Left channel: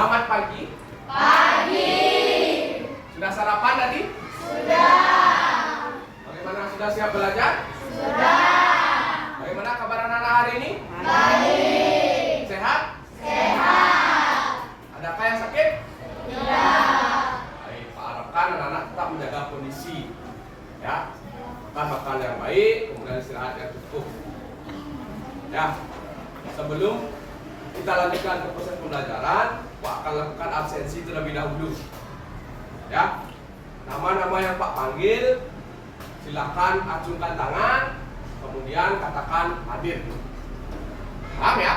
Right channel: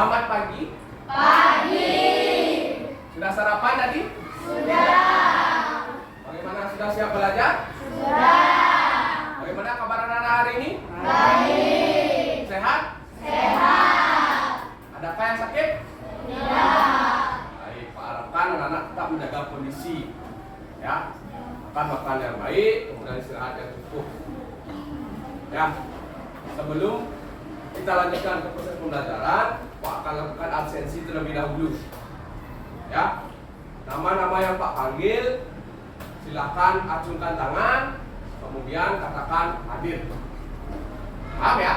Selamat pagi. Pagi. Sudah sarapan tadi? Sudah. Bagaimana, sudah siap belajar? Sudah. Bagaimana kabar anak-anak hari ini? Baik. Sehat? Sehat. Adakah yang sakit? Tidak. Baik, Pak harapkan anak-anak tetap menjaga kondisi. Ya, makan yang baik, kemudian istirahat yang cukup. Ya, sebelum kita lanjutkan ke proses pembelajaran, Pak akan lakukan absensi terlebih dahulu. Ya, nama-nama yang Pak panggil, silakan acungkan tangan, kemudian katakan hadir. Paham ya?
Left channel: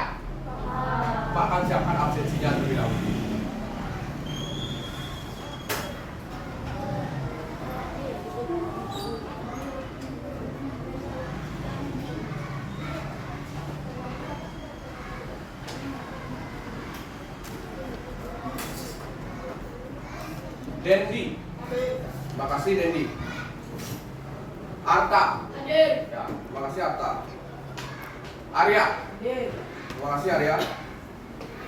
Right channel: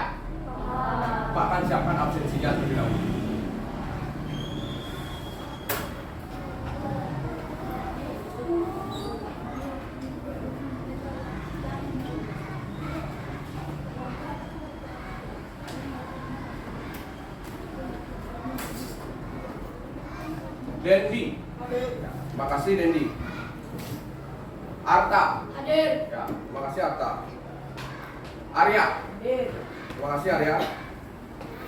Pak akan siapkan absensinya terlebih dahulu. Dendi. Terima kasih Dendi. Arta. Hadir. Ya, terima kasih Arta. Arya. Hadir. Terima kasih Arya.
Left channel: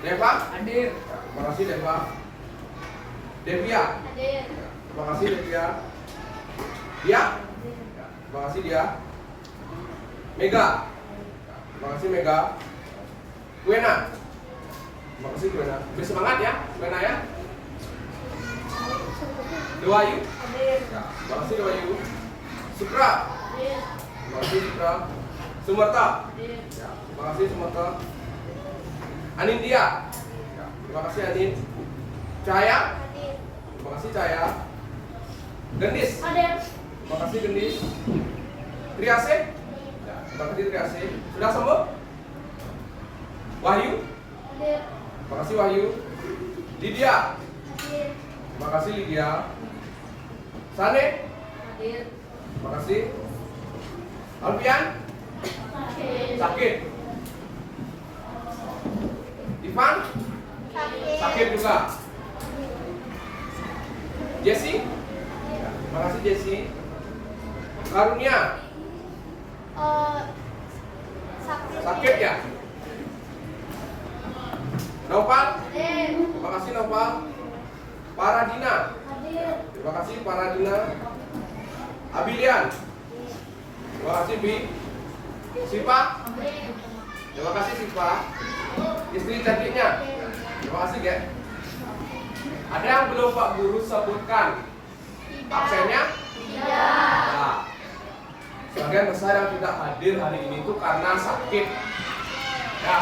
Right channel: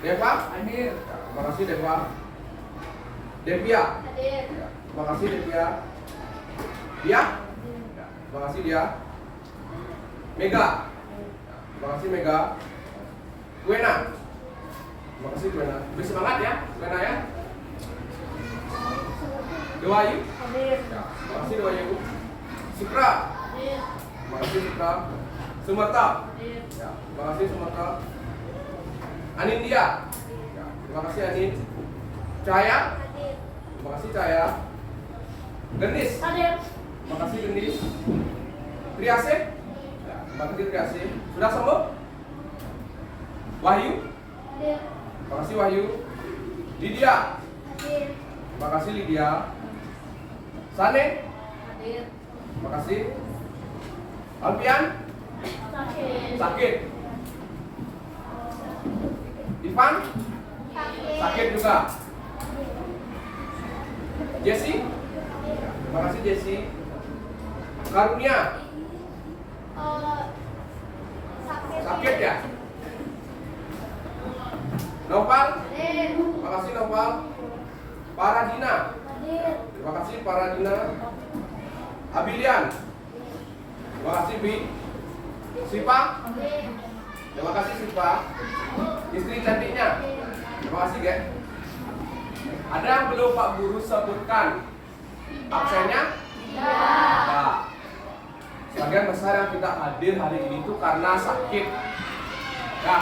Deva. Hadir. Ya, terima kasih Deva. Devia. Hadir. Ya, terima kasih Devia. Dia. Ya, terima kasih dia. Mega. Ya, terima kasih Mega. Gwena. Terima kasih Gwena. Bersemangat ya, Gwena ya. Dewayu. Hadir. Ya, terima kasih Dewayu. Sukra. Hadir. Terima kasih Sukra. Sumerta. Hadir. Ya, terima kasih Sumerta. Anindya. Ya, terima kasih Anin. Cahaya. Hadir. Terima kasih Cahaya. Gendis. Hadir. Terima kasih Gendis. Triase. Ya, terima kasih Triase. Sudah sembuh? Wahyu. Hadir. Terima kasih Wahyu. Lydia. Hadir. Terima kasih Lydia. Sane. Hadir. Terima kasih. Alfian. Sakit. Sakit. Ivan. Sakit juga. Jesse. Terima kasih Jesse. Karunia. Sakit ya? Nopal. Hadir. Terima kasih Nopal. Paradina. Hadir. Terima kasih Paradina. Abilian. Terima kasih Bi. Sipa. Hadir. Terima kasih Sipa. Istri cantiknya. Terima kasih Gek. Ada yang belum Pak Guru sebutkan absennya? Tidak. Nah, sebagian besar yang tidak hadir hari ini itu karena sakit. Ya,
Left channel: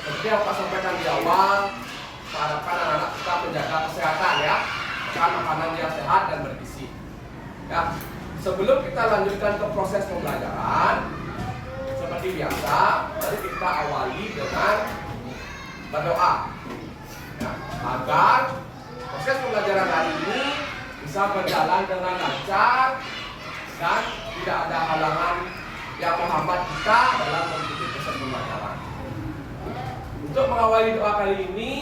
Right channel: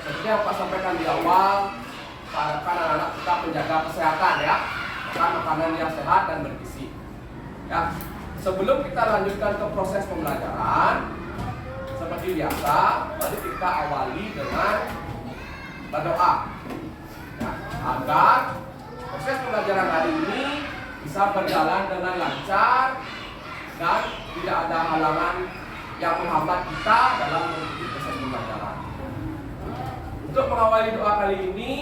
seperti yang Pak sampaikan di awal, Pak harapkan anak-anak tetap menjaga kesehatan ya, makan makanan yang sehat dan bergizi. Ya, sebelum kita lanjutkan ke proses pembelajaran, seperti biasa, mari kita awali dengan berdoa. Ya, agar proses pembelajaran hari ini bisa berjalan dengan lancar dan tidak ada halangan yang menghambat kita dalam mengikuti proses pembelajaran. Untuk mengawali doa kali ini,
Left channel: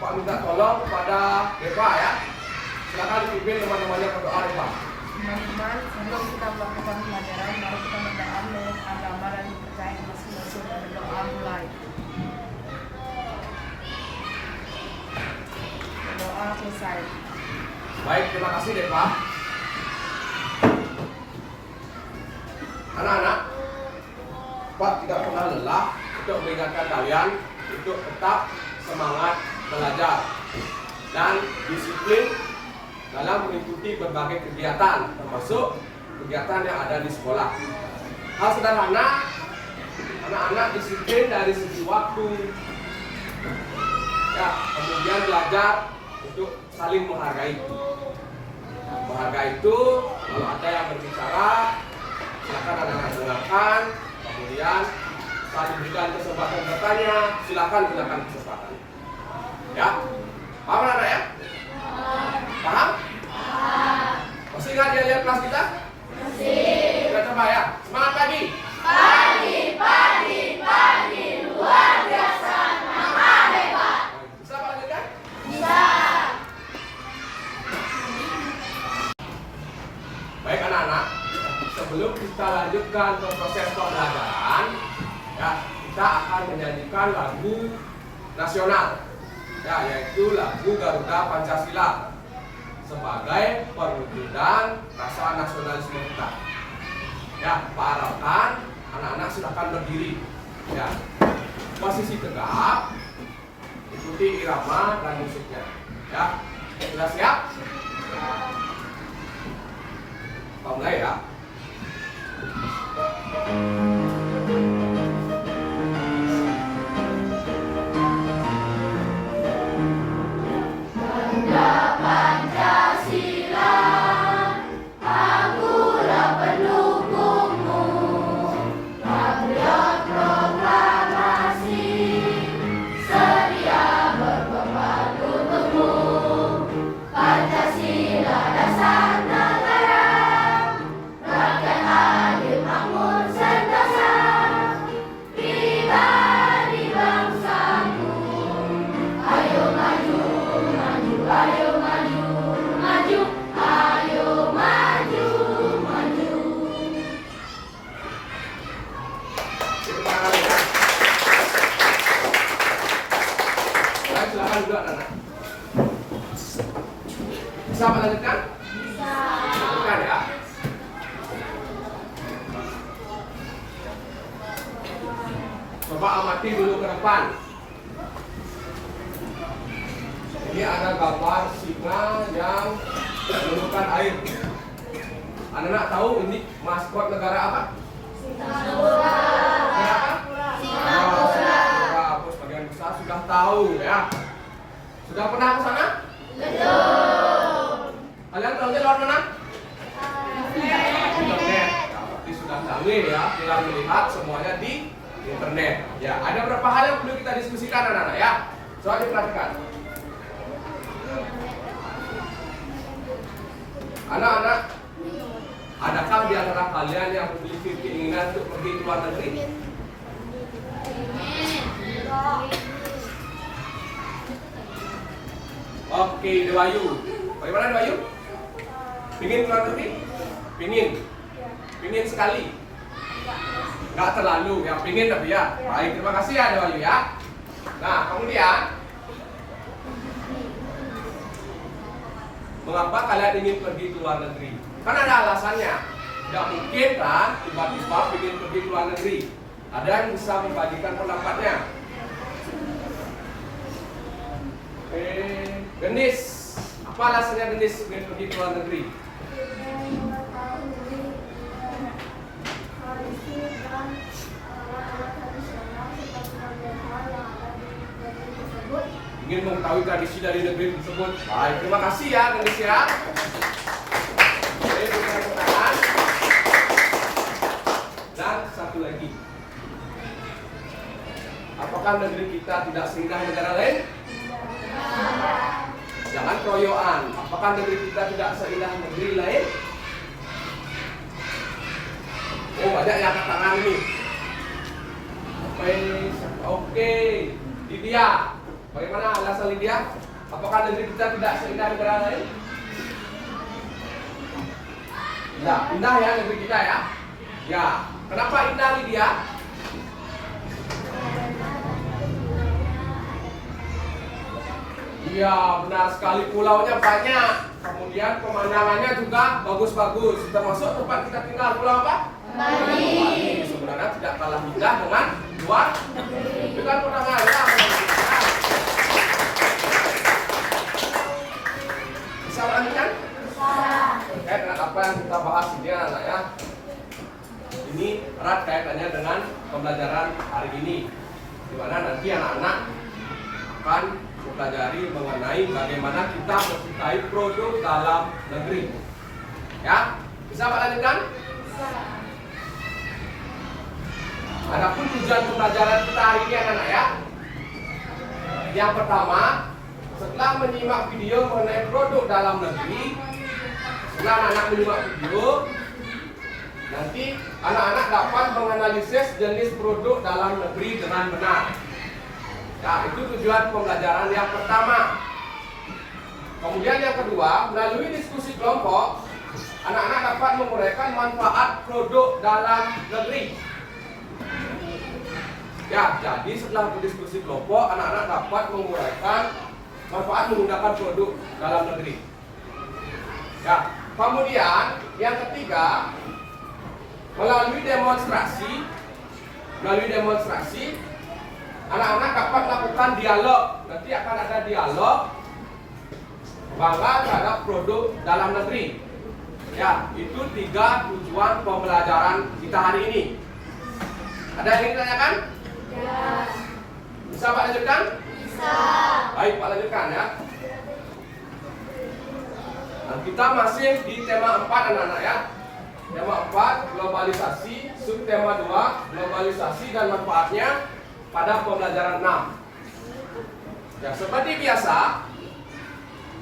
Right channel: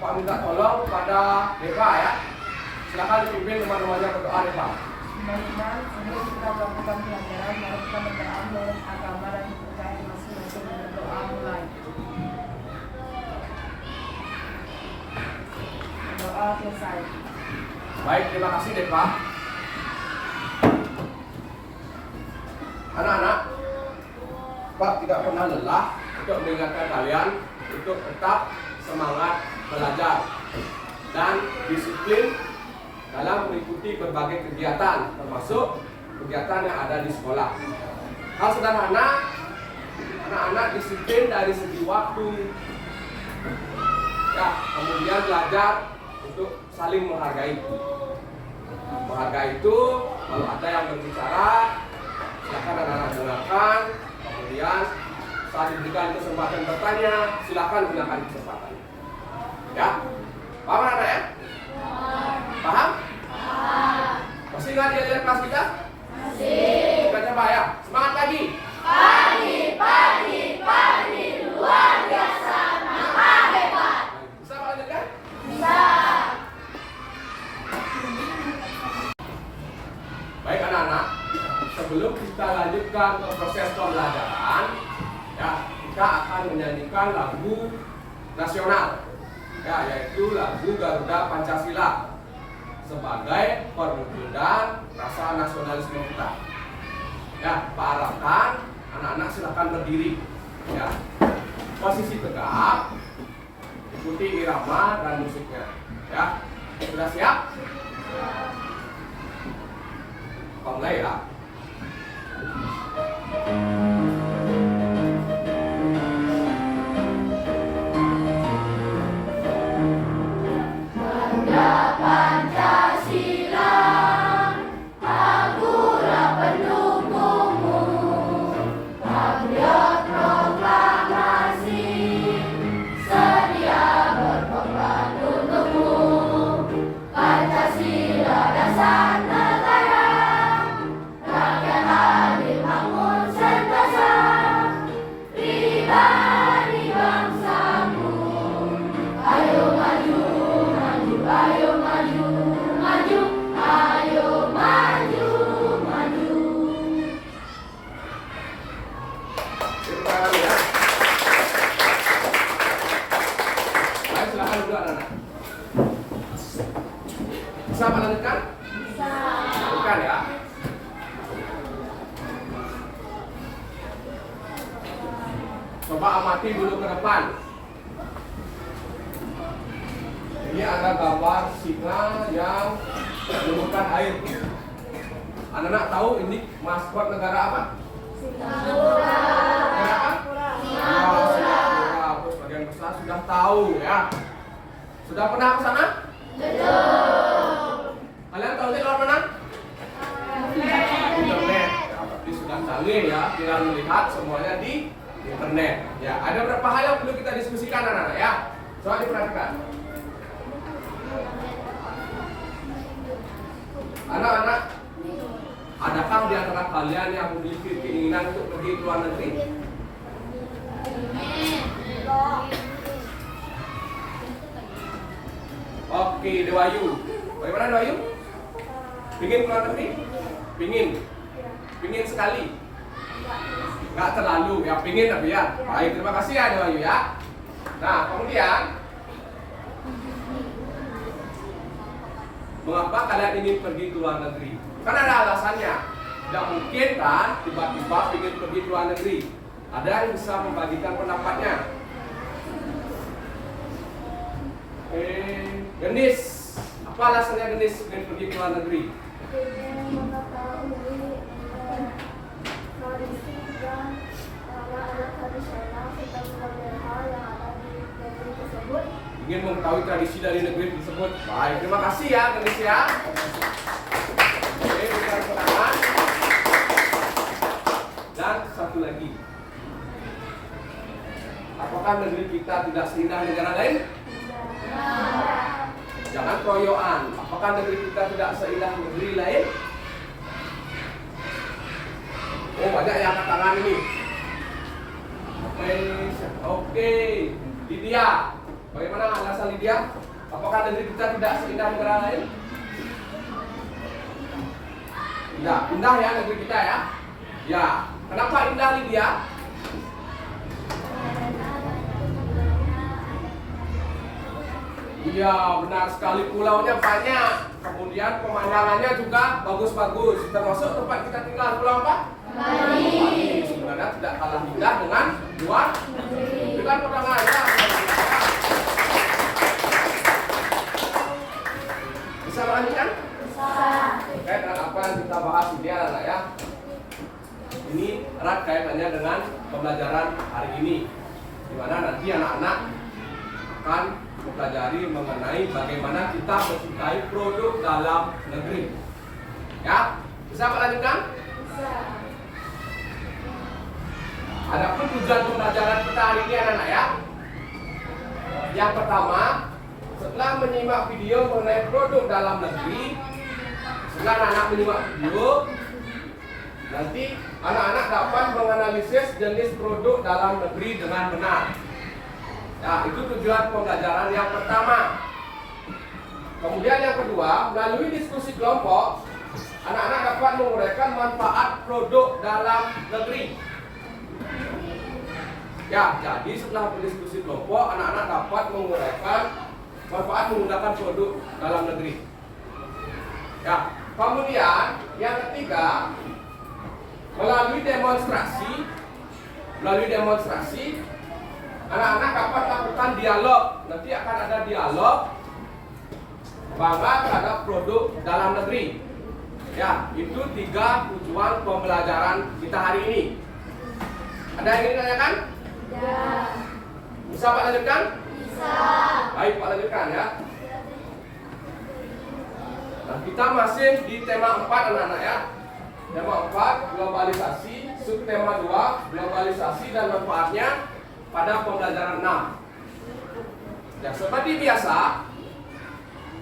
Pak minta tolong kepada Deva ya. Silakan dipimpin teman-temannya berdoa Deva. Teman-teman, sebelum kita melakukan pelajaran, mari kita berdoa menurut agama dan kepercayaan masing-masing dan berdoa mulai. Doa selesai. Baik, terima kasih Deva. Anak-anak, Pak tidak pernah lelah untuk mengingatkan kalian untuk tetap semangat belajar dan disiplin dalam mengikuti berbagai kegiatan, termasuk kegiatan yang ada di sekolah. Hal sederhana, anak-anak disiplin dari segi waktu, ya, kemudian belajar untuk saling menghargai. Nah, menghargai itu, kalau ada yang berbicara, silakan anak-anak dengarkan, kemudian saat diberikan kesempatan bertanya, silakan gunakan kesempatan. Ya, paham anak-anak ya? Paham? Masih ingat dia kelas kita? Masih. Kita coba ya. Semangat pagi. Pagi, luar biasa, nama hebat. Bisa Pak lanjutkan? Bisa. Baik anak-anak, sebelum kita lanjutkan ke proses pembelajaran, ya, kita akan menyanyikan lagu nasional. Ya, yaitu lagu Garuda Pancasila sebagai perwujudan rasa nasionalisme kita. Ya, Pak harapkan anak-anak silakan berdiri. Ya, posisi tegak, ikuti irama dan musiknya. Ya, sudah siap? Kalau enggak ya? Pancasila, akulah pendukungmu, patriot proklamasi, sedia berkorban untukmu. Pancasila dasar negara, rakyat adil makmur sentosa, pribadi bangsamu. Ayo maju, maju, ayo maju, maju, ayo maju, maju. Tepuk tangan ya. Baik, silakan duduk anak-anak. Bisa melanjutkan? Bisa. Lanjutkan ya. Coba amati dulu ke depan. Ini ada gambar singa yang menemukan air. Anak-anak tahu ini maskot negara apa? Negara apa? Singapura. Bos bagian besar sudah tahu ya. Sudah pernah ke sana? Kalian tahu di luar mana? Internet. Ya, berarti sudah canggih ya. Tinggal melihat semuanya di internet. Ya, ada beberapa hal yang perlu kita diskusikan anak-anak ya. Coba diperhatikan. Anak-anak, adakah di antara kalian yang memiliki keinginan untuk pergi ke luar negeri? Oke, Dewayu. Bagaimana Dewayu? Pingin ke luar negeri? Pingin? Pingin sekali? Nggak terlalu, ya pingin tapi ya. Baik, terima kasih ya Dewayu ya. Nah, kemudian mengapa kalian ingin pergi ke luar negeri? Kan ada alasannya. Tidak mungkin kan tiba-tiba ingin pergi ke luar negeri. Ada yang bisa membagikan pendapatnya? Gendis, apa alasannya Gendis ingin pergi ke luar negeri? Mengetahui tradisi dan alat tradisional serta berbagai hal yang ada di negeri tersebut. Ingin mengetahui tradisi dari negeri tersebut. Baik, terima kasih ya Gendis ya. Oke, kita tangan. Dan satu lagi. Apakah negeri kita tidak seindah negara lain? Jangan keroyokan. Apakah negeri kita tidak seindah negeri lain? Oh, banyak yang angkat tangan ini. Oke, Lydia. Bagaimana alasan Lydia? Apakah negeri kita tidak seindah negara lain? Indah, indah ya negeri kita ya. Ya, kenapa indah Lydia? Iya, benar sekali, pulaunya banyak. Kemudian pemandangannya juga bagus-bagus. Termasuk tempat kita tinggal, pulau apa? Bali. Sebenarnya tidak kalah indah dengan luar negeri. Kan pertama ya. Bisa melanjutkan? Bisa. Terkait dengan apa yang kita bahas ini anak-anak ya. Ini erat kaitannya dengan pembelajaran hari ini, di mana nanti anak-anak akan mempelajari mengenai bagaimana kita mencintai produk dalam negeri. Ya, bisa melanjutkan? Bisa. Adapun tujuan pembelajaran kita hari ini anak-anak ya. Yang pertama, setelah menyimak video mengenai produk dalam negeri, setelah anak-anak menyimak video, nanti anak-anak dapat menganalisis jenis produk dalam negeri dengan benar. Nah, itu tujuan pembelajaran yang pertama. Kemudian yang kedua, melalui diskusi kelompok, anak-anak dapat menguraikan manfaat produk dalam negeri. Ya, jadi setelah berdiskusi kelompok, anak-anak dapat menguraikan manfaat menggunakan produk dalam negeri. Ya, kemudian yang ketiga, melalui demonstrasi, anak-anak dapat lakukan dialog. Nanti akan ada dialog bangga terhadap produk dalam negeri. Ya, itu 3 tujuan pembelajaran kita hari ini. Ada yang ingin ditanyakan? Ya. Bisa Pak lanjutkan? Bisa. Baik Pak lanjutkan ya. Nah, kita masih di tema 4 anak-anak ya. Tema 4 globalisasi, subtema 2 globalisasi dan manfaatnya pada pembelajaran 6. Ya, seperti biasa,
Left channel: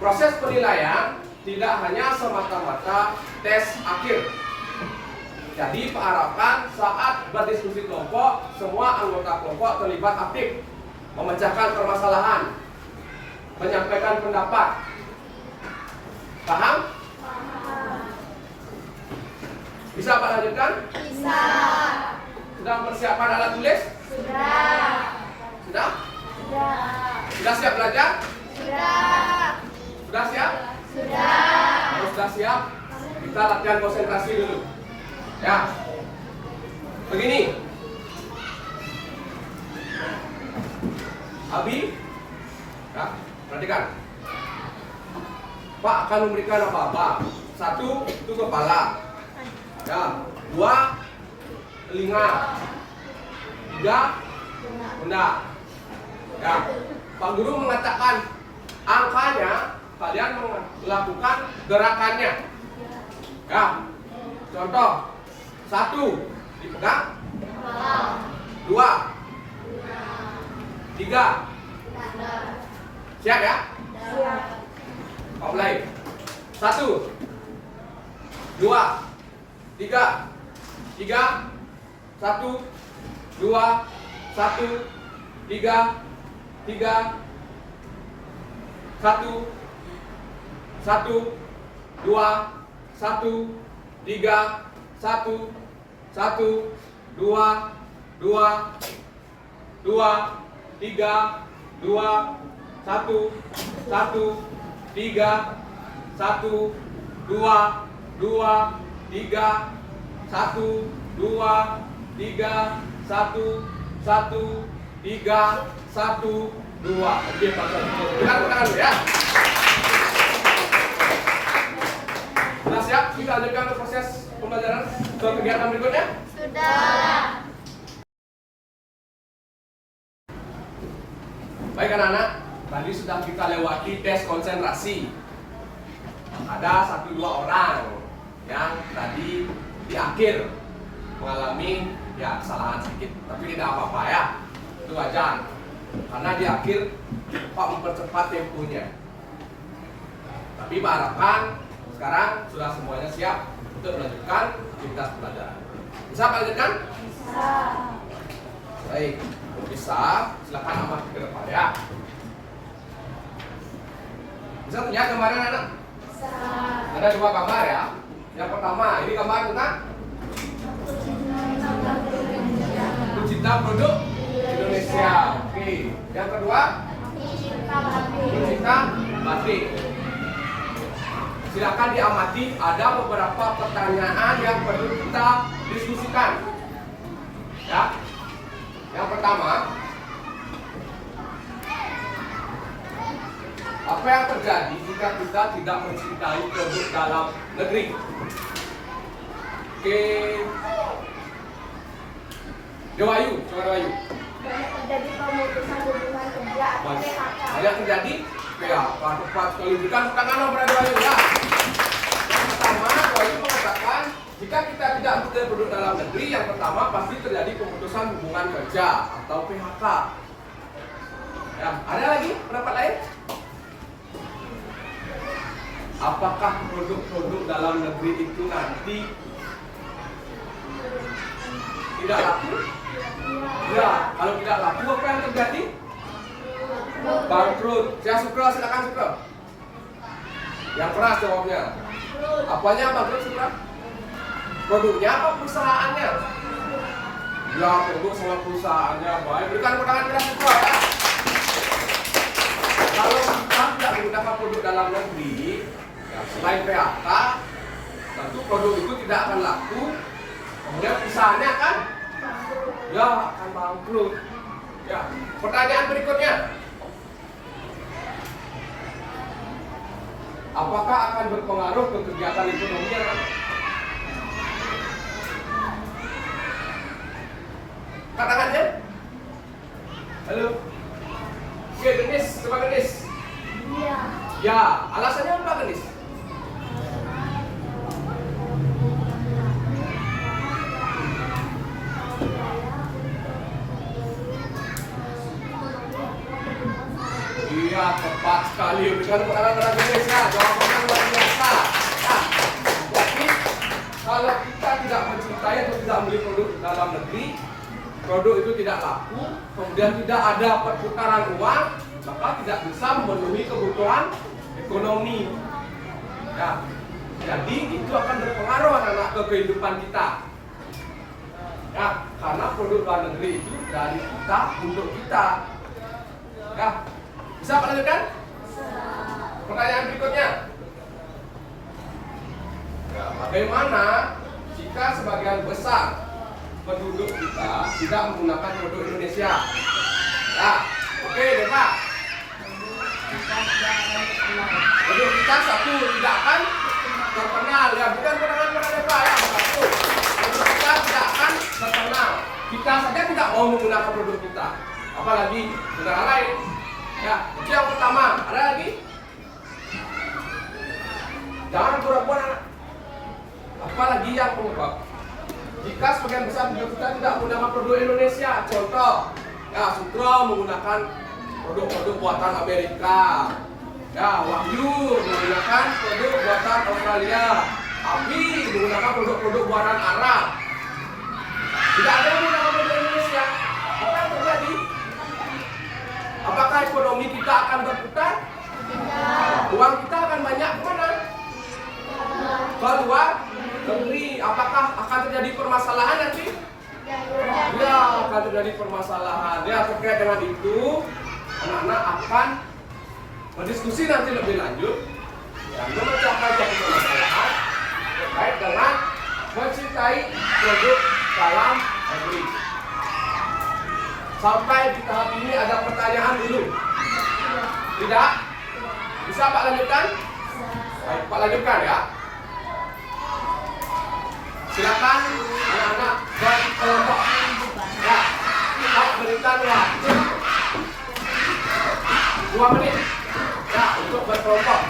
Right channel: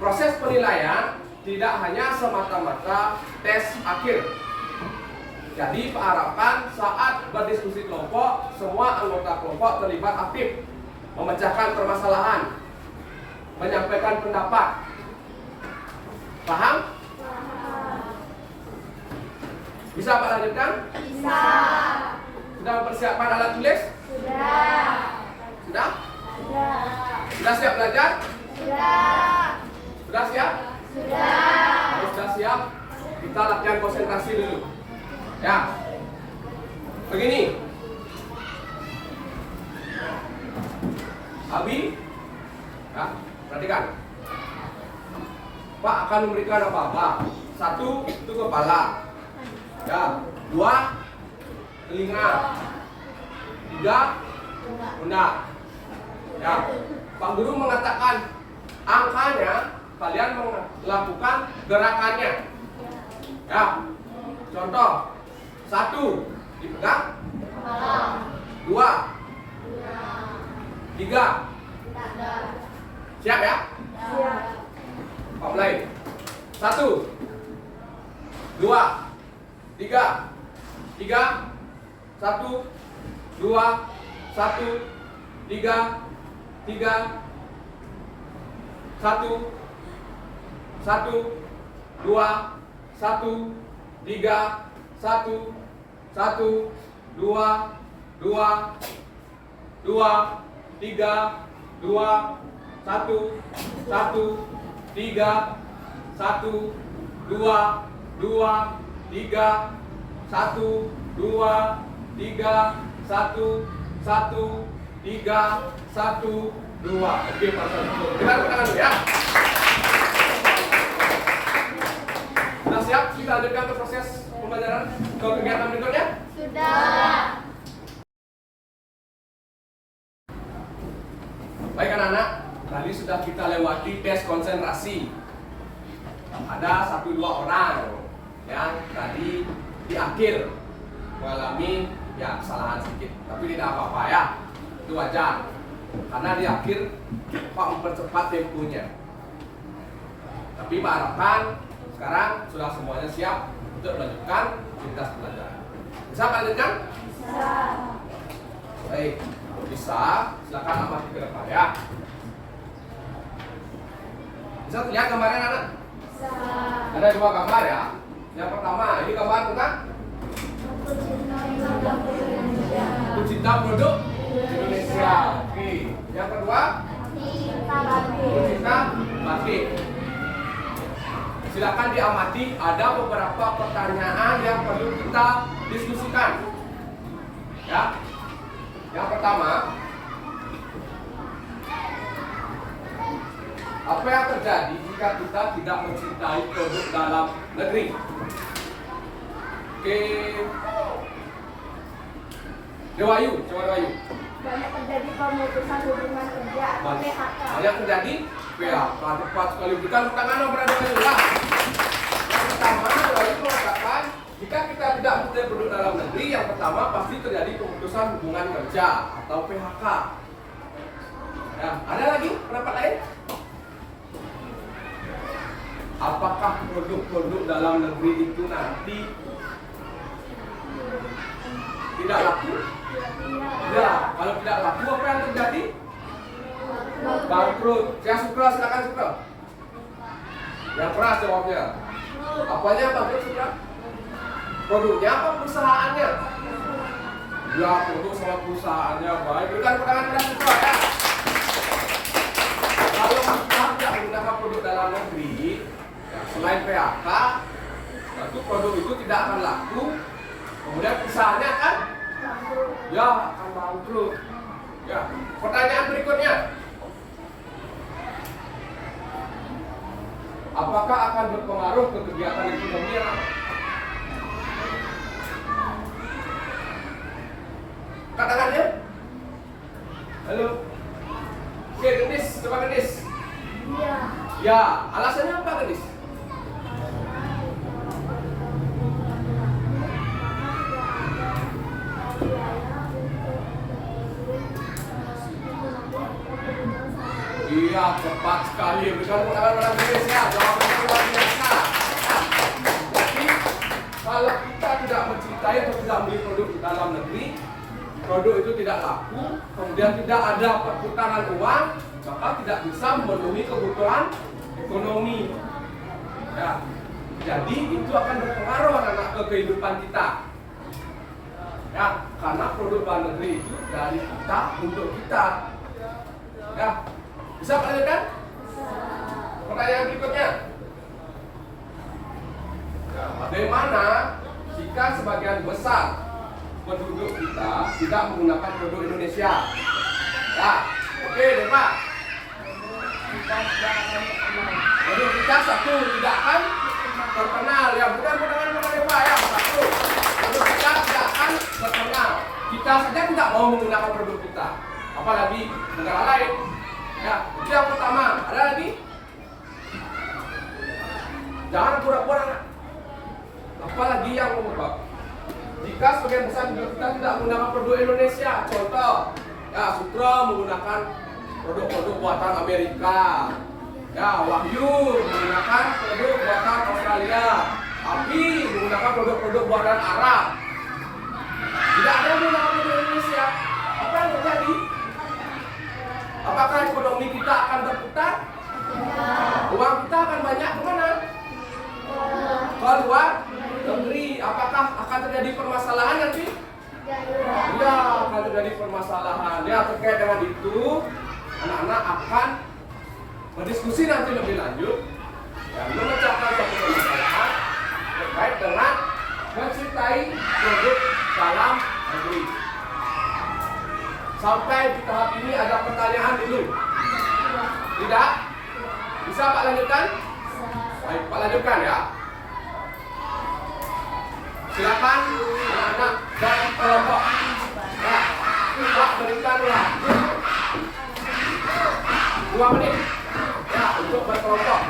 proses penilaian tidak hanya semata-mata tes akhir. Jadi Pak harapkan saat berdiskusi kelompok, semua anggota kelompok terlibat aktif, memecahkan permasalahan, menyampaikan pendapat. Paham? Paham. Bisa Pak lanjutkan? Bisa. Sudah mempersiapkan alat tulis? Sudah. Sudah? Sudah. Sudah siap belajar? Sudah. Sudah siap? Sudah. Kalau sudah siap, kita latihan konsentrasi dulu. Ya. Begini. Abi, ya, perhatikan. Pak akan memberikan apa-apa. 1 itu kepala. Ya, 2 telinga. 3 pundak. Ya, Pak Guru mengatakan angkanya, kalian melakukan gerakannya. Ya, contoh 1 dipegang, 2, 3. Siap ya? Siap. Pak mulai. 1, 2, 3, 1, 2, 1, 3, 1, 1, 2, 1, 3, 1, 1, 2, 2, 2, 3, 2, 1, 1, 3, 1, 2, 2, 3, 1, 2, 3, 1, 1, 3, 1, 2. Oke Pak Satu. Dengar tangan dulu ya. Sudah siap? Kita lanjutkan ke proses pembelajaran ke kegiatan berikutnya. Sudah. Baik anak-anak, tadi sudah kita lewati tes konsentrasi. Ada 1-2 orang yang tadi di akhir mengalami ya kesalahan sedikit, tapi tidak apa-apa ya, itu wajar. Karena di akhir Pak mempercepat temponya. Tapi Pak harapkan sekarang sudah semuanya siap untuk melanjutkan aktivitas pelajaran. Bisa Pak lanjutkan? Bisa. Baik, bisa. Silakan amati ke depan ya. Bisa lihat gambarnya anak? Bisa. Ada 2 gambar ya. Yang pertama, ini gambar tentang Aku cinta produk Indonesia. Oke. Yang kedua, cinta batik. cinta batik. Silakan diamati, ada beberapa pertanyaan yang perlu kita diskusikan. Ya. Yang pertama, apa yang terjadi jika kita tidak mencintai produk dalam negeri? Oke. Dewayu, coba Dewayu. Banyak terjadi pemutusan hubungan kerja atau PHK. Banyak terjadi? Ya, tepat sekali. Berikan tepuk tangan dong pada Dewayu ya. Yang pertama, Dewayu mengatakan jika kita tidak mencintai produk dalam negeri, yang pertama pasti terjadi pemutusan hubungan kerja atau PHK. Ya, ada lagi pendapat lain? Apakah produk-produk dalam negeri itu nanti tidak laku? Ya, kalau tidak laku apa yang terjadi? Bangkrut. Saya Sukra, silakan Sukra. Yang keras jawabnya. Apanya bangkrut Sukra? Produknya apa perusahaannya? Ya, produk sama perusahaannya. Baik, berikan tepuk tangan kepada Sukra ya. Kalau dalam negeri, ya, selain PHK, tentu produk itu tidak akan laku. Kemudian perusahaannya kan, ya akan bangkrut. Ya, pertanyaan berikutnya. Apakah akan berpengaruh ke kegiatan ekonomi anak-anak? Katakannya. Halo. Oke, Genis, coba Genis. Iya. Ya, alasannya apa Genis? Iya, tepat sekali. Berikan tepuk tangan orang Indonesia. Jawabannya luar biasa. Nah, jadi kalau kita tidak mencintai atau tidak membeli produk dalam negeri, produk itu tidak laku, kemudian tidak ada perputaran uang, maka tidak bisa memenuhi kebutuhan ekonomi. Ya, jadi itu akan berpengaruh anak-anak ke kehidupan kita. Ya, karena produk luar negeri itu dari kita untuk kita. Ya, bisa Pak lanjutkan? Pertanyaan berikutnya. Ya, bagaimana jika sebagian besar penduduk kita tidak menggunakan produk Indonesia? Ya, oke deh Pak. Produk kita satu tidak akan terkenal. Ya, bukan pertanyaan Pak ya. Satu, produk kita tidak akan terkenal. Kita saja tidak mau menggunakan produk kita, apalagi negara lain. Ya, itu yang pertama. Ada lagi? Jangan pura-pura. Apalagi yang mengubah. Jika sebagian besar penduduk kita tidak menggunakan produk Indonesia, contoh, ya Sutro menggunakan produk-produk buatan Amerika, ya Wahyu menggunakan produk buatan Australia, Abi menggunakan produk-produk buatan Arab. Tidak ada yang menggunakan produk Indonesia. Apa yang terjadi? Apakah ekonomi kita akan berputar? Uang kita akan banyak kemana? Ke luar negeri. Apakah akan terjadi permasalahan nanti? Ya, akan terjadi permasalahan. Ya, terkait dengan itu, anak-anak akan berdiskusi nanti lebih lanjut, ya, memecahkan satu permasalahan terkait dengan mencintai produk dalam negeri. Sampai di tahap ini ada pertanyaan dulu? Tidak? Bisa Pak lanjutkan? Baik, Pak lanjutkan ya. Silakan anak-anak bagi kelompok. Ya, Pak berikan waktu 2 menit. Ya, untuk berkelompok.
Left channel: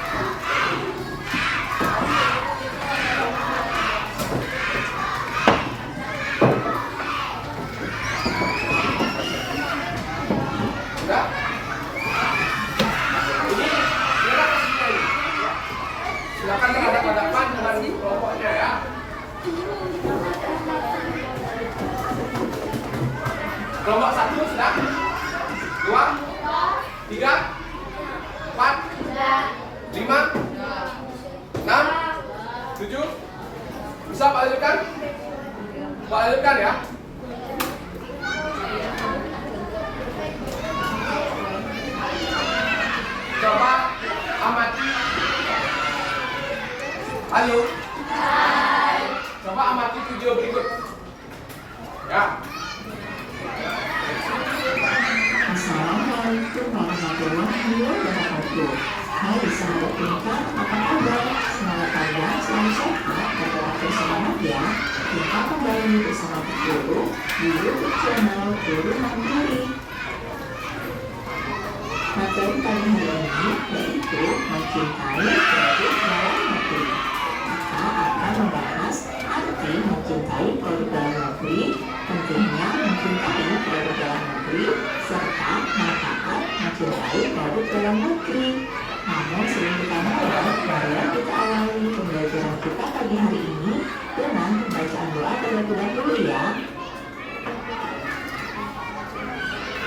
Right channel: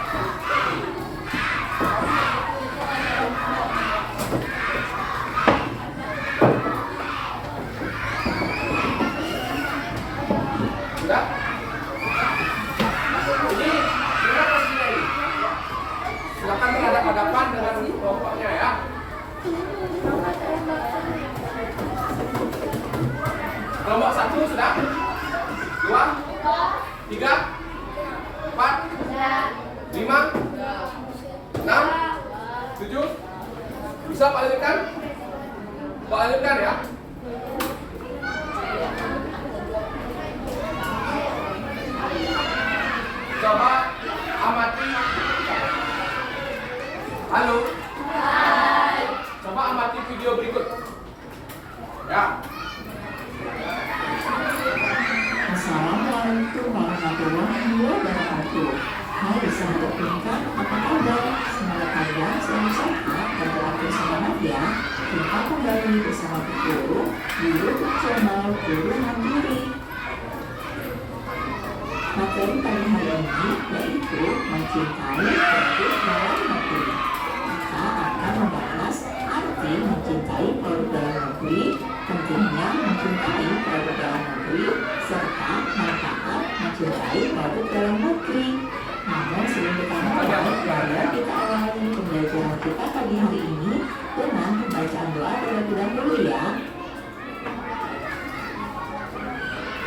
Sudah? Ini silakan sini. Silakan berhadapan-hadapan dengan kelompoknya ya. Kelompok 1 sudah? 2, 3, 4, 5, 6, 7. Bisa Pak lanjutkan? Pak lanjutkan ya. Coba amati. Halo. Coba amati video berikut. Ya. Assalamualaikum warahmatullahi wabarakatuh. Hai sahabat Pintar, apa kabar? Semoga kalian selalu sehat dan tetap bersemangat ya. Kita kembali bersama Guru di YouTube channel Guru Mandiri. Materi pada hari ini yaitu mencintai produk dalam negeri. Kita akan membahas arti mencintai produk dalam negeri, pentingnya mencintai produk dalam negeri, serta manfaat mencintai produk dalam negeri. Namun sebelum kita mulai, marilah kita awali pembelajaran kita pagi hari ini dengan pembacaan doa terlebih dahulu ya.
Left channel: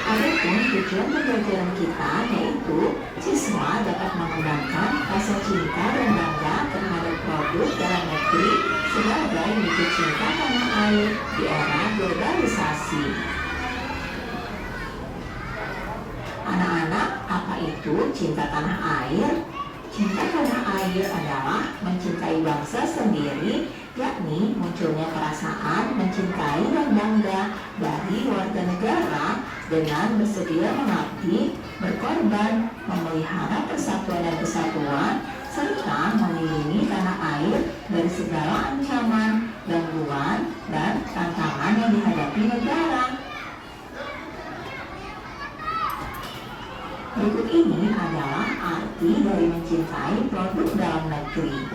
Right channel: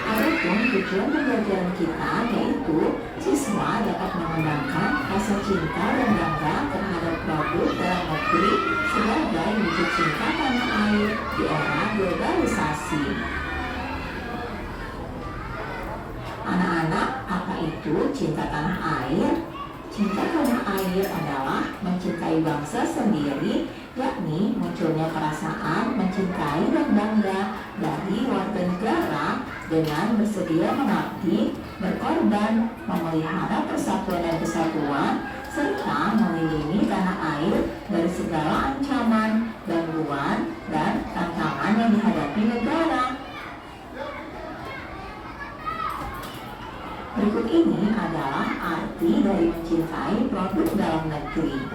Adapun tujuan pembelajaran kita yaitu siswa dapat mengembangkan rasa cinta dan bangga terhadap produk dalam negeri sebagai wujud cinta tanah air di era globalisasi. Anak-anak, apa itu cinta tanah air? Cinta tanah air adalah mencintai bangsa sendiri, yakni munculnya perasaan mencintai dan bangga dari warga negara dengan bersedia mengabdi, berkorban, memelihara persatuan dan kesatuan, serta melindungi tanah air dari segala ancaman, gangguan, dan tantangan yang dihadapi negara. Berikut ini adalah arti dari mencintai produk dalam negeri.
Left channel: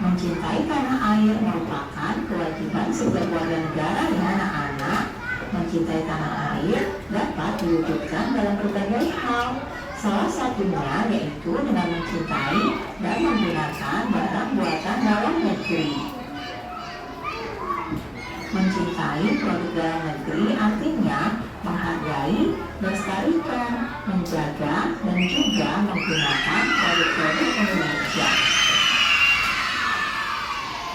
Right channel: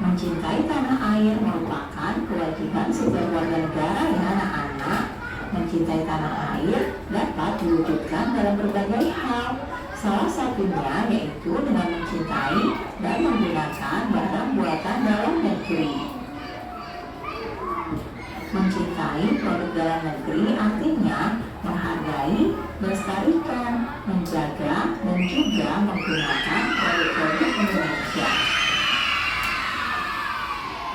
Mencintai tanah air merupakan kewajiban setiap warga negara dan anak-anak. Mencintai tanah air dapat diwujudkan dalam berbagai hal. Salah satunya yaitu dengan mencintai dan menggunakan barang buatan dalam negeri. Mencintai produk dalam negeri artinya menghargai, melestarikan, menjaga, dan juga menggunakan produk-produk Indonesia.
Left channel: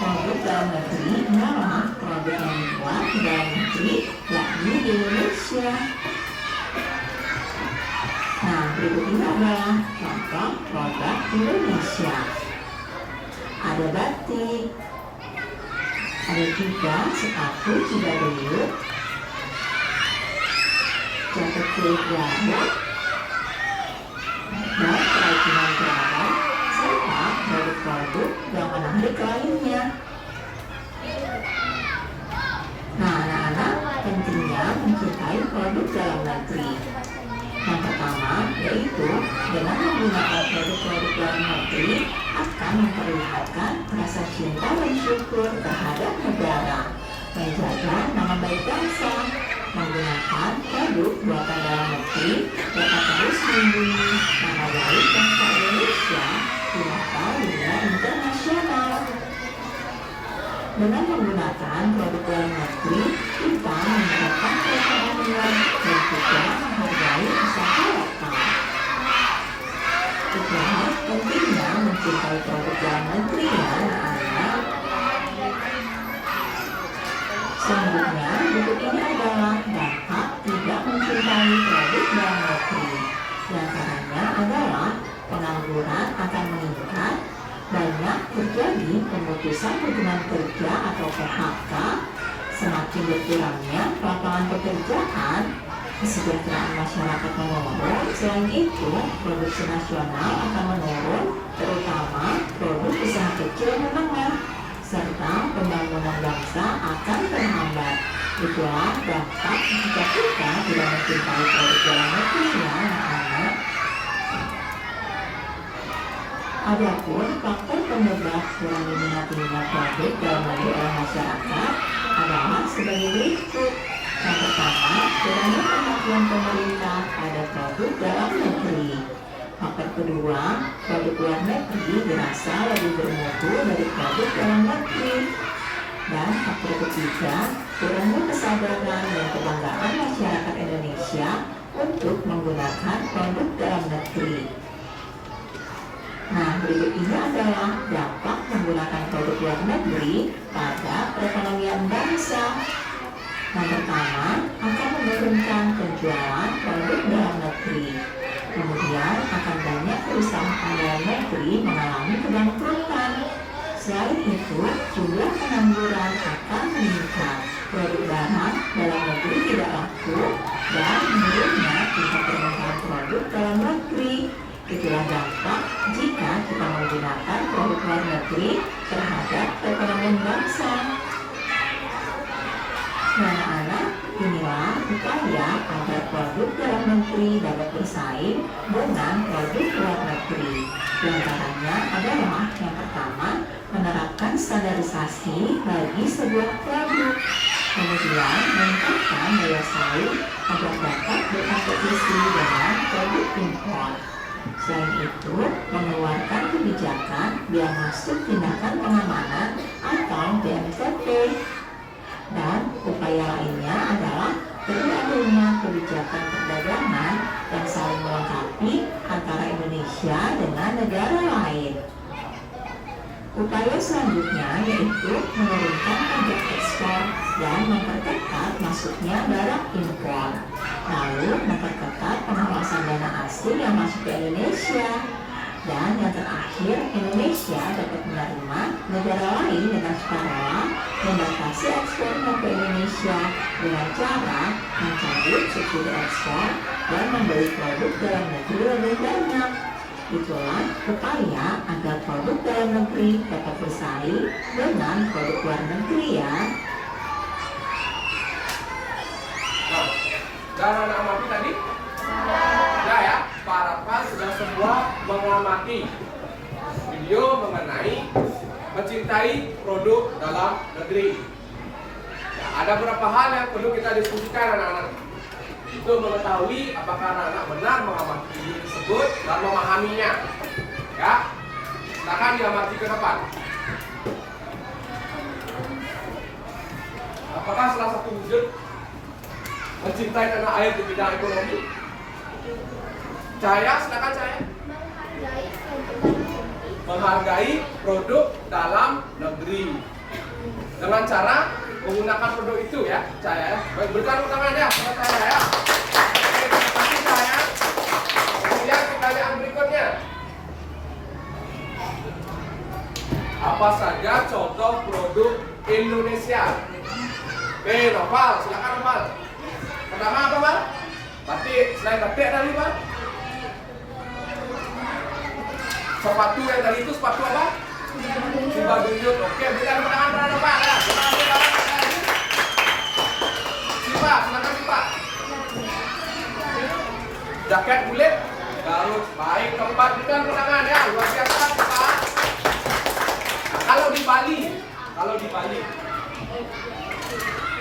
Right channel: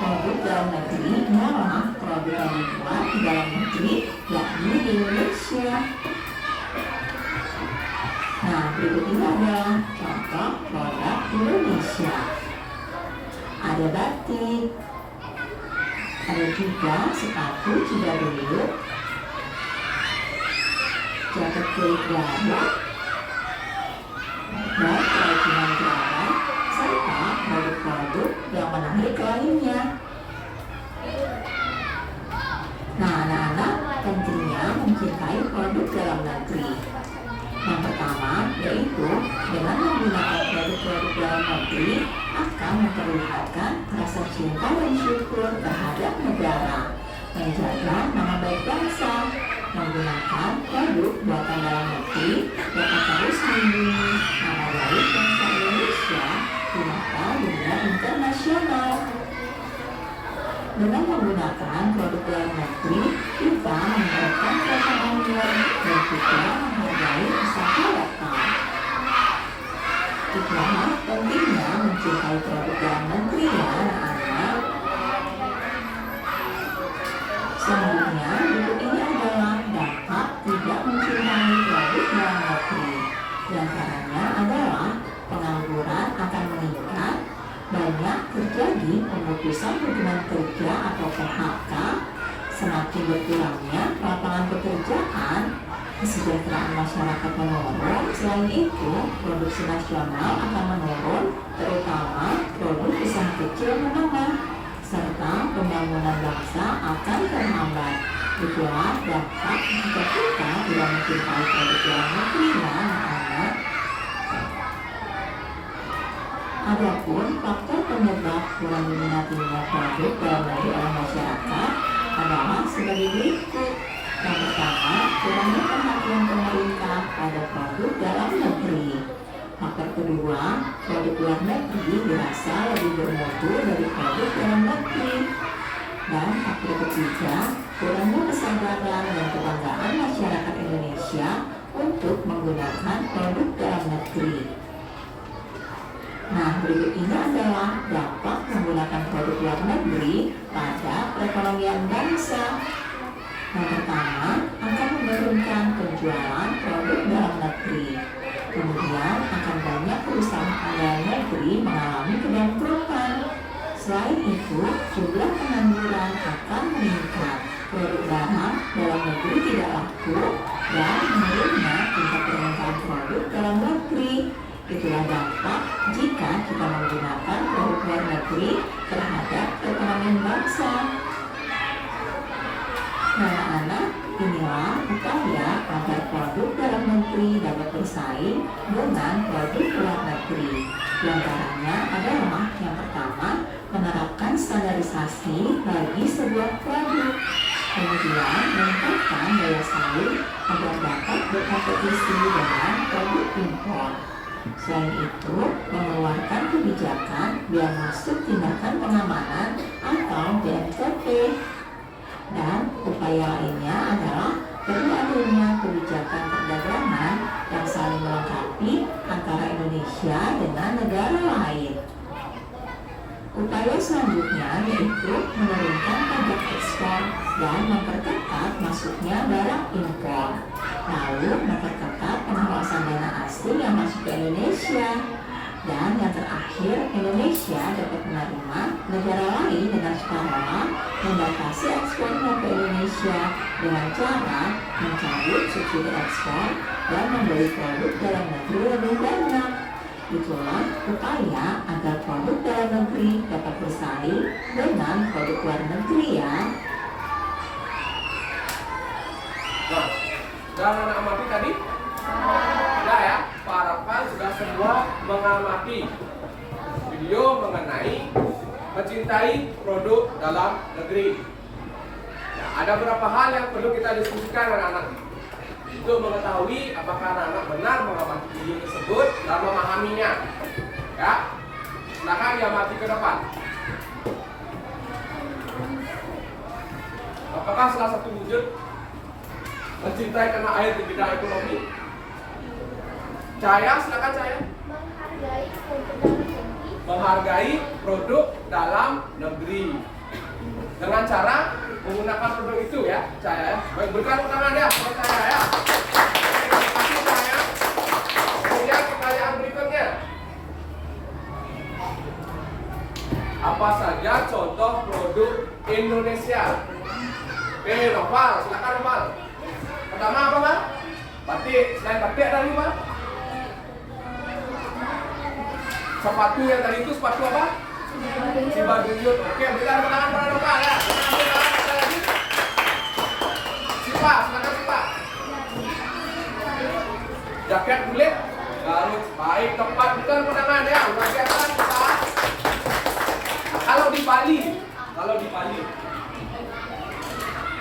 Produk dalam negeri adalah produk yang dibuat di dalam negeri, yakni di Indonesia. Nah, berikut ini adalah contoh produk Indonesia. Ada batik, ada juga sepatu Cidaduyut, jaket kulit gabah, dan kerajinan gerabah, serta produk-produk yang menarik lainnya. Nah, anak-anak, pentingnya mencintai produk dalam negeri. Yang pertama yaitu dengan menggunakan produk-produk dalam negeri akan memperlihatkan rasa cinta dan syukur terhadap negara, menjaga nama baik bangsa. Menggunakan produk buatan dalam negeri dapat terus melindungi nama baik bangsa Indonesia di mata dunia internasional. Dengan menggunakan produk dalam negeri, kita meningkatkan perekonomian dan juga menghargai usaha lokal. Itulah pentingnya mencintai produk dalam negeri ya anak-anak. Selanjutnya, berikut ini adalah dampak tidak mencintai produk dalam negeri. Di antaranya adalah pengangguran akan meningkat, banyak terjadi pemutusan hubungan kerja atau PHK, semakin berkurangnya lapangan pekerjaan, kesejahteraan masyarakat menurun. Selain itu, produksi nasional akan menurun, terutama produk usaha kecil dan menengah, serta pembangunan bangsa akan terhambat. Itulah dampak jika kita tidak mencintai produk dalam negeri ya anak-anak. Adapun faktor penyebab kurang diminatinya produk dalam negeri oleh masyarakat adalah sebagai berikut. Yang pertama, kurangnya perhatian pemerintah pada produk dalam negeri. Faktor kedua, produk luar negeri dirasa lebih bermutu dari produk dalam negeri. Dan faktor ketiga, kurangnya kesadaran dan kebanggaan masyarakat Indonesia untuk menggunakan produk dalam negeri. Nah, berikut ini adalah dampak menggunakan produk luar negeri pada perekonomian bangsa. Yang pertama, akan menurunkan penjualan produk dalam negeri. Kemudian akan banyak perusahaan dalam negeri mengalami kebangkrutan. Selain itu, jumlah pengangguran akan meningkat. Produk barang dalam negeri tidak laku dan menurunnya tingkat permintaan produk dalam negeri. Itulah dampak jika kita menggunakan produk luar negeri terhadap perekonomian bangsa. Anak-anak, inilah upaya agar produk dalam negeri dapat bersaing dengan produk luar negeri. Di antaranya adalah yang pertama, menerapkan standarisasi bagi sebuah produk. Kemudian meningkatkan daya saing agar dapat berkompetisi dengan produk impor. Selain itu, mengeluarkan kebijakan biaya masuk tindakan pengamanan atau BMTP. Dan upaya lainnya adalah perlu adanya kebijakan perdagangan yang saling melengkapi antara Indonesia dengan negara lain. Upaya selanjutnya yaitu menurunkan pajak ekspor dan memperketat masuknya barang impor. Lalu memperketat pengawasan dana asing yang masuk ke Indonesia. Dan yang terakhir Indonesia dapat menerima negara lain dengan sukarela membatasi ekspornya ke Indonesia dengan cara mencabut subsidi ekspor dan membeli produk dalam negeri lebih banyak. Itulah upaya agar produk dalam negeri dapat bersaing dengan produk luar negeri ya. Nah, dan anak amati tadi? Sudah ya, harapan sudah semua mengamati video mengenai mencintai produk dalam negeri. Ya, ada beberapa hal yang perlu kita diskusikan anak-anak untuk mengetahui apakah anak-anak benar mengamati video tersebut dan memahaminya. Ya, silakan diamati ke depan. Apakah salah satu wujud mencintai tanah air di bidang ekonomi? Cahaya, silakan Cahaya. Menghargai produk dalam negeri dengan cara menggunakan produk itu ya, Cahaya. Baik, berikan tepuk tangan ya kepada Cahaya ya. Terima kasih Cahaya. Kemudian pertanyaan berikutnya. Apa saja contoh produk Indonesia? Oke, Noval, silakan Noval. Pertama apa, Pak? Batik, selain batik tadi, Pak? Sepatu yang tadi itu sepatu apa? Sibaduyut. Oke, berikan tepuk tangan kepada Pak ya. Terima kasih Pak. Ada lagi? Sipa, silakan Sipa. Jaket kulit Garut. Baik, tempat berikan tepuk tangan ya. Luar biasa Sipa. Kalau di Bali,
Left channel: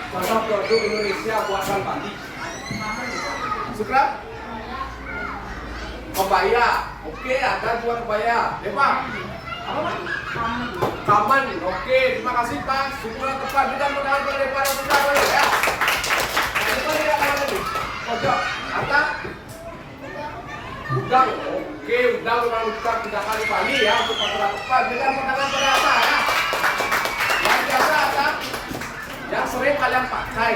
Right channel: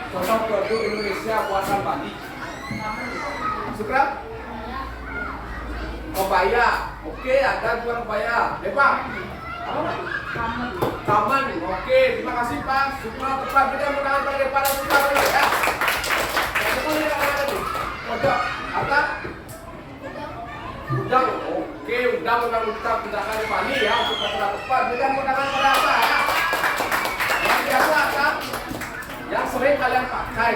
contoh produk Indonesia buatan Bali. Sukra? Kebaya. Oke, ada dua kebaya. Pak. Apa Pak? Taman. Oke, terima kasih Pak. Sukra tepat berikan pertanyaan kepada Depa dan Sukra dulu ya. Depan tidak ada lagi. Pojok. Atas. Udang. Oke, udang memang kita gunakan di Bali ya untuk patra tepat. Berikan pertanyaan kepada Asa ya. Yang biasa Asa, yang sering kalian pakai.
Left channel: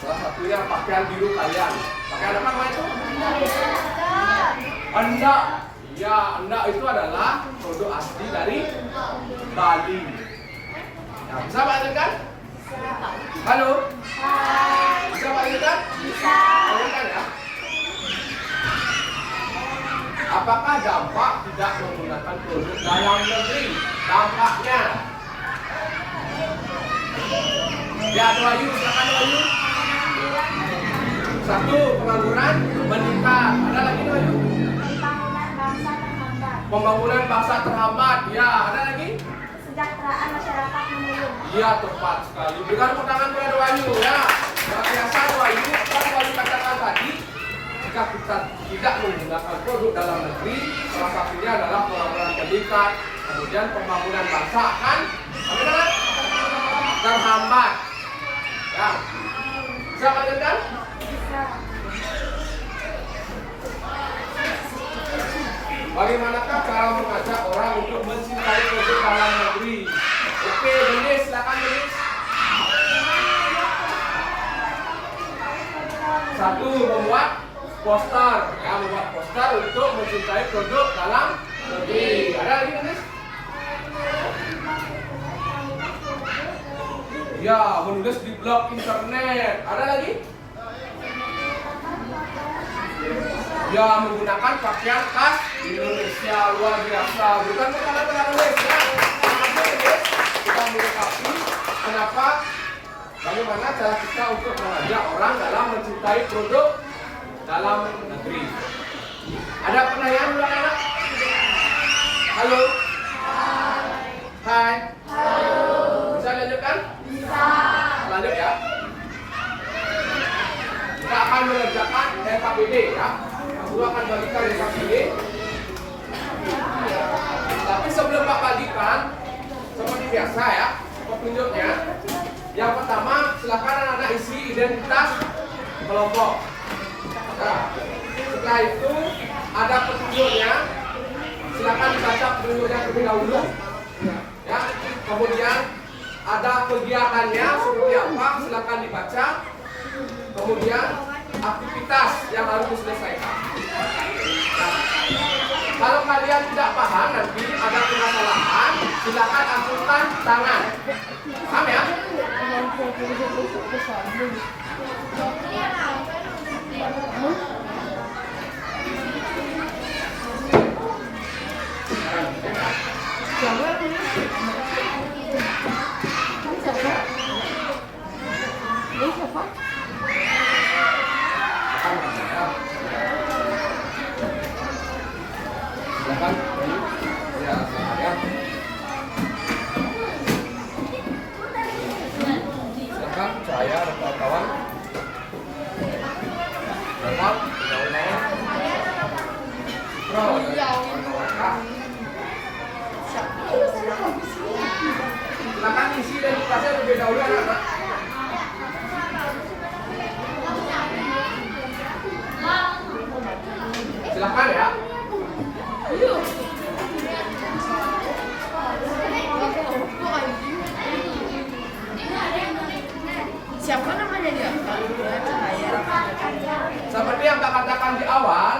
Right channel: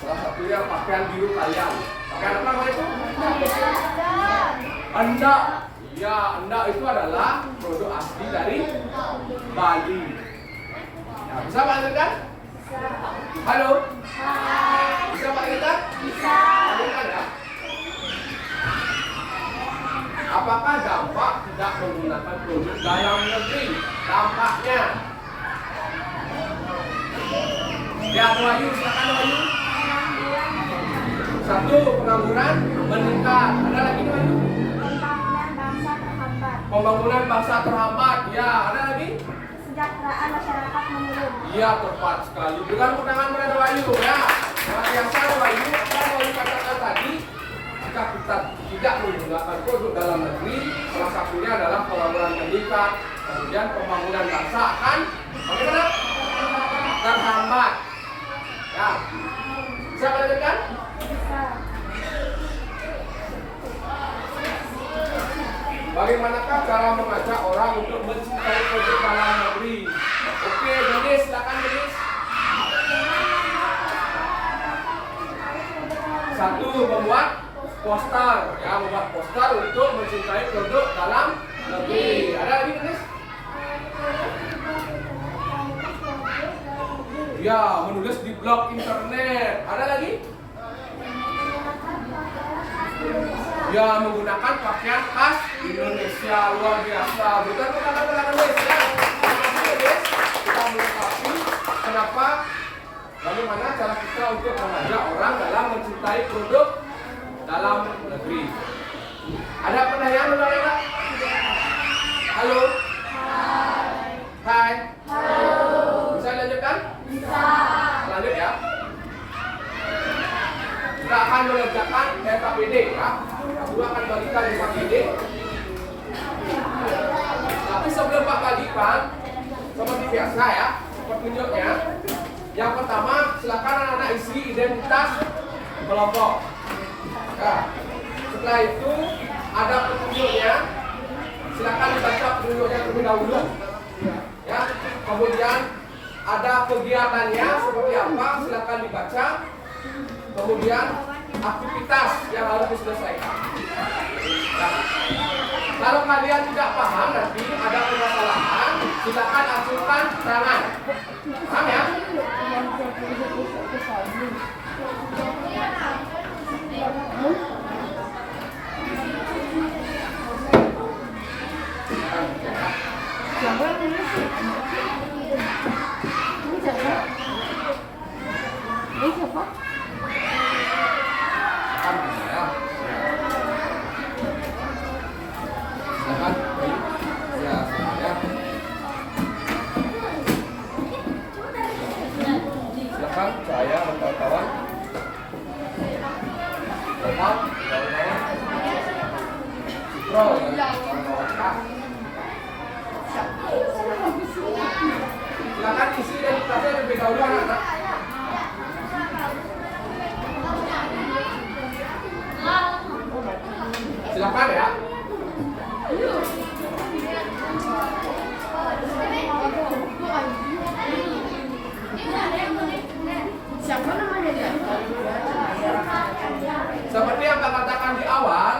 Salah satunya pakaian biru kalian. Pakaian apa namanya itu? Endak. Ya, endak itu adalah produk asli dari Bali. Ya, bisa Pak lanjutkan? Halo? Bisa Pak lanjutkan? Bisa. Lanjutkan ya. Apakah dampak tidak menggunakan produk dalam negeri? Dampaknya? Ya, Wahyu, silakan Wahyu. Satu, pengangguran meningkat. Ada lagi Wahyu? Pembangunan bangsa terhambat. Pembangunan bangsa terhambat. Ya, ada lagi? Kesejahteraan masyarakat menurun. Iya, tepat sekali. Berikan tepuk tangan kepada Wahyu ya. Luar biasa Wahyu. Apa yang Wahyu katakan tadi? Jika kita tidak menggunakan produk dalam negeri, salah satunya adalah pembangunan meningkat, kemudian pembangunan bangsa akan terhambat. Ya, bisa melanjutkan? Bisa. Bagaimanakah cara mengajak orang untuk mencintai produk dalam negeri? Oke, Denis, silakan Denis. Satu, membuat poster, ya, membuat poster untuk mencintai produk dalam negeri. Ada lagi Denis? Ya, menulis di blog internet. Ada lagi? Ya, menggunakan pakaian khas Indonesia. Luar biasa. Bukan makanan Indonesia. Terima kasih guys. Kita melengkapi kenapa, bagaimana cara kita untuk mengajak orang dalam mencintai produk dalam negeri. Ada pertanyaan anak-anak? Halo? Hai. Bisa lanjutkan? Bisa. Lanjut ya. Kita akan mengerjakan SKPD ya. Guru akan bagikan SKPD. Tapi sebelum Pak bagikan, seperti biasa ya, petunjuknya. Yang pertama, silakan anak-anak isi identitas kelompok. Nah, setelah itu ada petunjuknya. Silakan dibaca petunjuknya terlebih dahulu. Ya, kemudian ada kegiatannya seperti apa, silakan dibaca. Kemudian aktivitas yang harus diselesaikan. Nah, Kalau kalian tidak paham nanti ada permasalahan, silakan acungkan tangan. Paham ya? Silakan. Ya. Silakan saya dan kawan-kawan. Silakan kawan-kawan. Kawan-kawan. Silakan isi registrasi lebih dahulu anak-anak. Silakan ya. Siapa namanya dia? Seperti yang saya katakan di awal,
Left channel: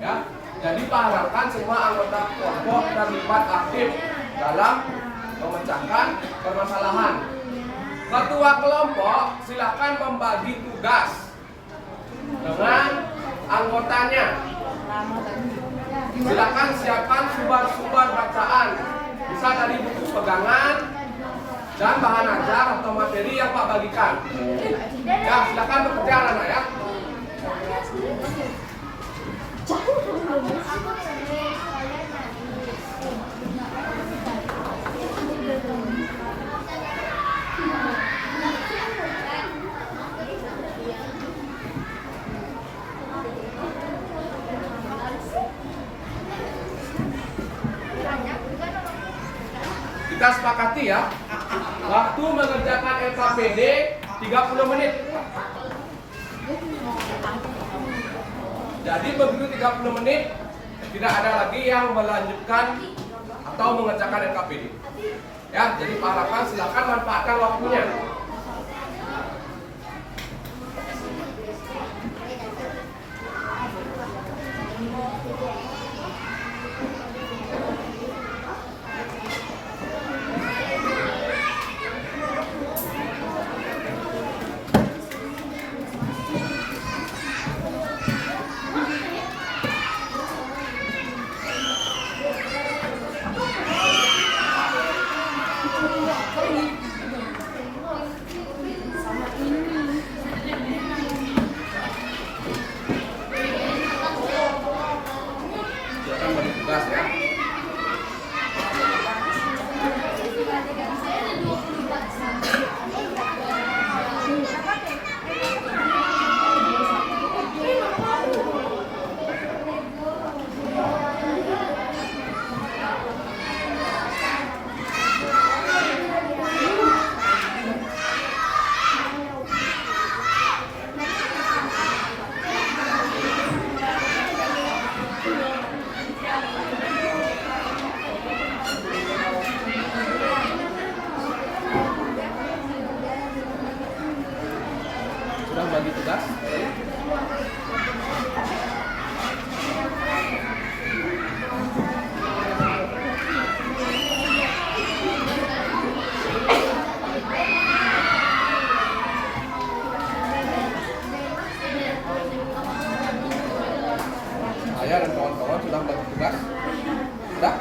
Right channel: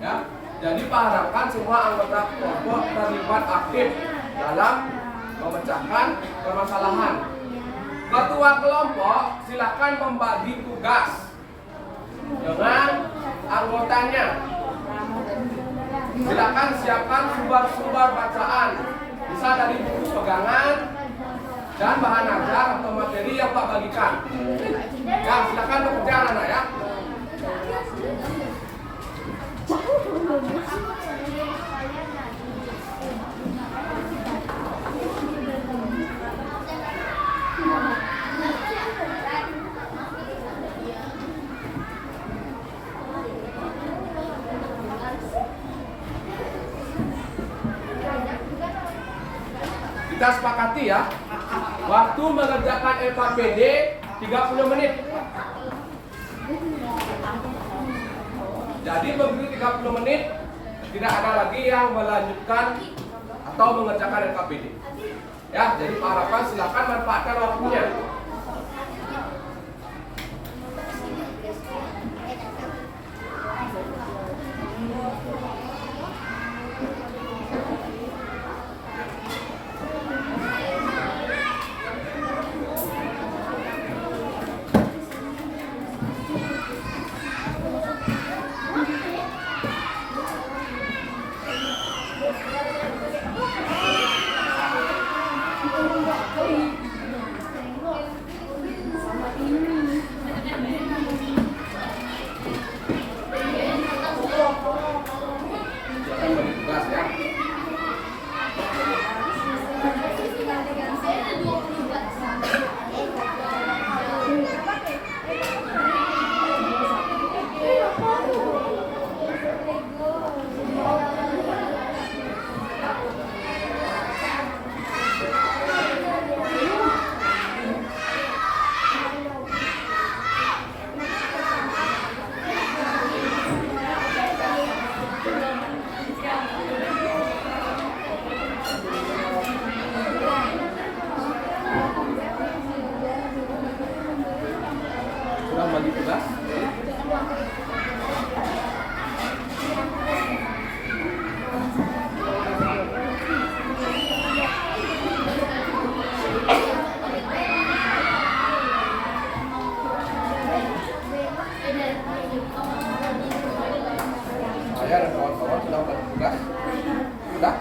ya. Jadi harapkan semua anggota kelompok terlibat aktif dalam memecahkan permasalahan. Ketua kelompok silakan membagi tugas dengan anggotanya. Silakan siapkan sumber-sumber bacaan, bisa dari buku pegangan dan bahan ajar atau materi yang Pak bagikan. Ya, silakan bekerja anak-anak ya. Kita sepakati ya, waktu mengerjakan LKPD 30 menit. Jadi begitu 30 menit, tidak ada lagi yang melanjutkan atau mengerjakan LKPD. Ya, jadi Pak Harapan silakan manfaatkan waktunya. Silakan bagi tugas ya. Sudah bagi tugas? Saya dan kawan-kawan sudah bagi tugas? Sudah?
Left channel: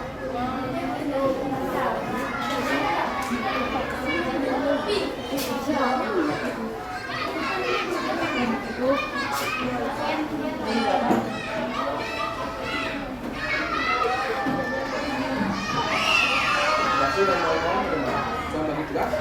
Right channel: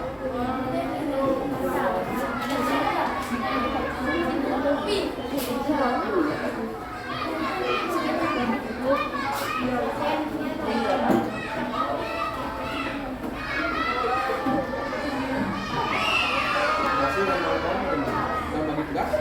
Kasih dan kawan-kawan sudah bagi tugas?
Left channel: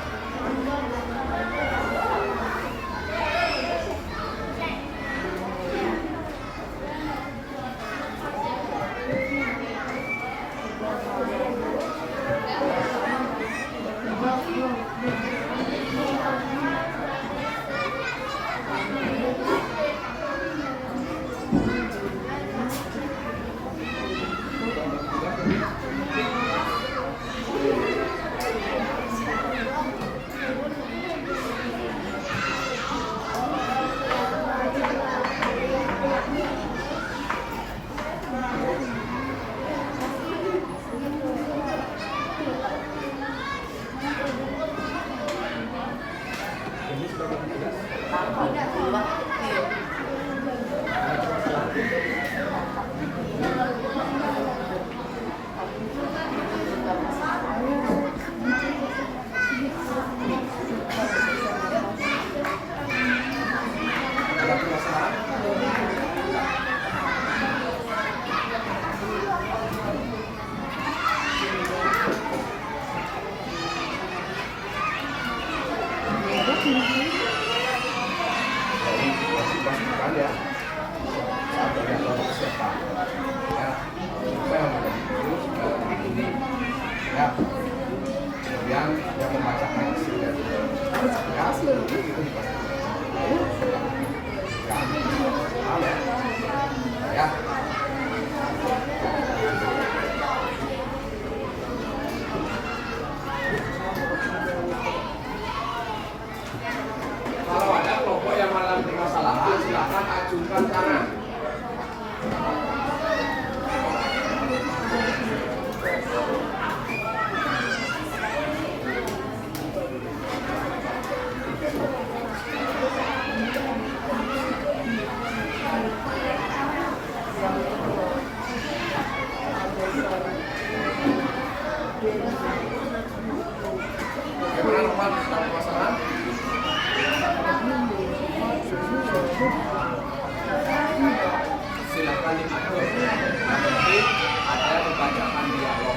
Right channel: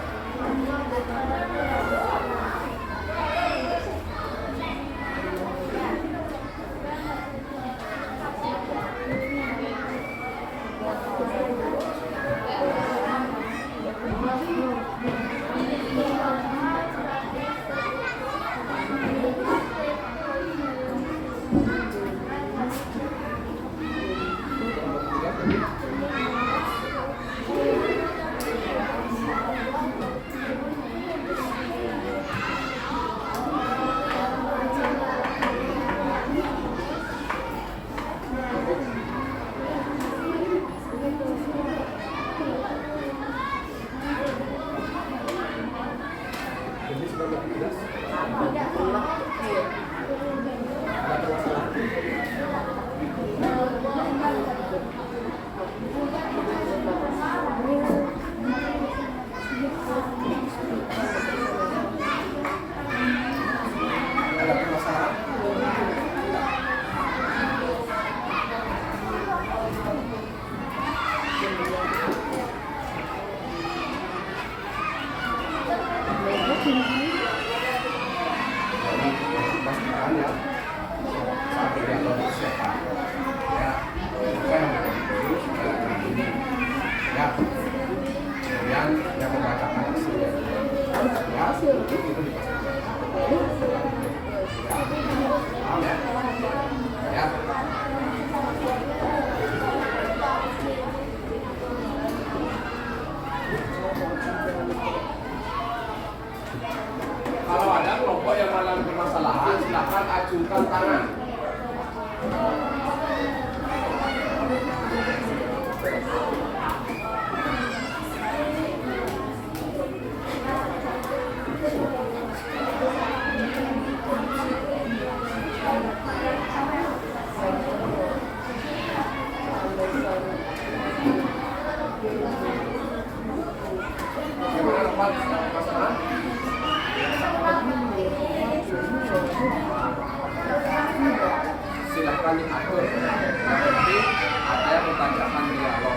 akan diatur. Yang penting ada yang membacakan dialog.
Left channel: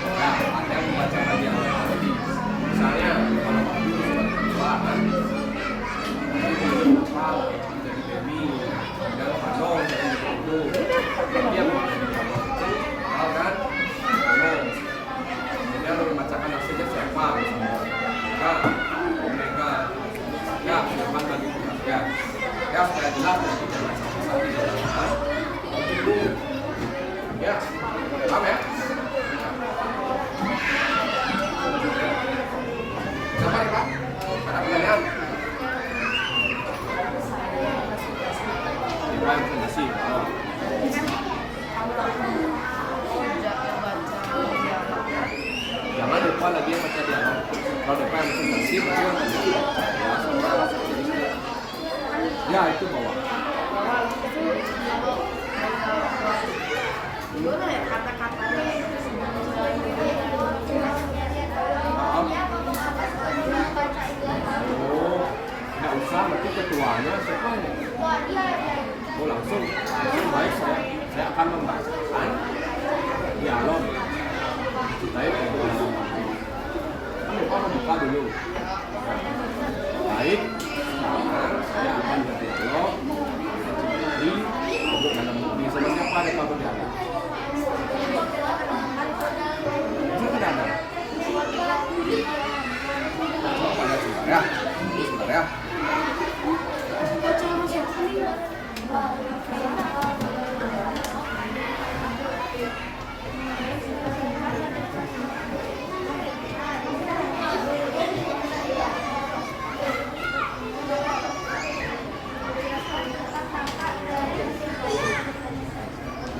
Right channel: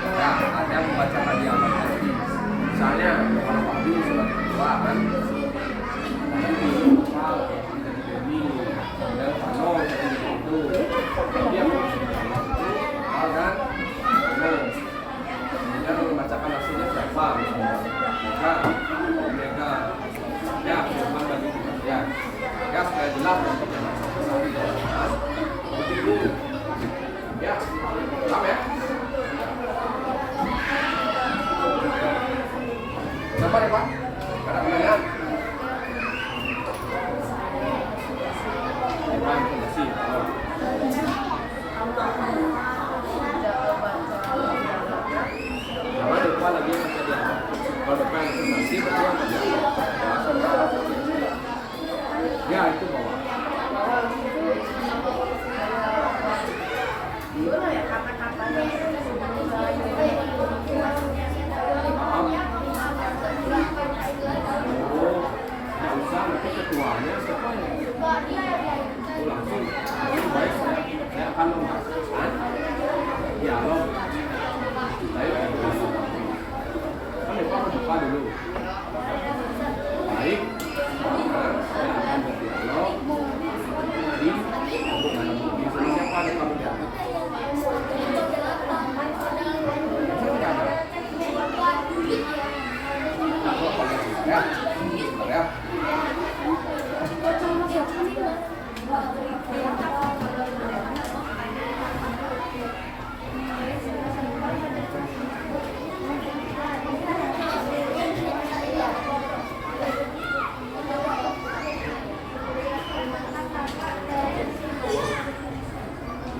Nah, ada yang membacakan dialog tadi. Misalnya kalau Abi sebagai ketua kan, jadi Benny dan Vano jadi itu. Dia mau kan? Dia membacakan hasilnya siapa misalnya. Nah, Omega. Ya, Firman bagi pembagian. Ya, supaya jelas nanti jangan sampai jalan. Itu ya, paham ya? Siapa ya Pak? Ada pertanyaan? Bukan fondasi. Oh. Jangan lupa lagi yang baca dialog. Kalau depan fondasi berarti yang baca. Ya itu bawah. Gimana ya kata-katanya? Oh, nggak usah nanti ketuanya siapa ya? Oh langsung baik saya akan membacakan dialog. Baik, kamu apa buka dulu? Baik, sekarang saya akan berdialog di sama siapa ada kamu dialog? Saya tidak ada. Ya, ya.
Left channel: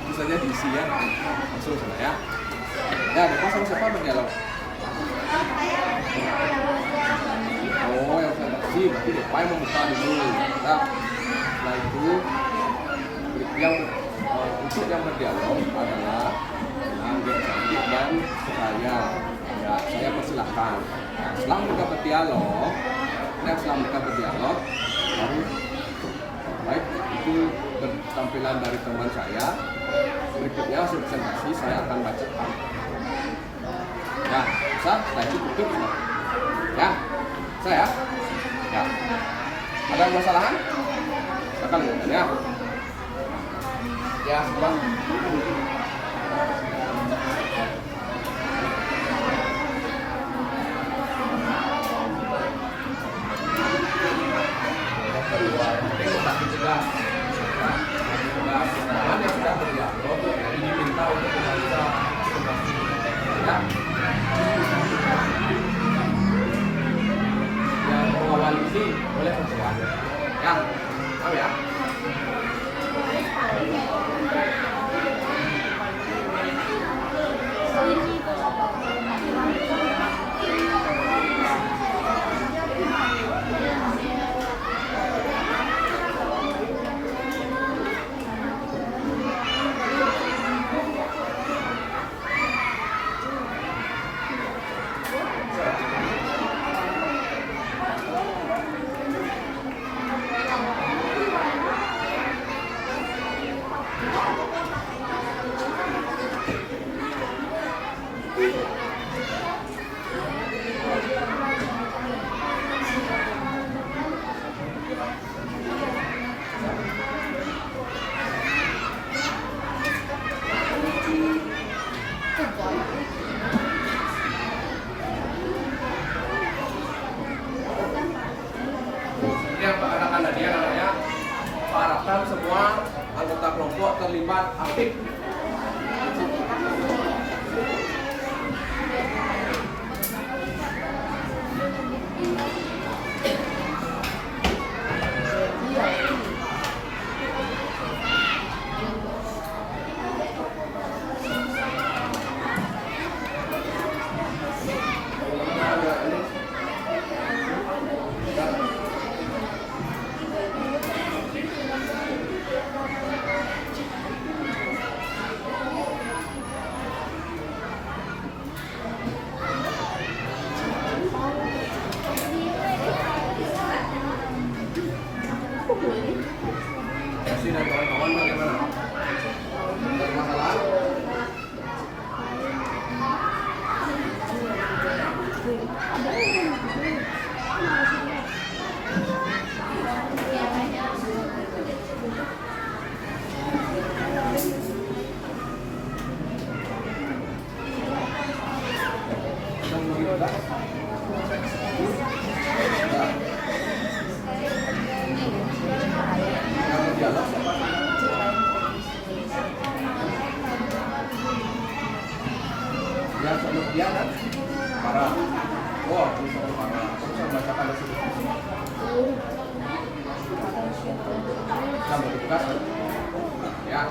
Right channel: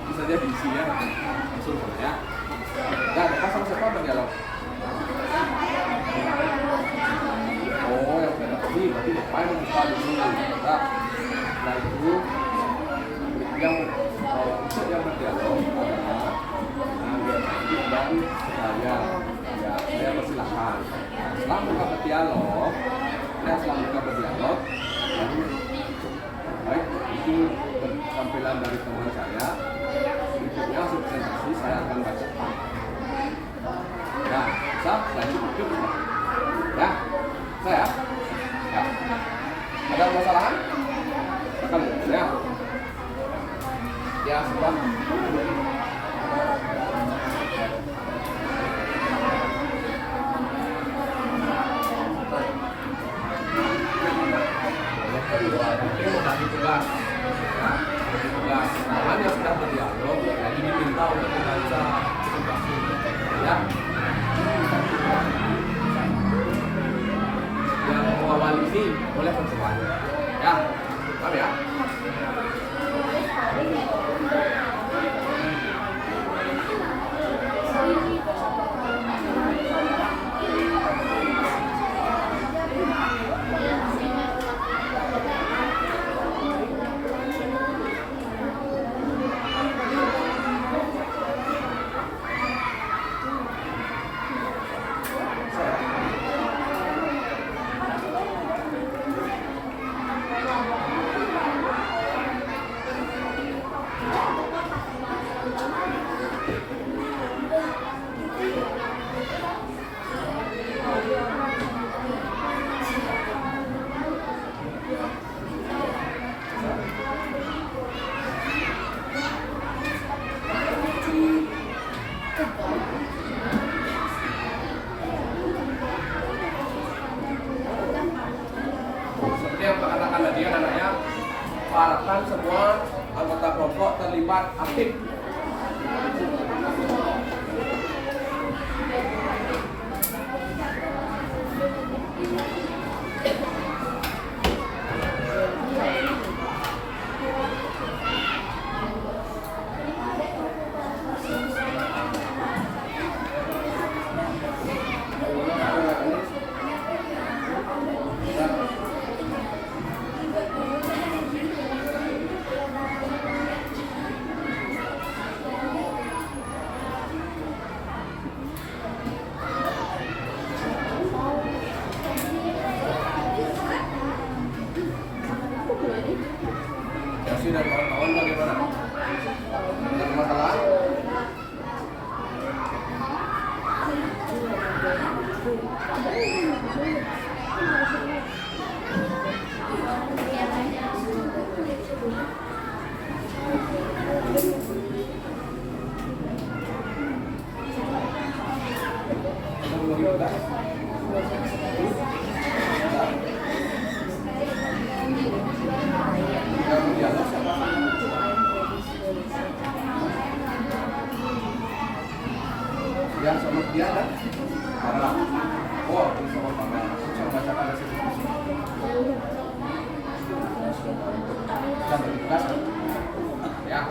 Itu saja diisi ya, langsung ya. Ya, depan sama siapa berdialog? Oh, yang saya kasih berarti depan membuka dulu. Nah, setelah itu yang untuk yang berdialog adalah Angga Cantik dan saya. Ya, saya persilahkan. Nah, setelah mereka berdialog, baru baik itu tampilan dari teman saya. Berikutnya hasil presentasi saya akan bacakan. Ya, bisa? Setelah itu tutup. Ya, saya. Ya. Ada kesalahan? Akan ya. Ya, sebuah. Yang kedua, mungkin membagi tugas. Ya, tugas. Jangan yang sudah berdialog, jadi diminta untuk membaca tugas. Ya. Yang mengawal ini oleh ketua. Ya, paham ya? Seperti yang katakan tadi namanya, harapkan semua anggota kelompok terlibat aktif. 12. Yang dialog siapa? Yang sama dia kan? Parah. Oh, ini sama parah. Aku bisa membacakan dari situ. Sampai 12. Ya.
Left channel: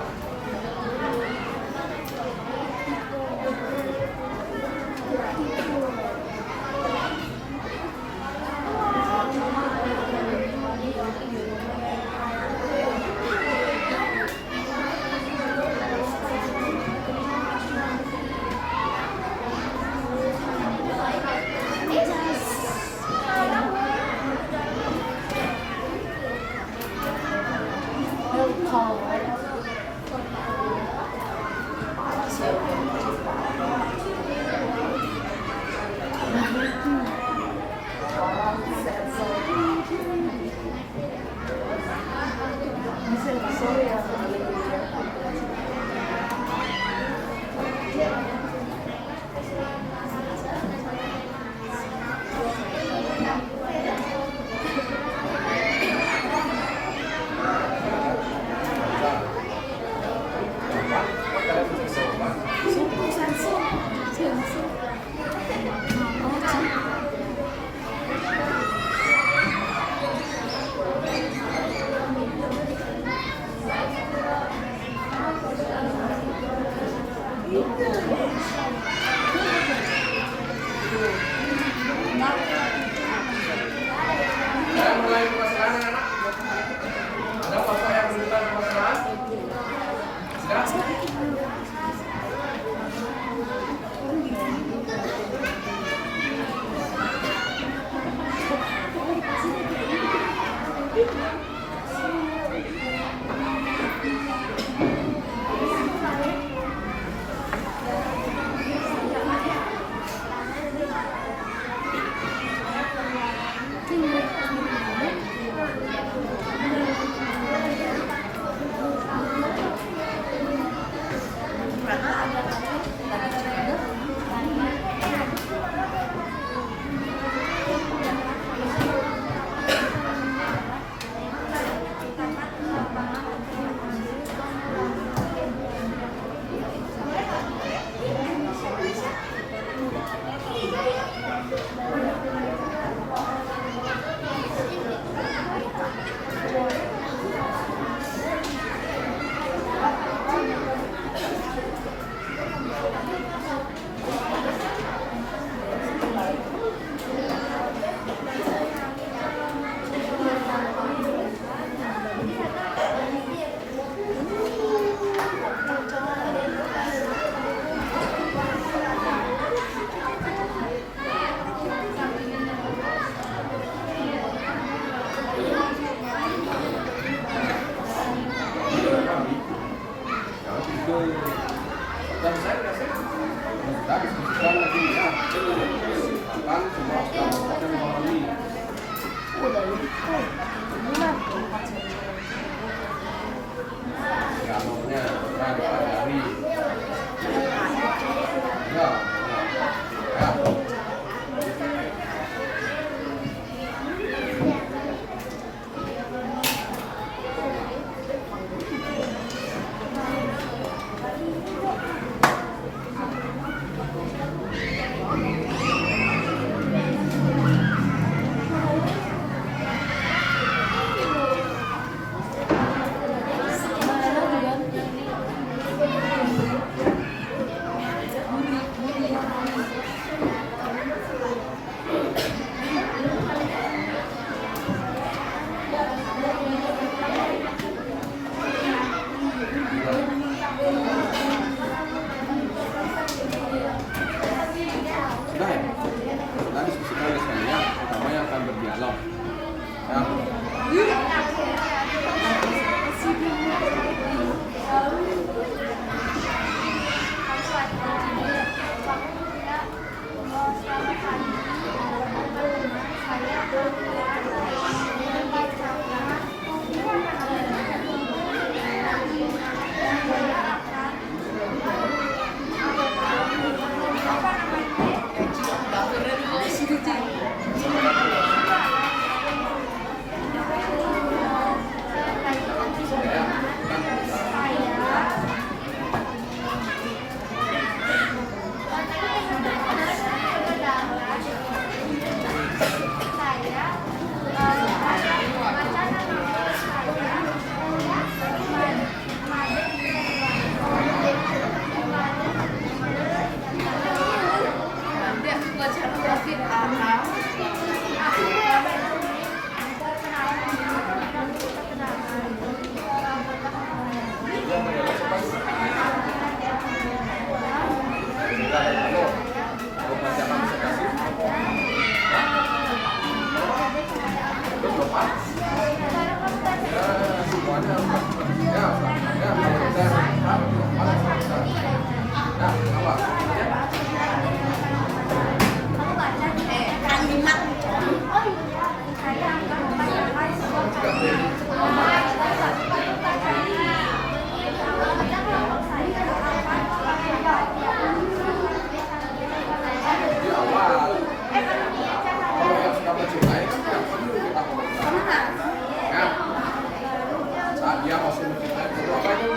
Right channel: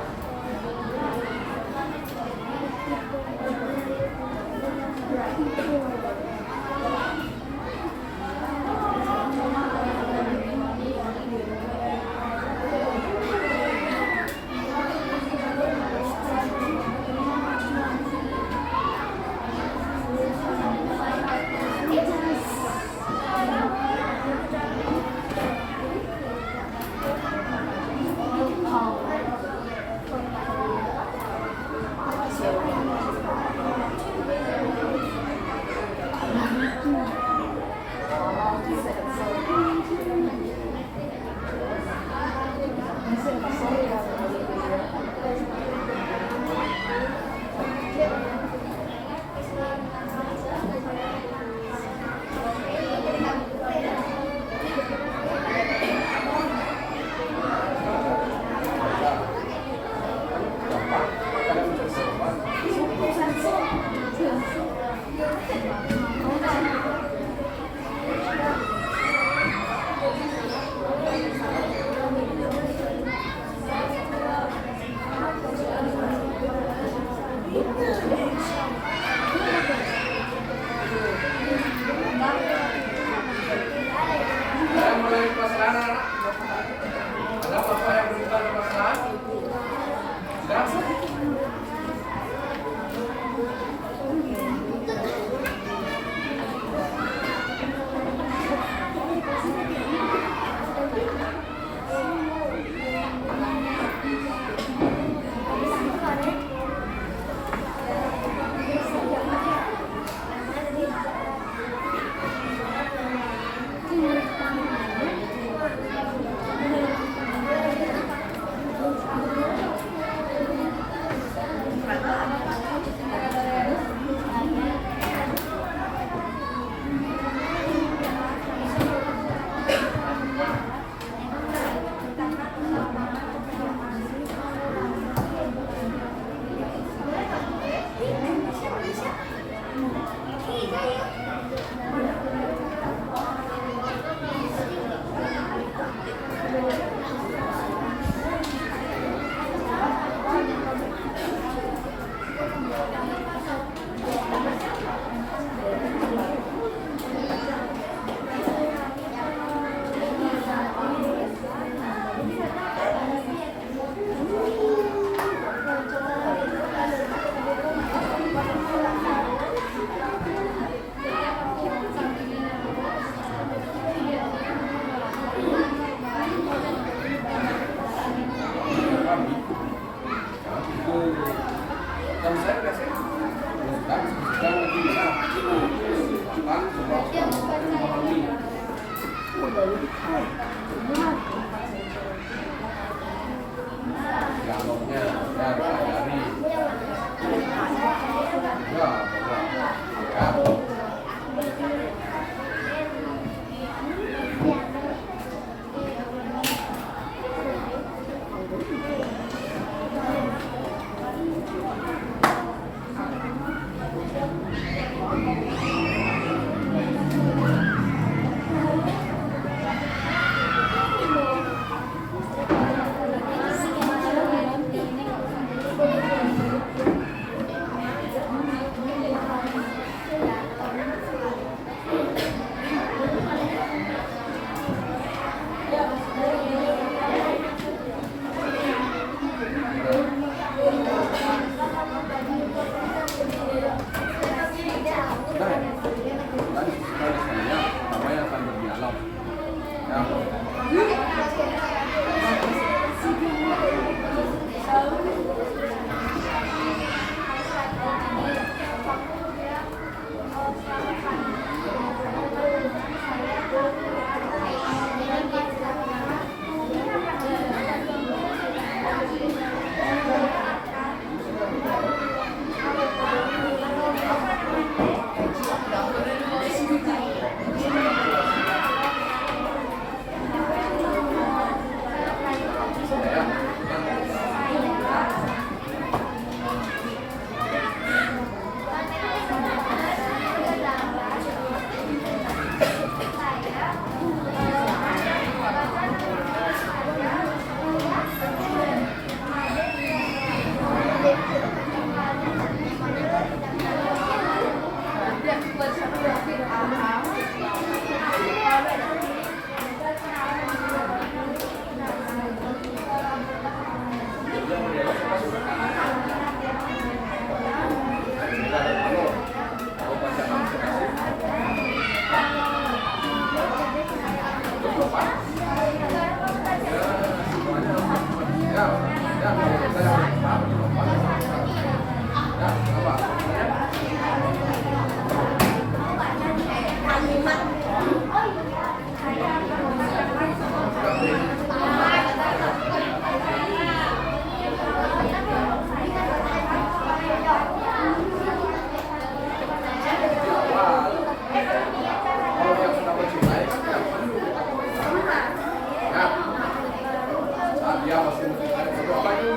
Dia masih perlu apa itu?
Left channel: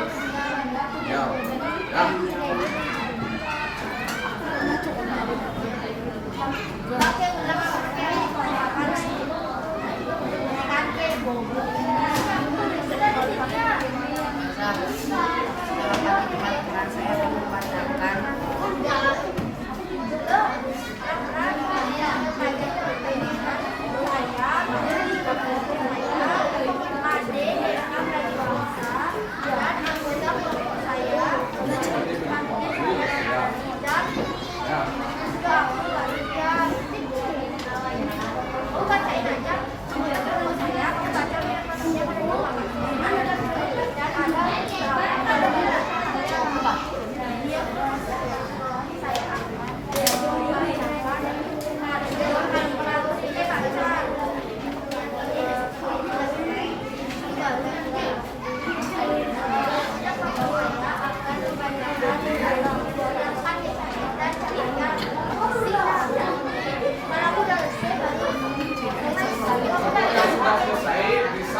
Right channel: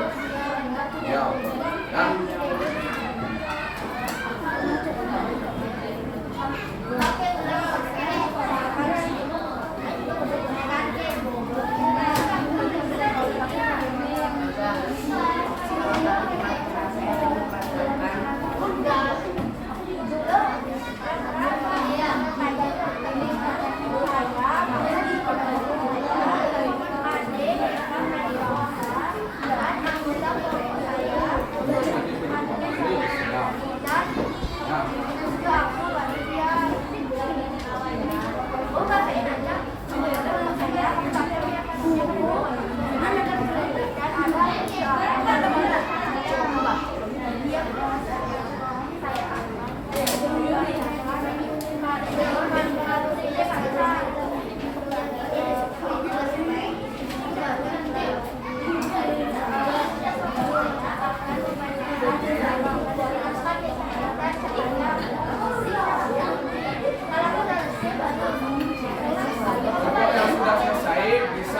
Ya, ya.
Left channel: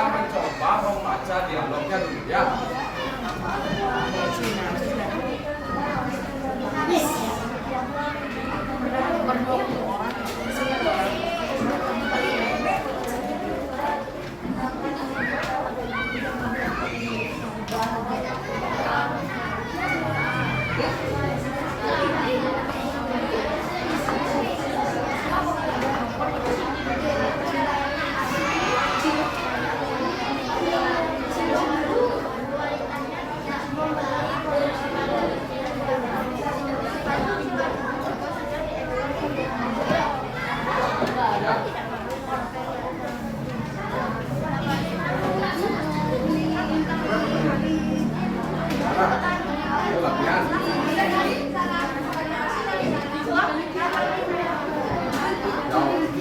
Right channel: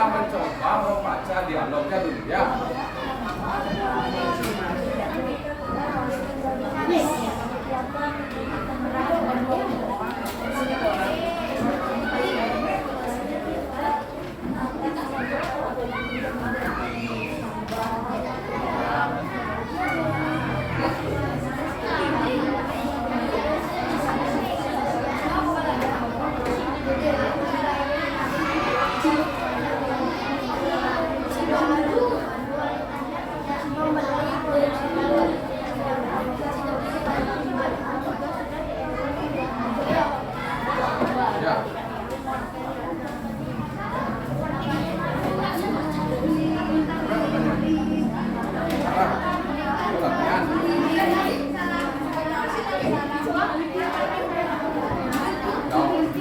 Mencoba membaca dialognya dulu ya.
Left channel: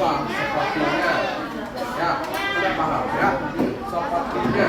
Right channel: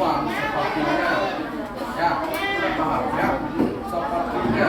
Sepertinya ya, kita paham ya, sepertinya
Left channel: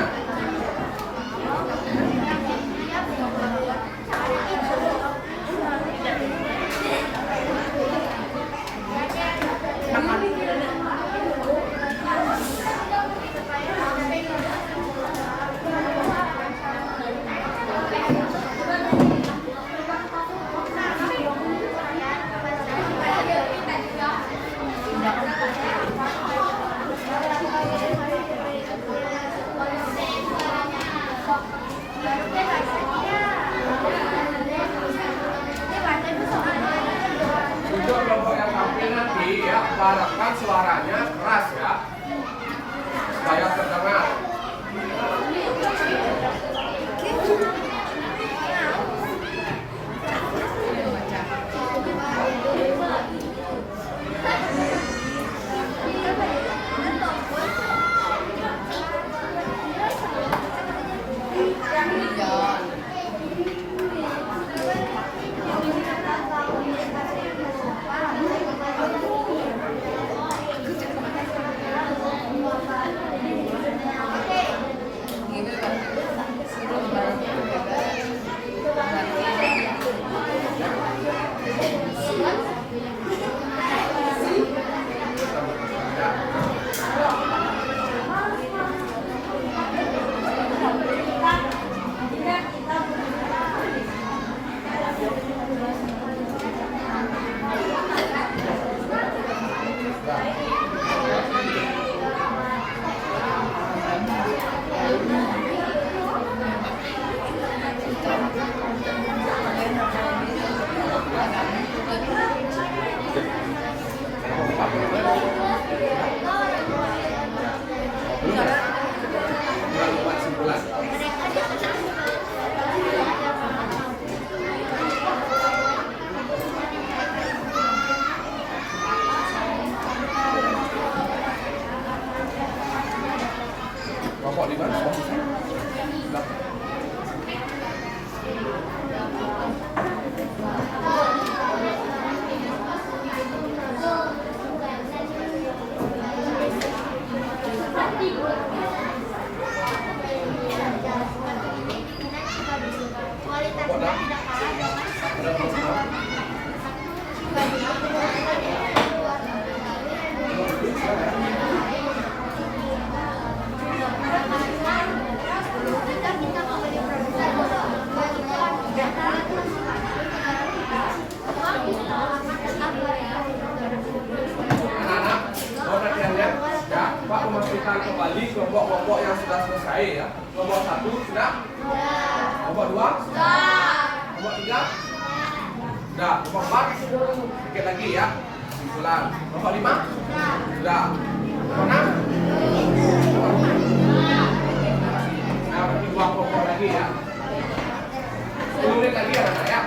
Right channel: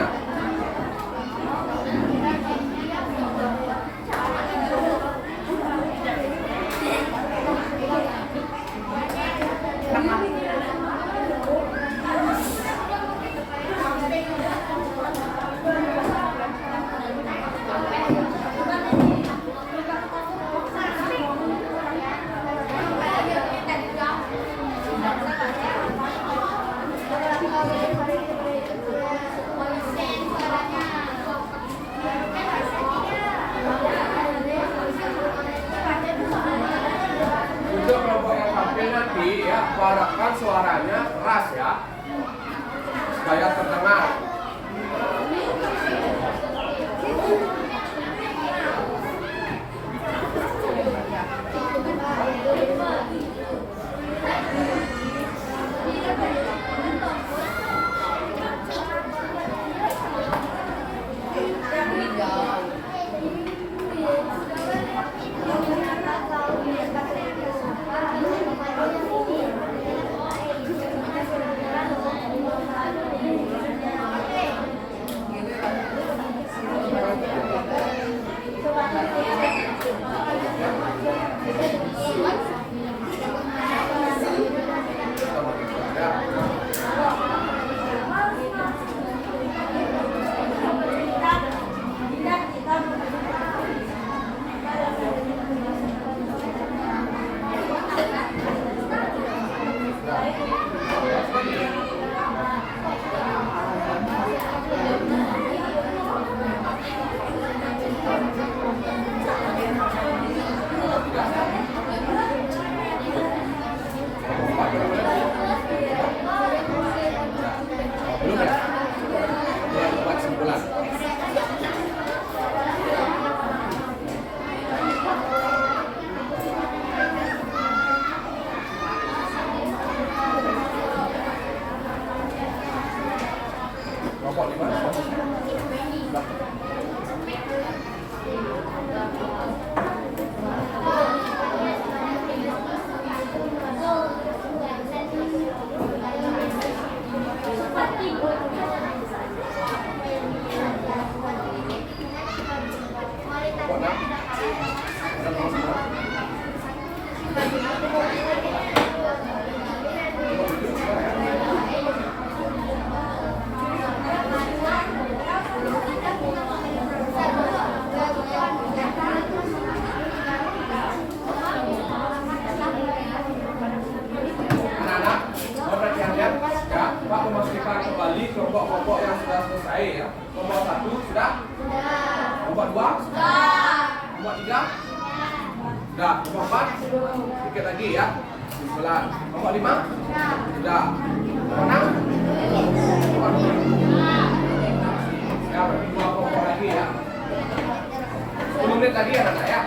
untuk kelompok yang tampil nanti ya, harapkan suaranya keras ya, supaya terdengar. Anak-anak, mau perhatian ya. Ya, Pak memastikan kembali kelompok-kelompok yang sudah selesai ya. Kelompok 1 sudah? Kelompok 2? Kelompok 3? Sudah. Kelompok 4? Sedikit lagi ya. Ulang. Kelompok 5? Sudah. Kelompok 6? Nah, berarti 2 kelompok lagi ya. 10 menit lagi anak-anak ya.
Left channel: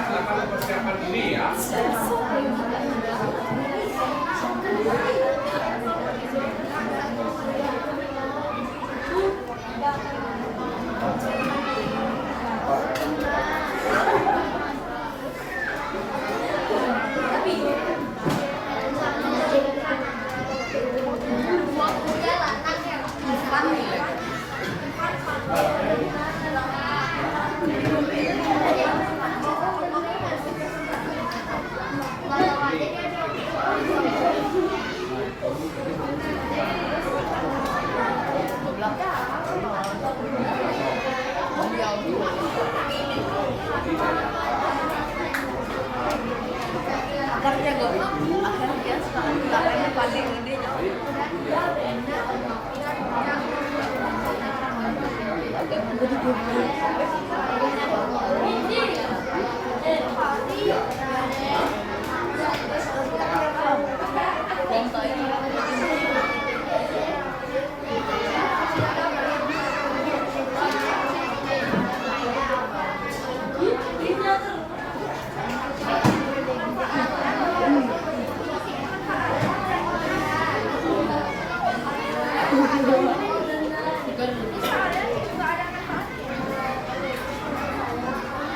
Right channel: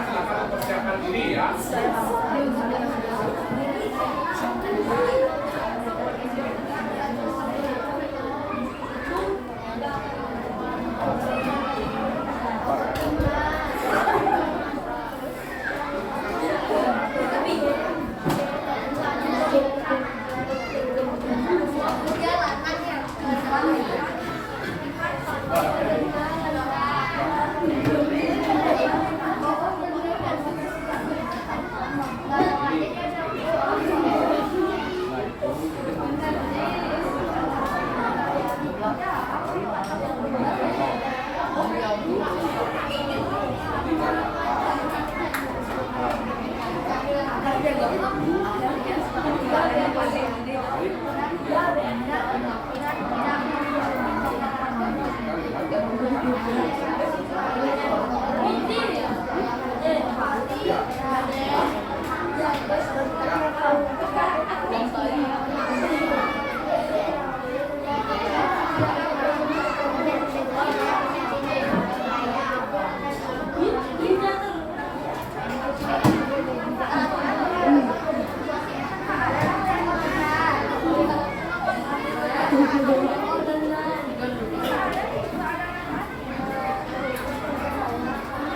Silakan persiapkan diri ya.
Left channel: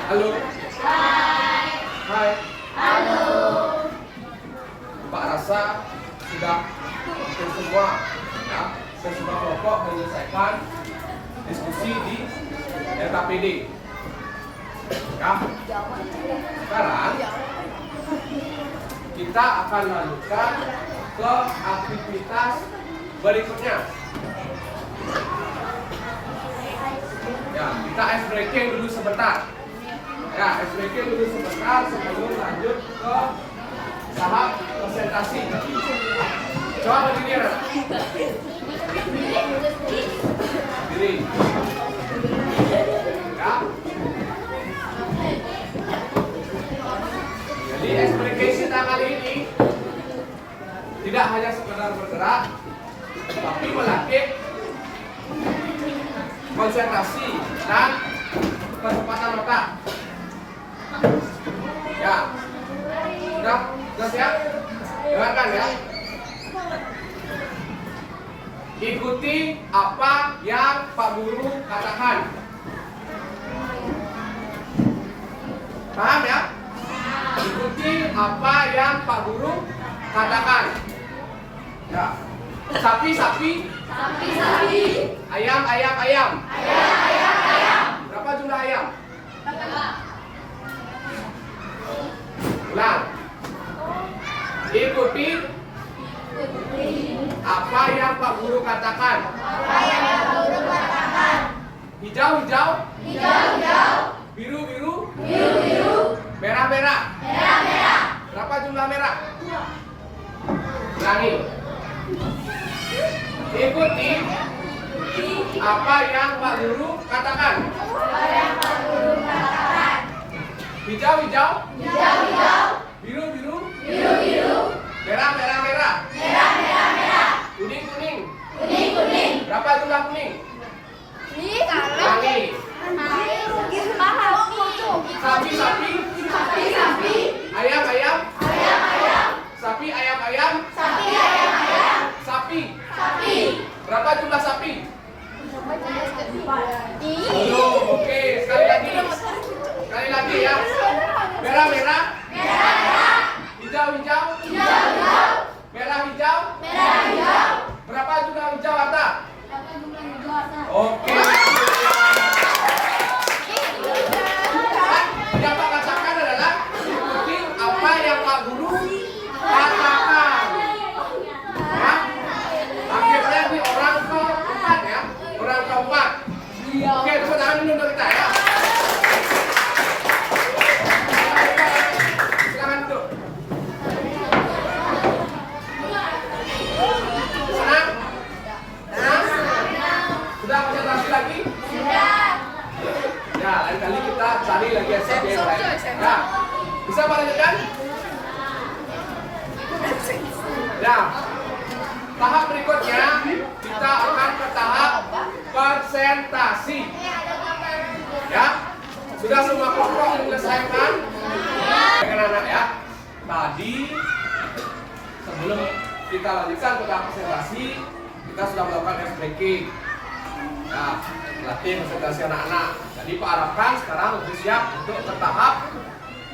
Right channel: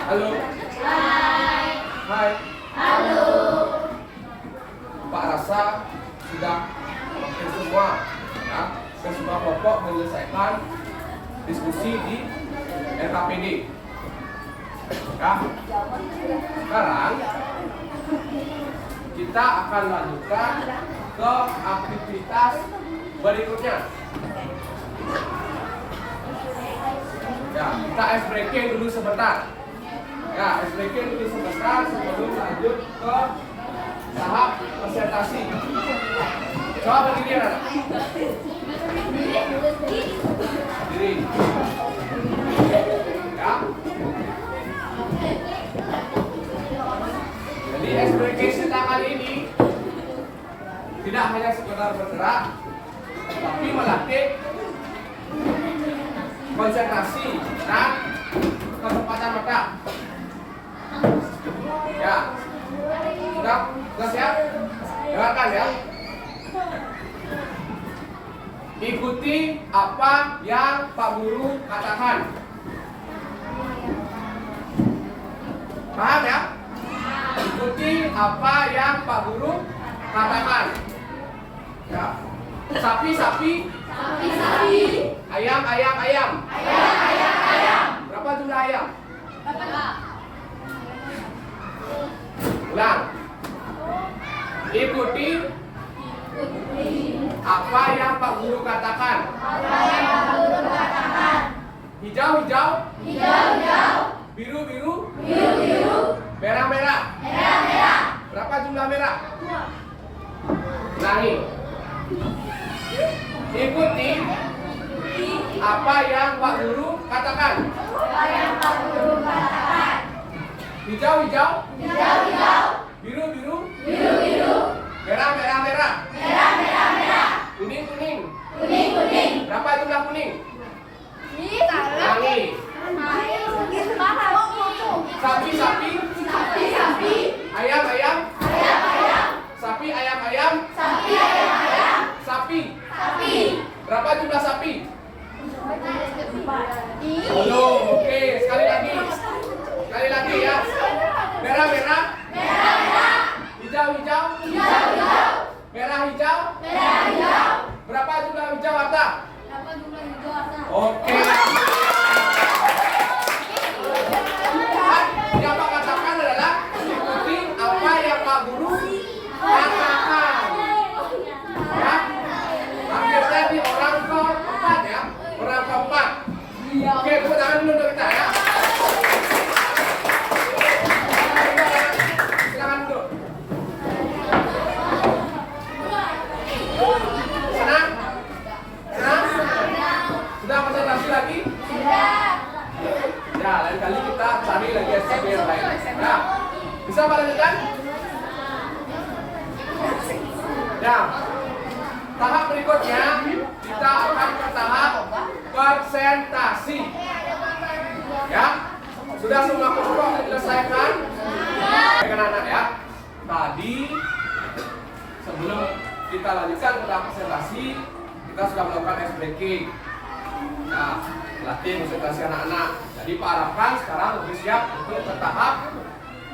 Halo. Hai. Halo. Pak rasa sudah hampir semua ya, dan semua kelompok menyelesaikan diskusi di LKPD. Ya. Sekarang kita akan lanjutkan ke aktivitas berikutnya. Ya, kita ice breaking dulu sebentar. Ya, ice breaking dulu sebentar sebelum lanjut ke tahap presentasi. Coba berdiri anak. Berdiri. Ya. Jadi explication kali ini tidak hanya sekedar bergerak, tapi melatih konsentrasi dan kecepatan otak. Ya, sudah siap? Dengarkan ya. Ikuti apa yang Pak Guru katakan. Paham ya? Ikuti apa yang Pak Guru katakan. Ya. Sapi. Ayam. katakan? Hijau, hijau. Biru, biru. Merah, merah. Berapa jumlah merah? Ulangi. Ikuti apa yang Pak Guru katakan. Hijau, hijau. Biru, biru. Merah, merah, merah. Kuning, kuning. Berapa jumlah kuning? Ulangi. Sapi, sapi. Ayam, ayam. Sapi, ayam, ayam. Sapi. Berapa jumlah sapi? Belum. Oke, sekali lagi. Sekali lagi ya. Merah, merah. Hijau, hijau. Merah, hijau. Berapa jumlah hijau harta? Oke. Yang Pak katakan adalah ikuti apa yang Pak Guru katakan. Ya. Akhirnya di orang keempat ya. Orang keempat. Oke, tepuk tangan dulu untuk kita ya. Silakan duduk. Senang? Sudah konsentrasi lagi? Ya, lain kali kita cari lagi SMP yang lain. Ya, bisa Pak lanjutkan? Ya, tahap berikutnya kita akan ke tahap presentasi. Ya, sudah semua kelompok diselesaikan? Anak-anak ya. Tadi sebelum kita lanjutkan ke tahap presentasi, kita sudah melakukan ice breaking. Nah, latih konsentrasi anak-anak. Jadi Pak harapkan sekarang lebih siap untuk ke tahap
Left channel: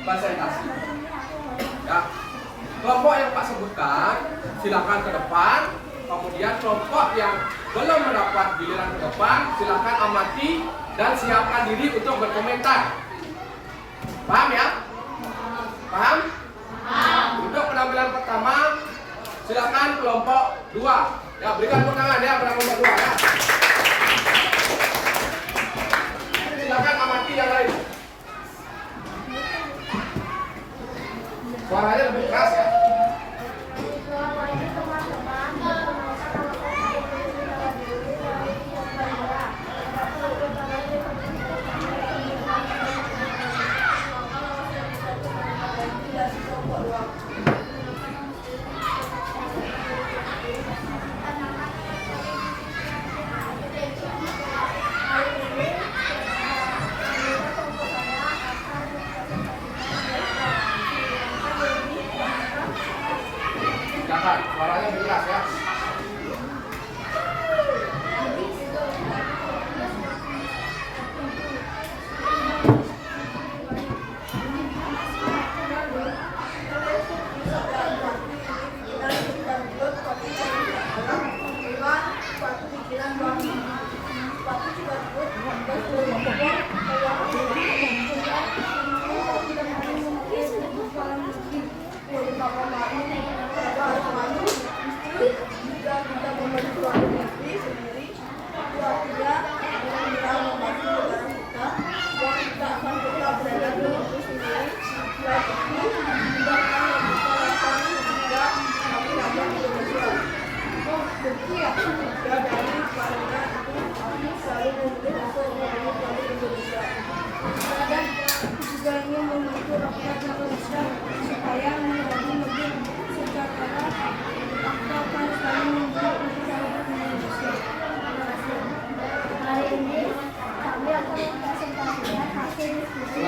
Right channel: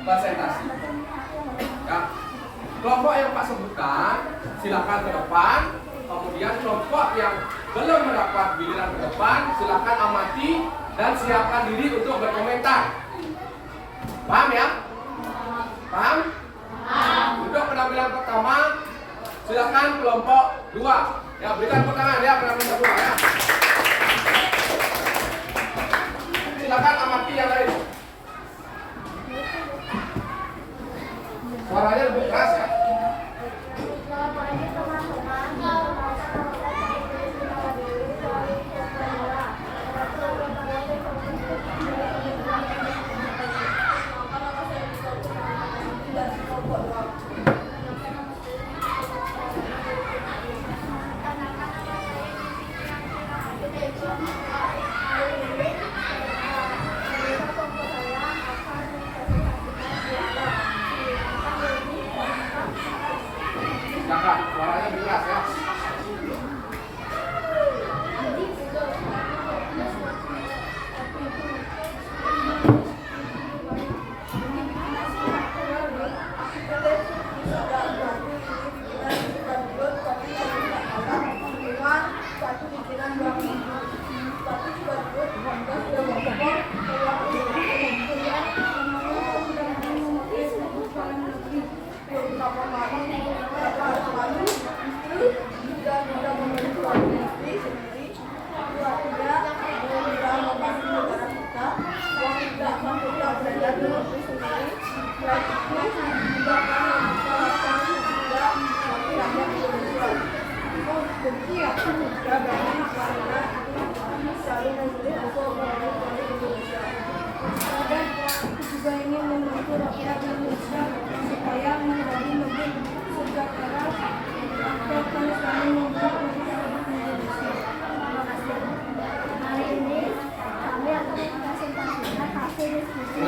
presentasi. Ya, kelompok yang Pak sebutkan silakan ke depan. Kemudian kelompok yang belum mendapat giliran ke depan silakan amati dan siapkan diri untuk berkomentar. Paham ya? Paham? Untuk penampilan pertama silakan kelompok 2. Ya, berikan tepuk tangan ya pada kelompok 2 ya. Silakan amati yang lain. Suaranya lebih keras ya. Selamat pagi teman-teman. Perkenalkan nama saya Putri Sinawadili dari Kelas 2. Silakan, suaranya lebih keras ya. Juga ingin membantu rakyat Indonesia supaya menjadi lebih sejahtera akan selalu membuat masyarakat Indonesia. Terima kasih. Hari ini kami akan mempresentasikan hasil diskusi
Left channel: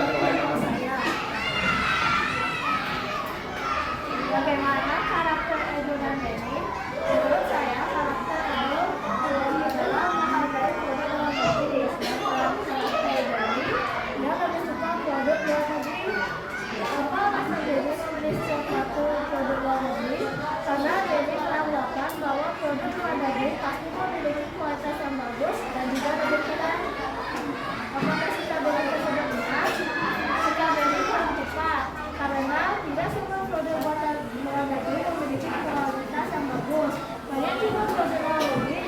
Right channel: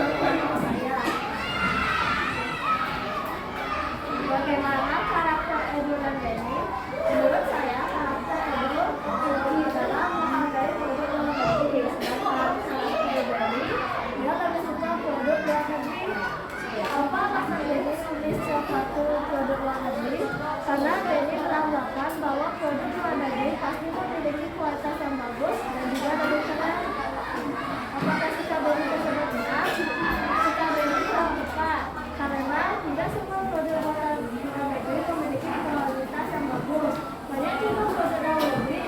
saya. Bagaimana karakter Edo dan Denny? Menurut saya karakter Edo lebih dalam menghargai produk luar negeri, sedangkan karakter Denny dia lebih suka produk luar negeri. Apa maksud Denny memilih suatu produk luar negeri? Karena Denny menambahkan bahwa produk luar negeri pasti memiliki kualitas yang bagus dan juga lebih keren. Apakah sikap Denny tersebut benar? Sikap Denny kurang tepat karena tidak semua produk buatan luar negeri memiliki kualitas yang bagus. Banyak juga produk luar negeri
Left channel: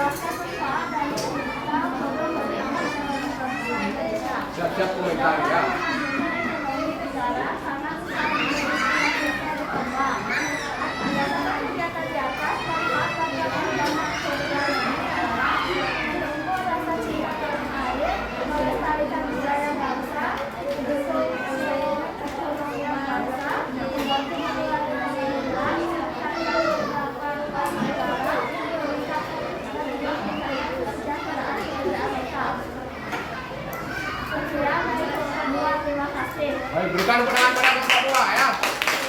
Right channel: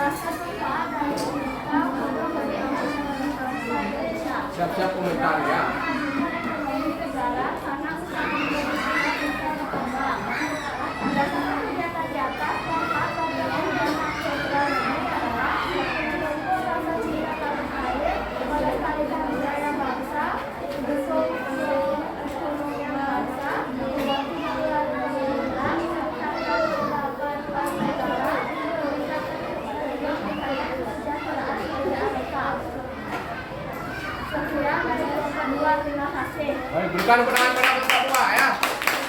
Jelaskan manfaat dari digital produk dari anak dan bangsa Indonesia. Siap-siap komentar ya. Memajukan ekonomi negara karena usaha menjadi sebuah bisa berkembang. Berdasarkan kegiatan di atas, manfaat bagi perubahan program ini adalah menumbuh rasa cinta tanah air, melestarikan budaya bangsa, mendukung perekonomian bangsa, membantu mengurangi kemiskinan, meningkatkan pendapatan negara, meningkatkan kesejahteraan pekerjaan lokal. Sekian dari kelompok 2, terima kasih. Baik, berikan kemenangan pada kelompok 2 ya.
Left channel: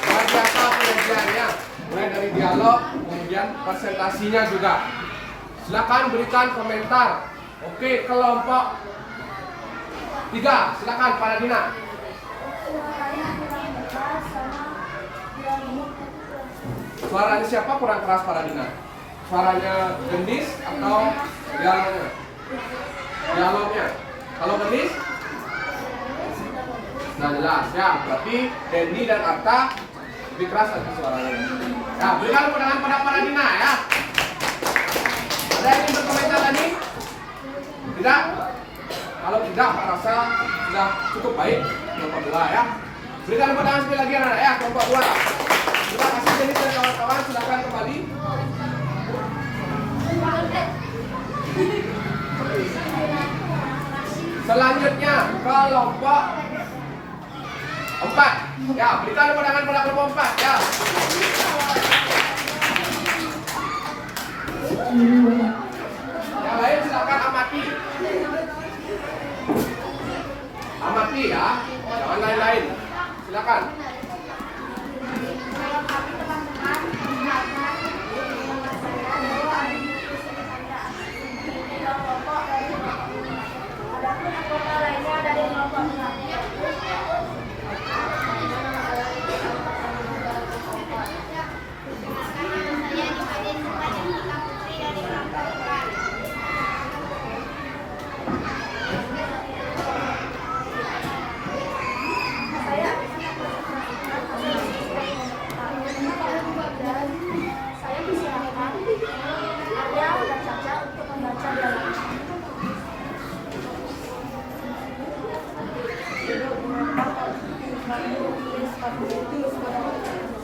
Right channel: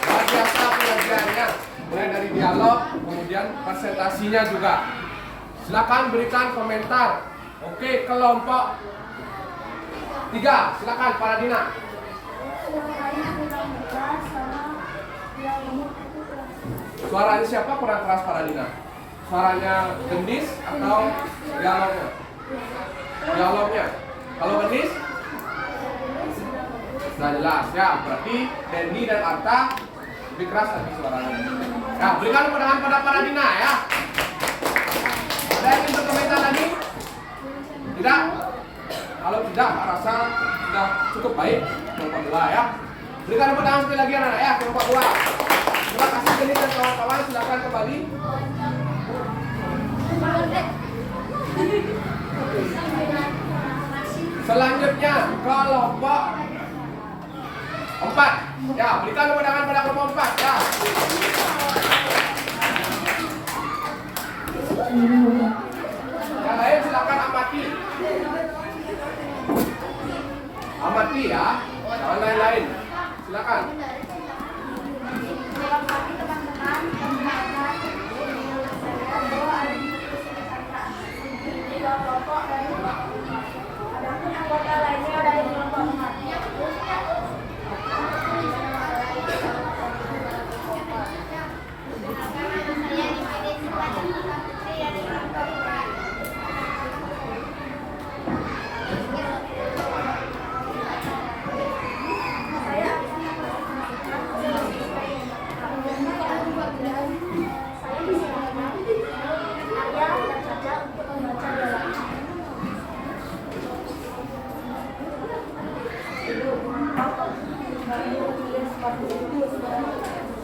Luar biasa penyajiannya. Mulai dari dialog, kemudian presentasinya juga. Silakan berikan komentar. Oke, kelompok 3, silakan Paladina. Suaranya kurang keras sama dialognya itu kurang. Suaranya siapa kurang keras Paladina? Suaranya gendis atau dialognya? Dialognya. Kalau gendis? Sudah jelas ya. Berarti Dendi dan Arta lebih keras lagi suaranya. Ya, berikan kemenangan pada Paladina ya. Ada yang ingin berkomentar lagi? Tidak? Kalau tidak, Pak rasa sudah cukup baik kelompok 2 ya. Berikan tepuk tangan sekali lagi anak-anak ya, kelompok 2. Terima kasih Denis dan kawan-kawan, silakan kembali. Selanjutnya kelompok 4. Ya, berikan tepuk tangan pada kelompok 4 ya. Yang lain silakan amati. Amati ya, jangan lain-lain. Silakan. Terima kasih teman-teman. Perkenalkan, nama saya Dewa ada di posisi Anda. Di kelompok dari kelompok 5. Adapun anggota lainnya dari kelompok 4. Perkenalkan, nama saya Dimaiden Sukma Jessica Putri dari kelompok 4. Saya akan mempresentasikan hasil dan saya persilahkan Arya dan Caca untuk membaca dialognya.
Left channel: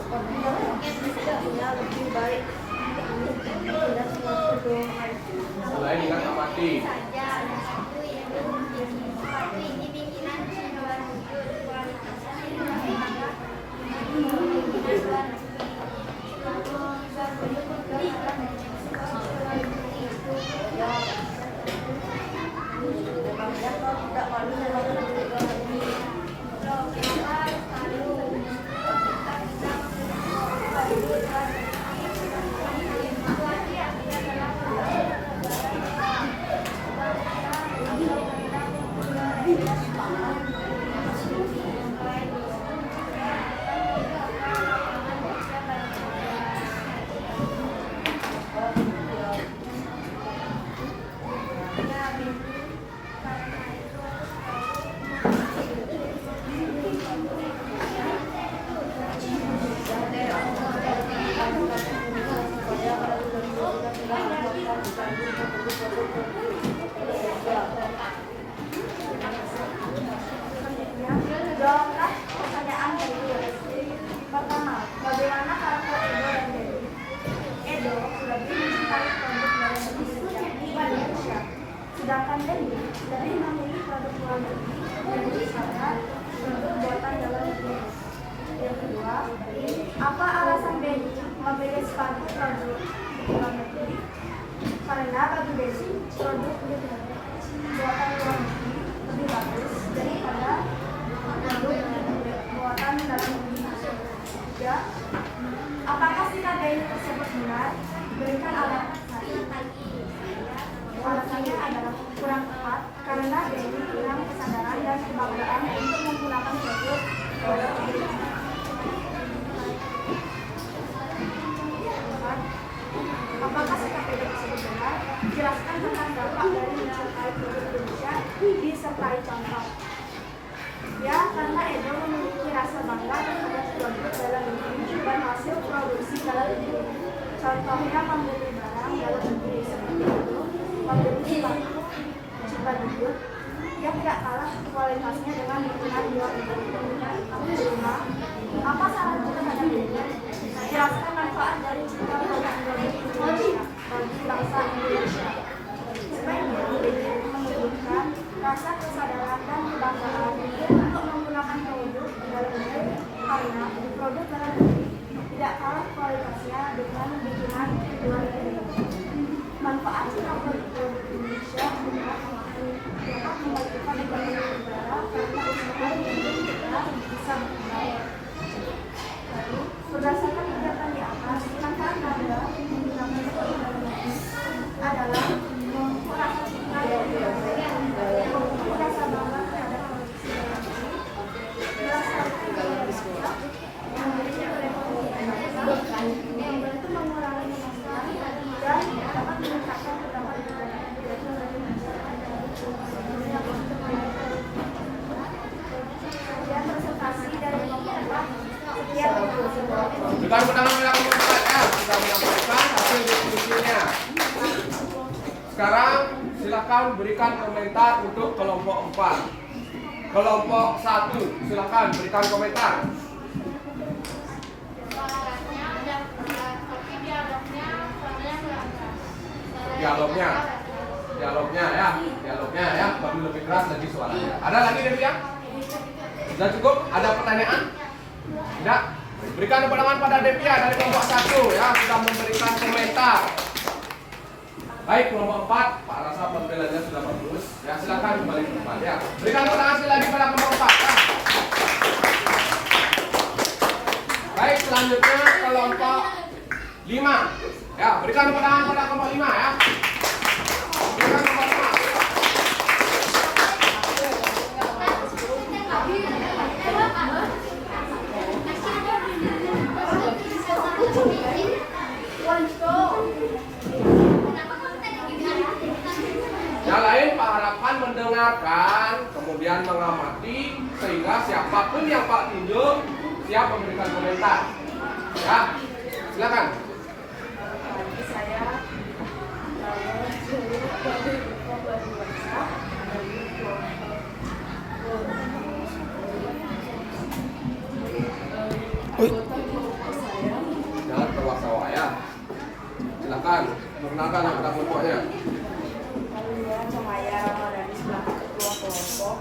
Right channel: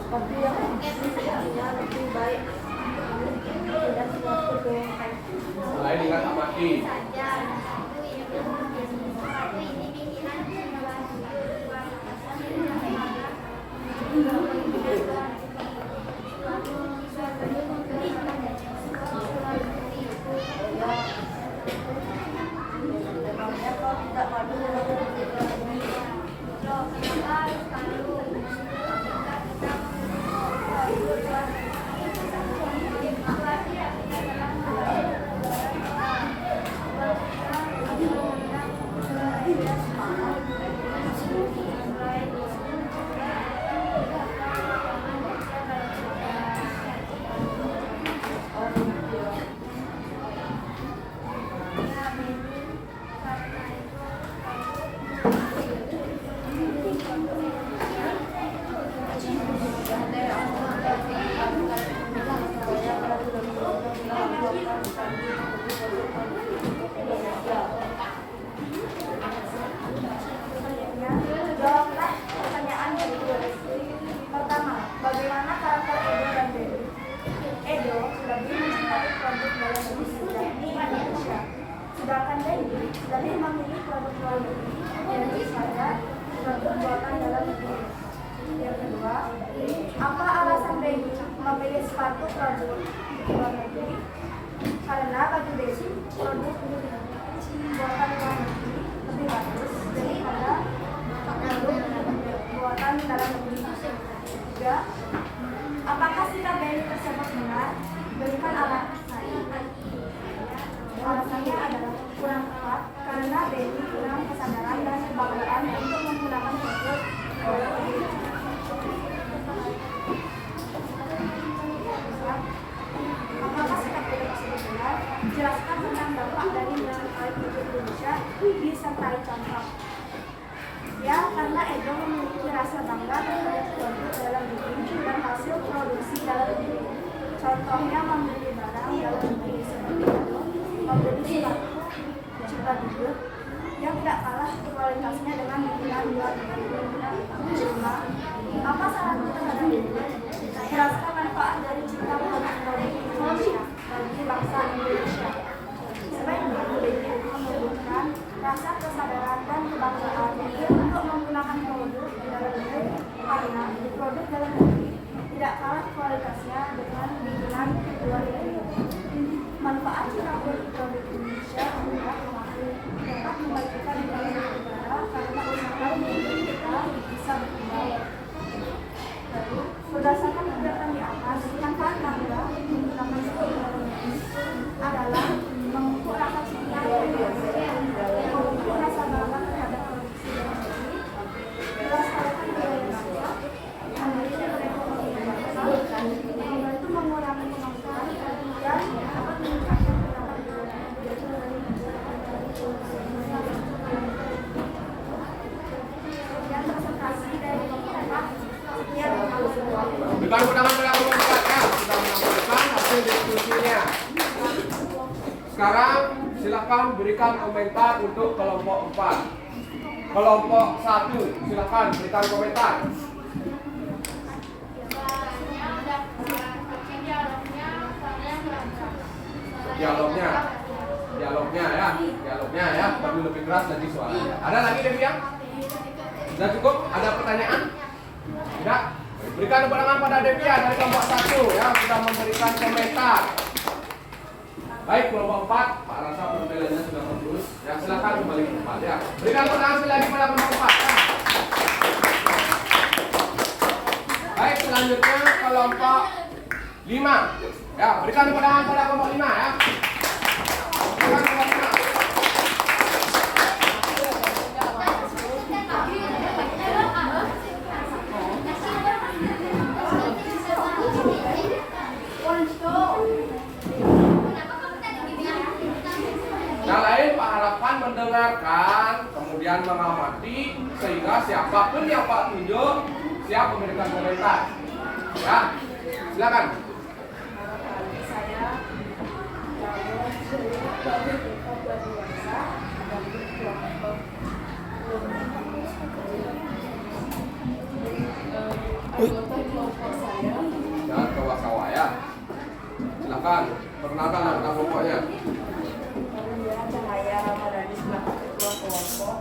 Lebih baik dan suatu Selain ingat amati. Jawablah pertanyaan berikut. Pertama, bagaimana karakter Edo dan Dewi? Edo lebih mencintai produk dalam negeri Indonesia, sedangkan Dewi lebih memilih produk luar negeri daripada produk buatan dalam negeri. Yang kedua, apa alasan Dewi memilih sepatu produk luar negeri? Karena bagi Dewi, produk buatan luar negeri lebih bagus daripada produk buatan dalam negeri. Tiga, apakah sikap Dewi tersebut benar? Berikan alasannya. Alasannya adalah kurang tepat karena Dewi kurang kesadaran dan kebanggaan untuk menggunakan produk dalam negeri. Apakah sikap Dewi tersebut benar? Jelaskan tentang dampak dari mencintai produk Indonesia disertai contoh. Ya, karena Edo memiliki rasa bangga terhadap produk dalam negeri dan hasil produksi dalam negeri. Contohnya membeli barang dalam negeri seperti itu membeli sepatu Cibaduyut yang tidak kalah kualitasnya dengan bikinan luar negeri. Apa sarannya terhadap ini? Jelaskan manfaat dari cinta produk Indonesia bagi bangsa Indonesia. Sebaiknya menunjukkan rasa kesadaran dan kebanggaan untuk menggunakan produk di dalam negeri karena produk dalam negeri tidak kalah kualitasnya dengan bikinan luar negeri. Manfaat cinta produk Indonesia adalah dapat memajukan ekonomi negara karena usaha yang kita bisa berkembang. Lalu, berdasarkan kegiatan di atas, manfaat bangga menggunakan produk dalam negeri adalah memupuk rasa cinta dan memupuk rasa bangga terhadap produksi dalam negeri, melestarikan budaya bangsa, memiliki perekonomian bangsa, membantu mengurangi pengangguran dan dapat meningkatkan pendapatan negara. Sekian presentasi dari kelompok 4. Sekian Berikan tepuk tangan pada kelompok 4 ya. Sudah menyampaikan hasil diskusinya. Sekarang silakan berikan komentar untuk kelompok 4. Kelompok 1 silakan berikan komentar. suaranya dapat, tapi dialognya suaranya kurang keras. Dialognya ya, tapi lebih keras lagi suaranya. Ada lagi Devi ya? Sudah cukup? Ada pertanyaan? Tidak? Berikan tepuk tangan pada Devia dari kelompok 1 ya, sudah memberikan komentar. Baik, kelompok 4, Pak rasa penampilannya sudah bagus. Ya, silakan kembali ke tempat ya. Berikan tepuk tangan sekali lagi pada kelompok 4 ya. Baik, selanjutnya kelompok 5. Ya, berikan tepuk tangan pada kelompok 5 ya. Berikan kelompok 5. Yang lain Pak harapkan mendengarkan, kemudian mengamati, sehingga siapapun yang Pak tunjuk siap memberikan komentar. Ya, silakan. Bagi saya, kalau bagi bangsa ada kelompok anggota kelompok saya. Jangan keluar sawah ya. Silakan, perkenalkan anggota kelompoknya. Saya Cahaya Ramadhani selaku ketua kelompok.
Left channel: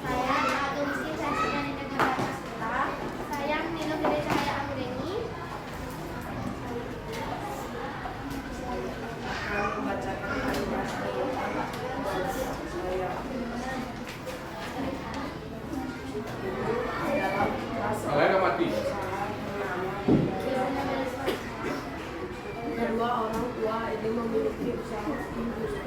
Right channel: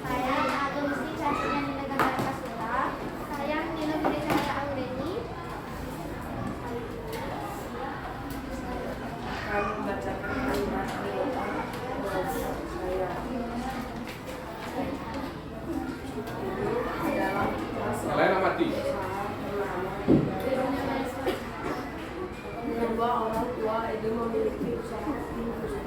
Saya Agensi Cahaya Negara Kasita. Saya Nino Gede Cahaya Anggeni. Akan membacakan kalimat kelompok saya. Dalam kelas Boleh ngamati. kedua orang tua ini memiliki usaha industri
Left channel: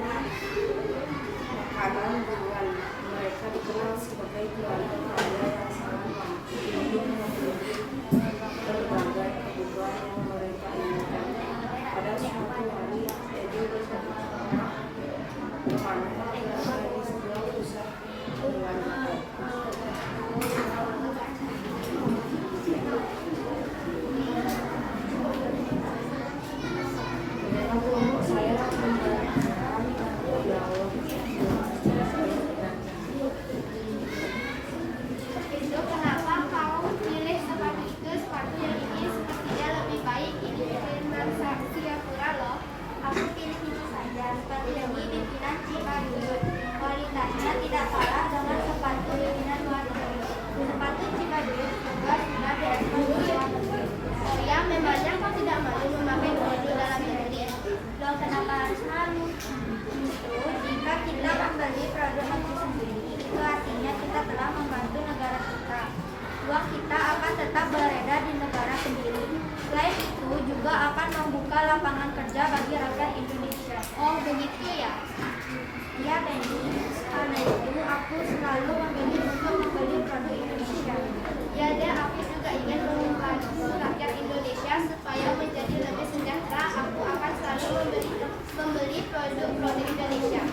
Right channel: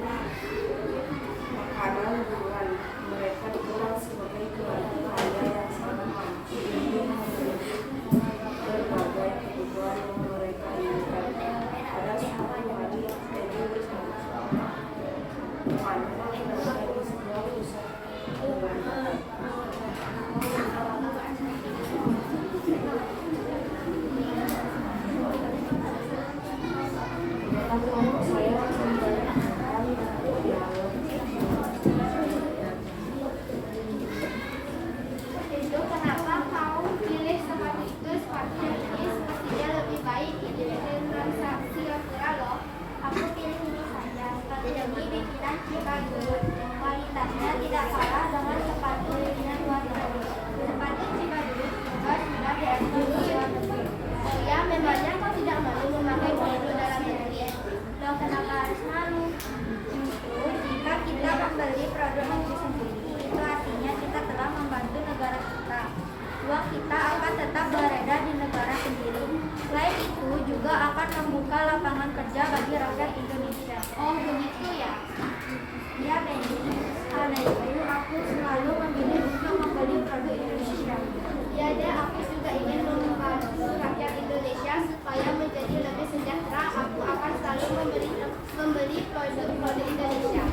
makanan dengan mereka dikenal sebagai keluarga kaya yang sangat mampu untuk memenuhi berbagai kebutuhan yang mereka inginkan. Pada suatu hari Edi bersama temannya berada di sebuah pusat perbelanjaan. Kelompok saya memberikan dialog. Itu kenapa kau pilih sepatu itu? Sepatu yang ini sepertinya lebih baik dikirim dari Singapura loh. Aku pilih itu saja. Sepatu ini bikinan Cibaduyut. Kualitasnya tidak kalah dengan sepatu bikinan luar negeri. Sepatu Cibaduyut juga sudah diekspor ke luar negeri. Oh ya, memangnya kau tidak malu memakai produk dalam negeri? Loh, kenapa harus malu? Itu jika kita membeli produk negeri sendiri, itu artinya kita telah membantu negara kita. Uang kita akan tetap beredar di negara sendiri. Selain itu juga akan membuka lapangan kerja bagi rakyat Indonesia. Oh begitu ya? Iya Benny, karena itu aku selalu memilih untuk membeli produk Indonesia. Ya deh, aku juga ingin membantu rakyat Indonesia supaya menjadi lebih sejahtera. Aku akan selalu membeli produk-produk Indonesia.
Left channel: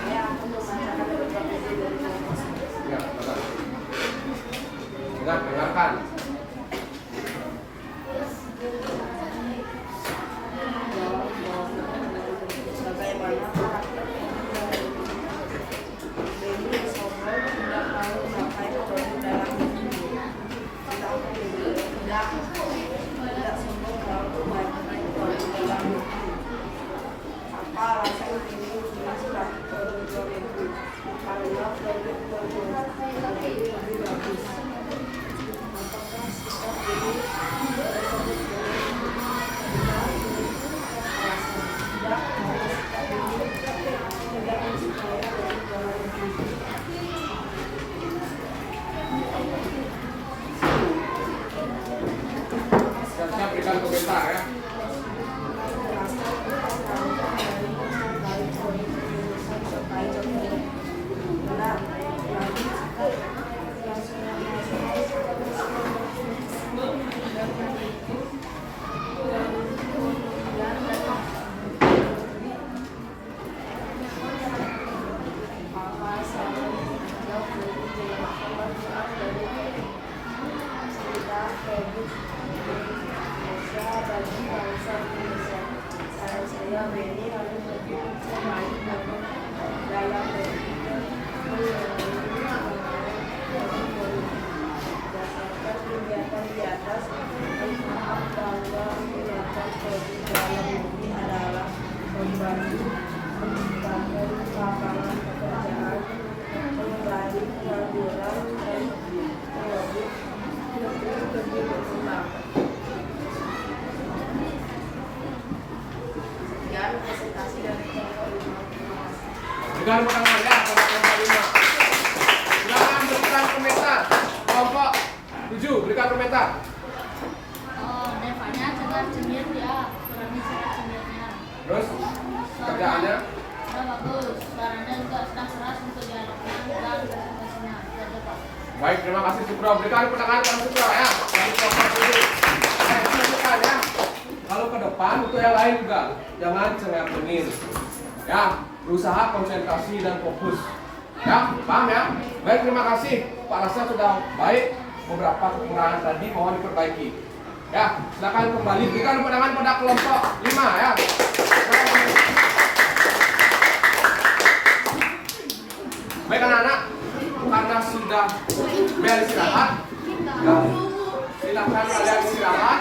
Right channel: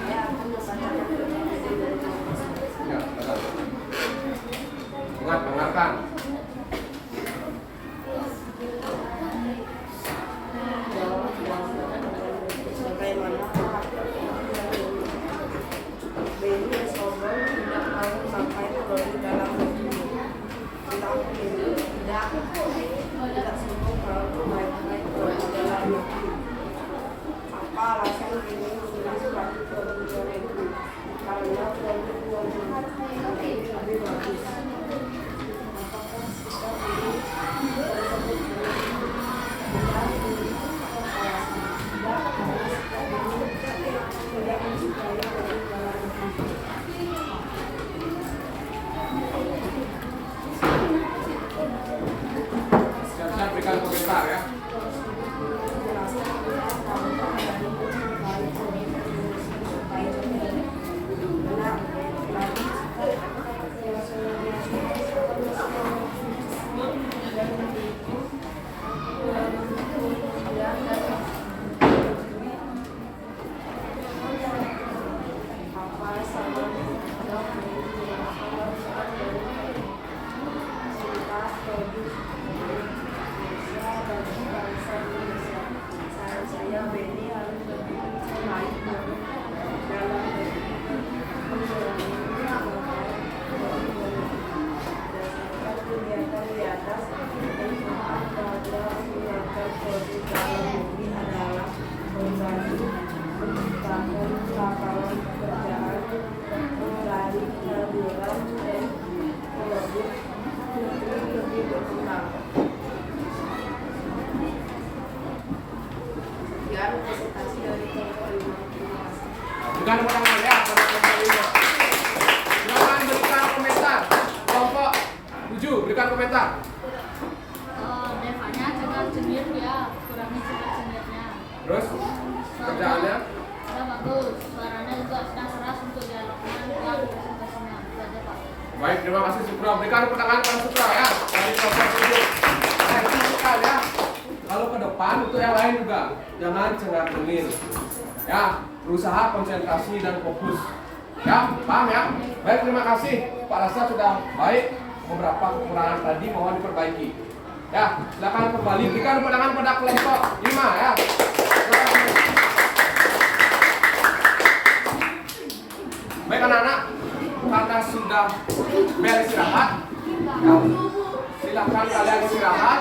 Saya akan membacakan kelompok Edi dari kelompok saya. Ya, betul. Ingat, dengarkan. Dalam bangsa Indonesia. Saran saya, Beni harus berfungsi baik dalam berpikir, mengurangi kebanyakan politik. Berdasarkan kegiatan di atas, manfaat bahwa menggunakan produk dalam negeri adalah membantu menciptakan lapangan pekerjaan, mengurangi pengangguran, dan produk negeri lebih berkembang. Sekian presentasi dari kelompok 5. Terima kasih. Berikan tepuk tangan ya pada kelompok 5. Silakan berikan komentar. Kelompok 7 berikan komentar. Devanya cengar-cengir ya, kurangi cengar-cengirnya. Terus kerjaannya Sudah bagus, suaranya juga sudah seras untuk dialognya dan presentasinya. Itu aja Pak. baik, terima kasih Sukro. Berikan tepuk tangan pada Sukro ya dari kelompok 7. Perhatikan ya. Kalau ke depan untuk yang lain juga jangan cengar-cengir. Ya, berusaha konsentrasi dan fokus. Ya, paham ya? Baik, terima kasih. Pak Rasa sudah baik. Beberapa kekurangan tadi mohon diperbaiki. Ya, silakan kembali. Berikan tepuk tangan pada kelompok 5 ya. Baik anak-anak, karena sudah bel istirahat, ya, silakan kalian istirahat.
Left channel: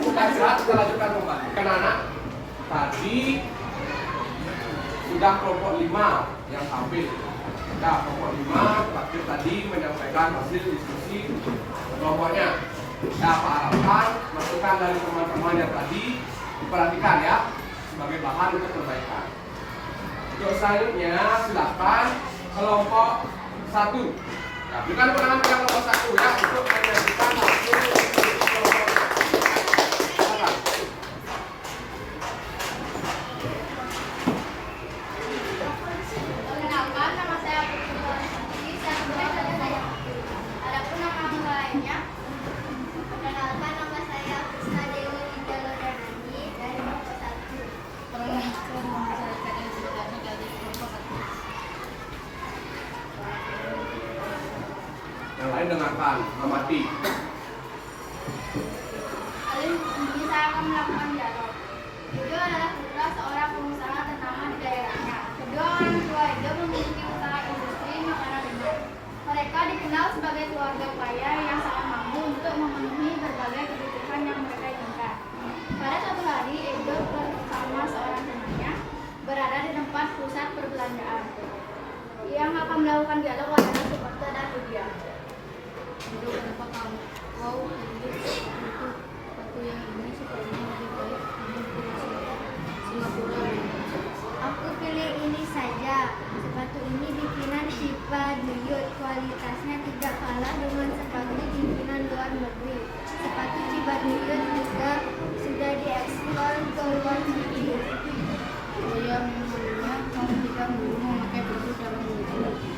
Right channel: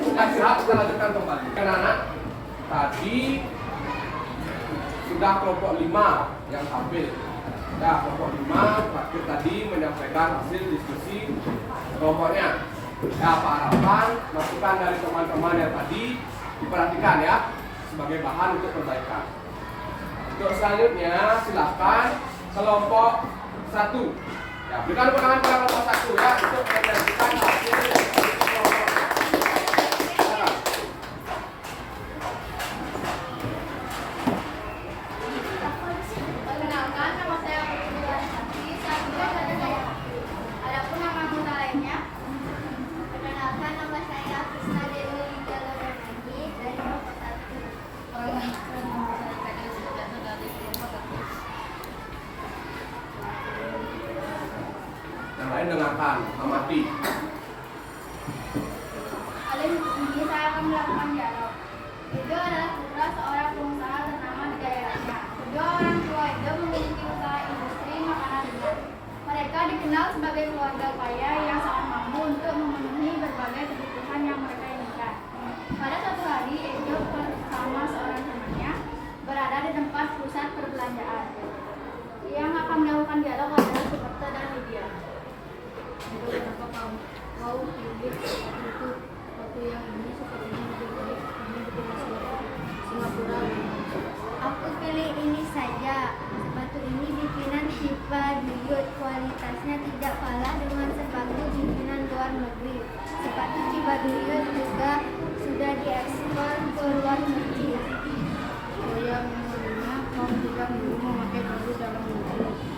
Sudah istirahat, kita lanjutkan kembali. Anak-anak, tadi sudah kelompok 5 yang tampil. Ya, kelompok 5 terakhir tadi menyampaikan hasil diskusi kelompoknya. Ya, Pak harapan masukan dari teman-teman yang tadi diperhatikan ya sebagai bahan untuk perbaikan. Untuk selanjutnya silakan kelompok 1. Ya, berikan tepuk tangan pada kelompok 1 ya untuk menyajikan hasil diskusi kelompok. Silakan. Perkenalkan, nama saya Putri Santi. Saya sudah ada saya. Adapun nama anggota lainnya. Perkenalkan, nama saya Krisna Dewi Ringgalodanani dari kelompok 1. Perkenalkan, nama saya Kadek Sudarno dari kelompok 1. Yang lain dengarkan, amati. Kali ini saya akan melakukan dialog. Edo adalah putra seorang pengusaha ternama di daerahnya. Kedua orang tua Edo memiliki usaha industri makanan ringan. Mereka dikenal sebagai keluarga kaya yang sangat mampu untuk memenuhi berbagai kebutuhan yang mereka inginkan. Pada suatu hari, Edo bersama seorang temannya berada di tempat pusat perbelanjaan. Yang akan melakukan dialog adalah Suparto dan Lydia. Edo, kenapa kamu mau hidup seperti itu? Waktu yang ini sepertinya lebih baik kamu di Singapura. Aku pilih ini saja. Sepatu ini bikinan Shiva Duyut. Kualitasnya tidak kalah dengan sepatu bikinan luar negeri. Sepatu Shiva Duyut juga sudah diekspor ke luar negeri. Oh ya, memangnya kamu tidak dulu memakai produk dalam negeri?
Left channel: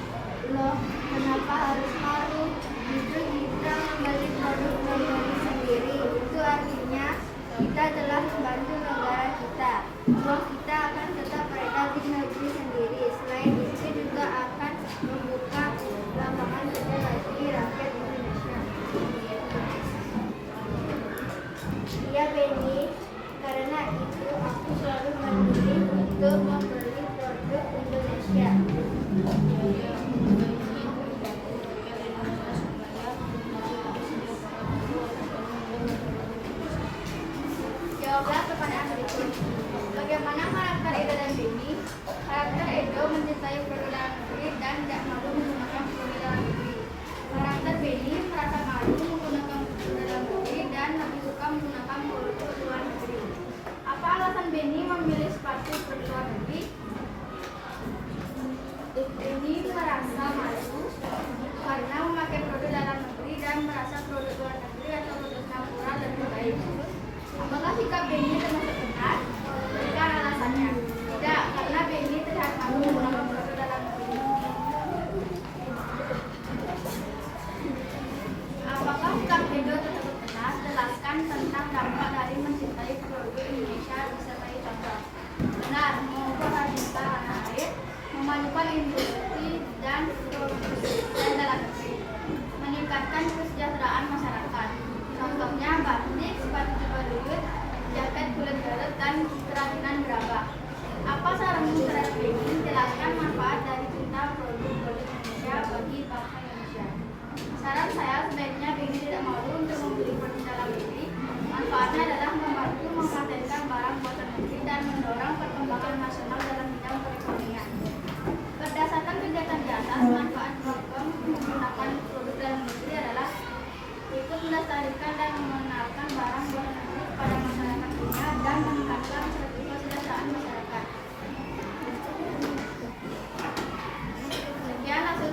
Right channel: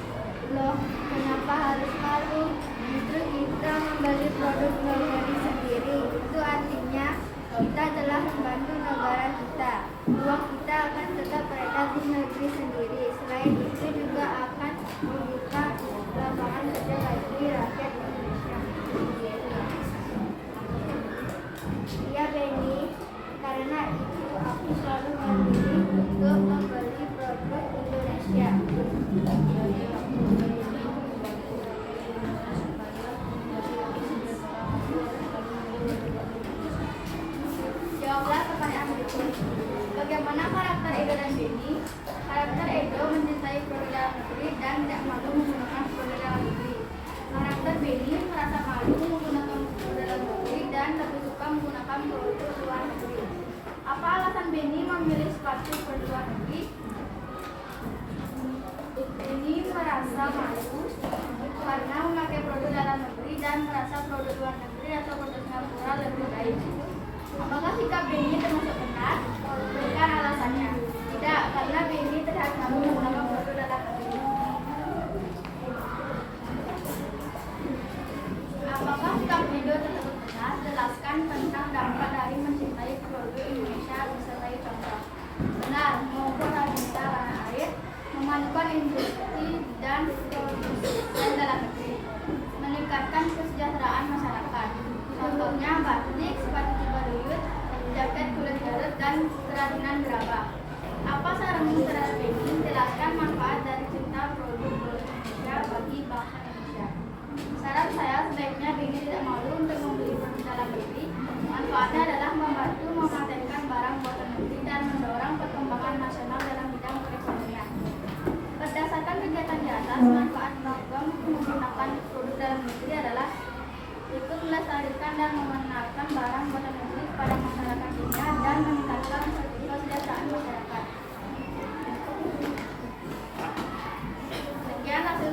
Loh, kenapa harus malu? Justru kita membeli produk negeri sendiri. Itu artinya kita telah membantu negara kita. Uang kita akan tetap beredar di negeri sendiri. Selain itu juga akan membuka lapangan kerja bagi rakyat Indonesia. Iya Beni, karena itu aku selalu memilih untuk membeli produk Indonesia. Jawablah pertanyaan berikut. Bagaimana karakter Edo dan Beni? Karakter Edo mencintai produk dalam negeri dan tidak malu menggunakan produk dalam negeri. Karakter Beni merasa malu menggunakan produk dalam negeri dan lebih suka menggunakan produk luar negeri. Apa alasan Beni memilih sepatu produk luar negeri? Beni merasa malu karena memakai produk dalam negeri dan merasa produk luar negeri atau produk Singapura lebih baik. Apakah sikap Beni termasuk benar? Berikan alasannya. Tidak, karena Beni terlihat malu menggunakan produk dalam negeri. Apakah sikap Edo tersebut benar? Jelaskan tentang dampak dari mencintai produk Indonesia disertai contoh. Benar, mengukur harga tanah air, memajukan industri dan produksi dalam negeri, meningkatkan kesejahteraan masyarakat. Contohnya batik, sepatu Shiva Duyut, jaket dengan gerabah. Apa saranmu terhadap ini? Jelaskan manfaat dari cinta produk-produk Indonesia bagi bangsa Indonesia. Saran saya sebaiknya Benny tidak malu untuk membeli produk dalam negeri. Manfaatnya adalah membantu mematenkan barang buatan negeri dan mendorong perkembangan nasional dalam bidang perekonomian. Berdasarkan kegiatan di atas, manfaat Bambang menggunakan produk dalam negeri adalah ikut melestarikan dan mengenalkan barang buatan negeri kepada masyarakat dunia dan meningkatkan kesejahteraan masyarakat. Sekian hasil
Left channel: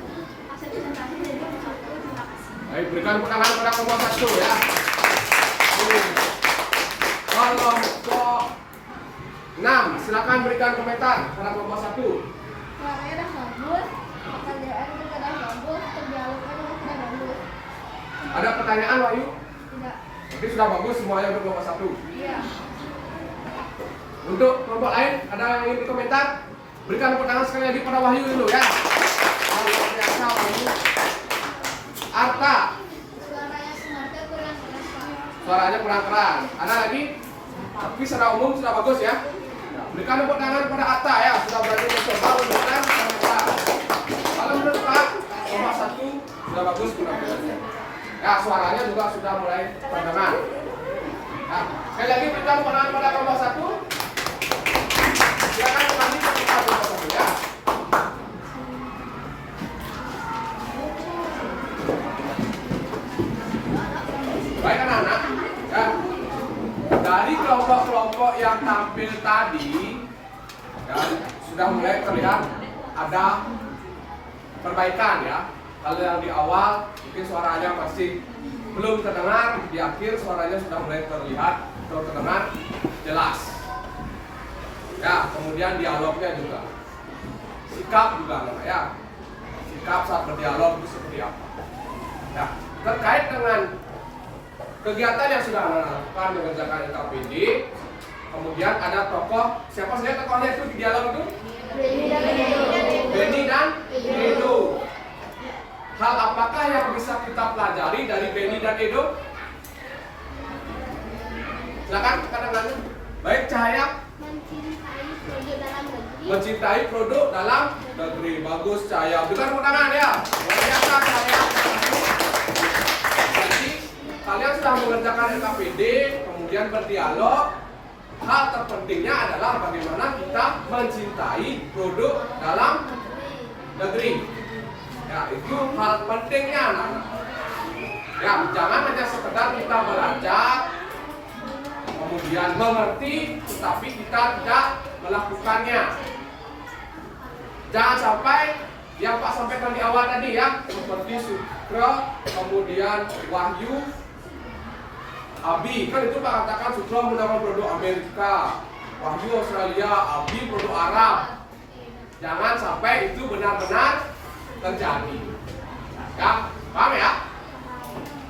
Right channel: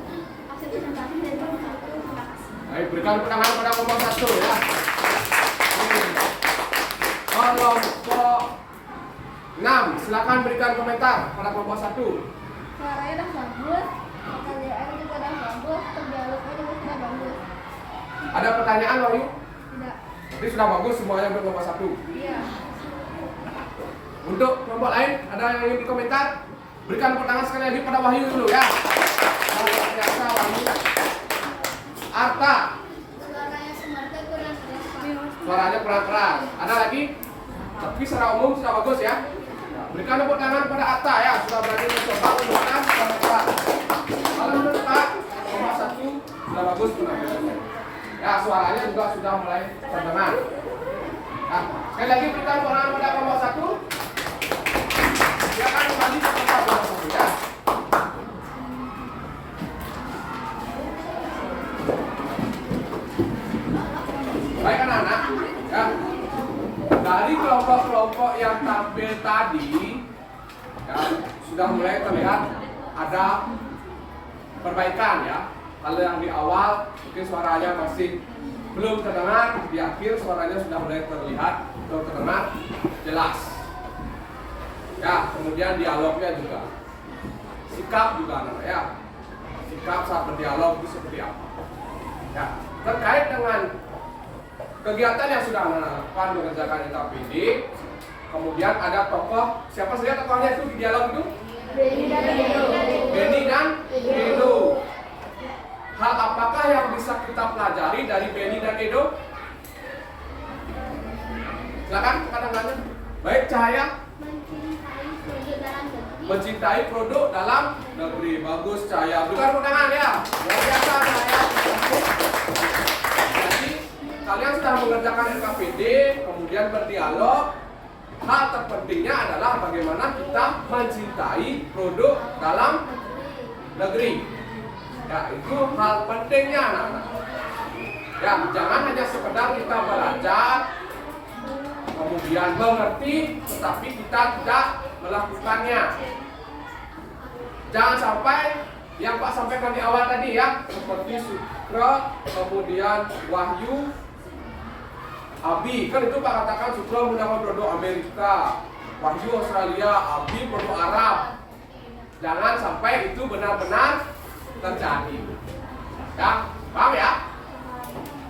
presentasi dari kelompok 1. Terima kasih. Baik, berikan tangan pada kelompok 1 ya. Kelompok 6, silakan berikan komentar pada kelompok 1. Suaranya udah bagus, pekerjaan juga udah bagus, dialognya juga sudah bagus. Ada pertanyaan Wahyu? Tidak. Jadi sudah bagus semuanya untuk kelompok 1. Iya. Untuk kelompok lain ada yang ingin komentar? Berikan tepuk tangan sekali lagi pada Wahyu dulu ya. Luar biasa Wahyu. Arta, Suaranya semuanya kurang keras, Pak. suaranya kurang keras. Ada lagi? Tapi secara umum sudah bagus ya. Berikan tepuk tangan pada Arta ya, sudah berani mencoba menggunakan kelompok. Kalau menurut Pak, kelompok 1 sudah bagus penampilannya. Ya, suaranya juga sudah mulai terdengar. Nah, sekali lagi berikan tepuk tangan pada kelompok 1. Silakan kembali ke kelompok 1 ya. Baik anak-anak, ya. Dari kelompok-kelompok yang tampil tadi, ya, sudah mulai terlihat ada perbaikan ya. Kalau yang di awal mungkin suaranya masih belum terdengar, di akhir suaranya sudah mulai terlihat atau terdengar jelas. Ya, kemudian dialognya juga, sikap juga anak ya. Sikap saat berdialog itu seperti apa? Ya, terkait dengan kegiatan yang sudah dilakukan mengerjakan LKPD, kemudian ada tokoh, siapa saja tokohnya itu di dialog itu? Benny dan Edo. Benny dan Edo. Hal apakah yang bisa kita pelajari dari Benny dan Edo? Silakan kadang-kadang. Baik, Cahaya. Mencintai produk dalam Mencintai produk dalam negeri. negeri. Bagus, Cahaya. Berikan tepuk tangan ya. Luar biasa, Cahaya. Jadi kalian sudah mengerjakan LKPD, kemudian berdialog. Hal terpentingnya adalah bagaimana kita mencintai produk dalam negeri. Ya, itu hal pentingnya anak-anak. Ya, jangan hanya sekedar kita belajar, kemudian mengerti, tetapi kita tidak melakukannya. Jangan sampai yang Pak sampaikan di awal tadi ya, seperti Sukra, kemudian Wahyu, Abi, kan itu Pak katakan Sukra menggunakan produk Amerika, Wahyu Australia, Abi produk Arab. Jangan sampai itu benar-benar terjadi. Ya, paham ya?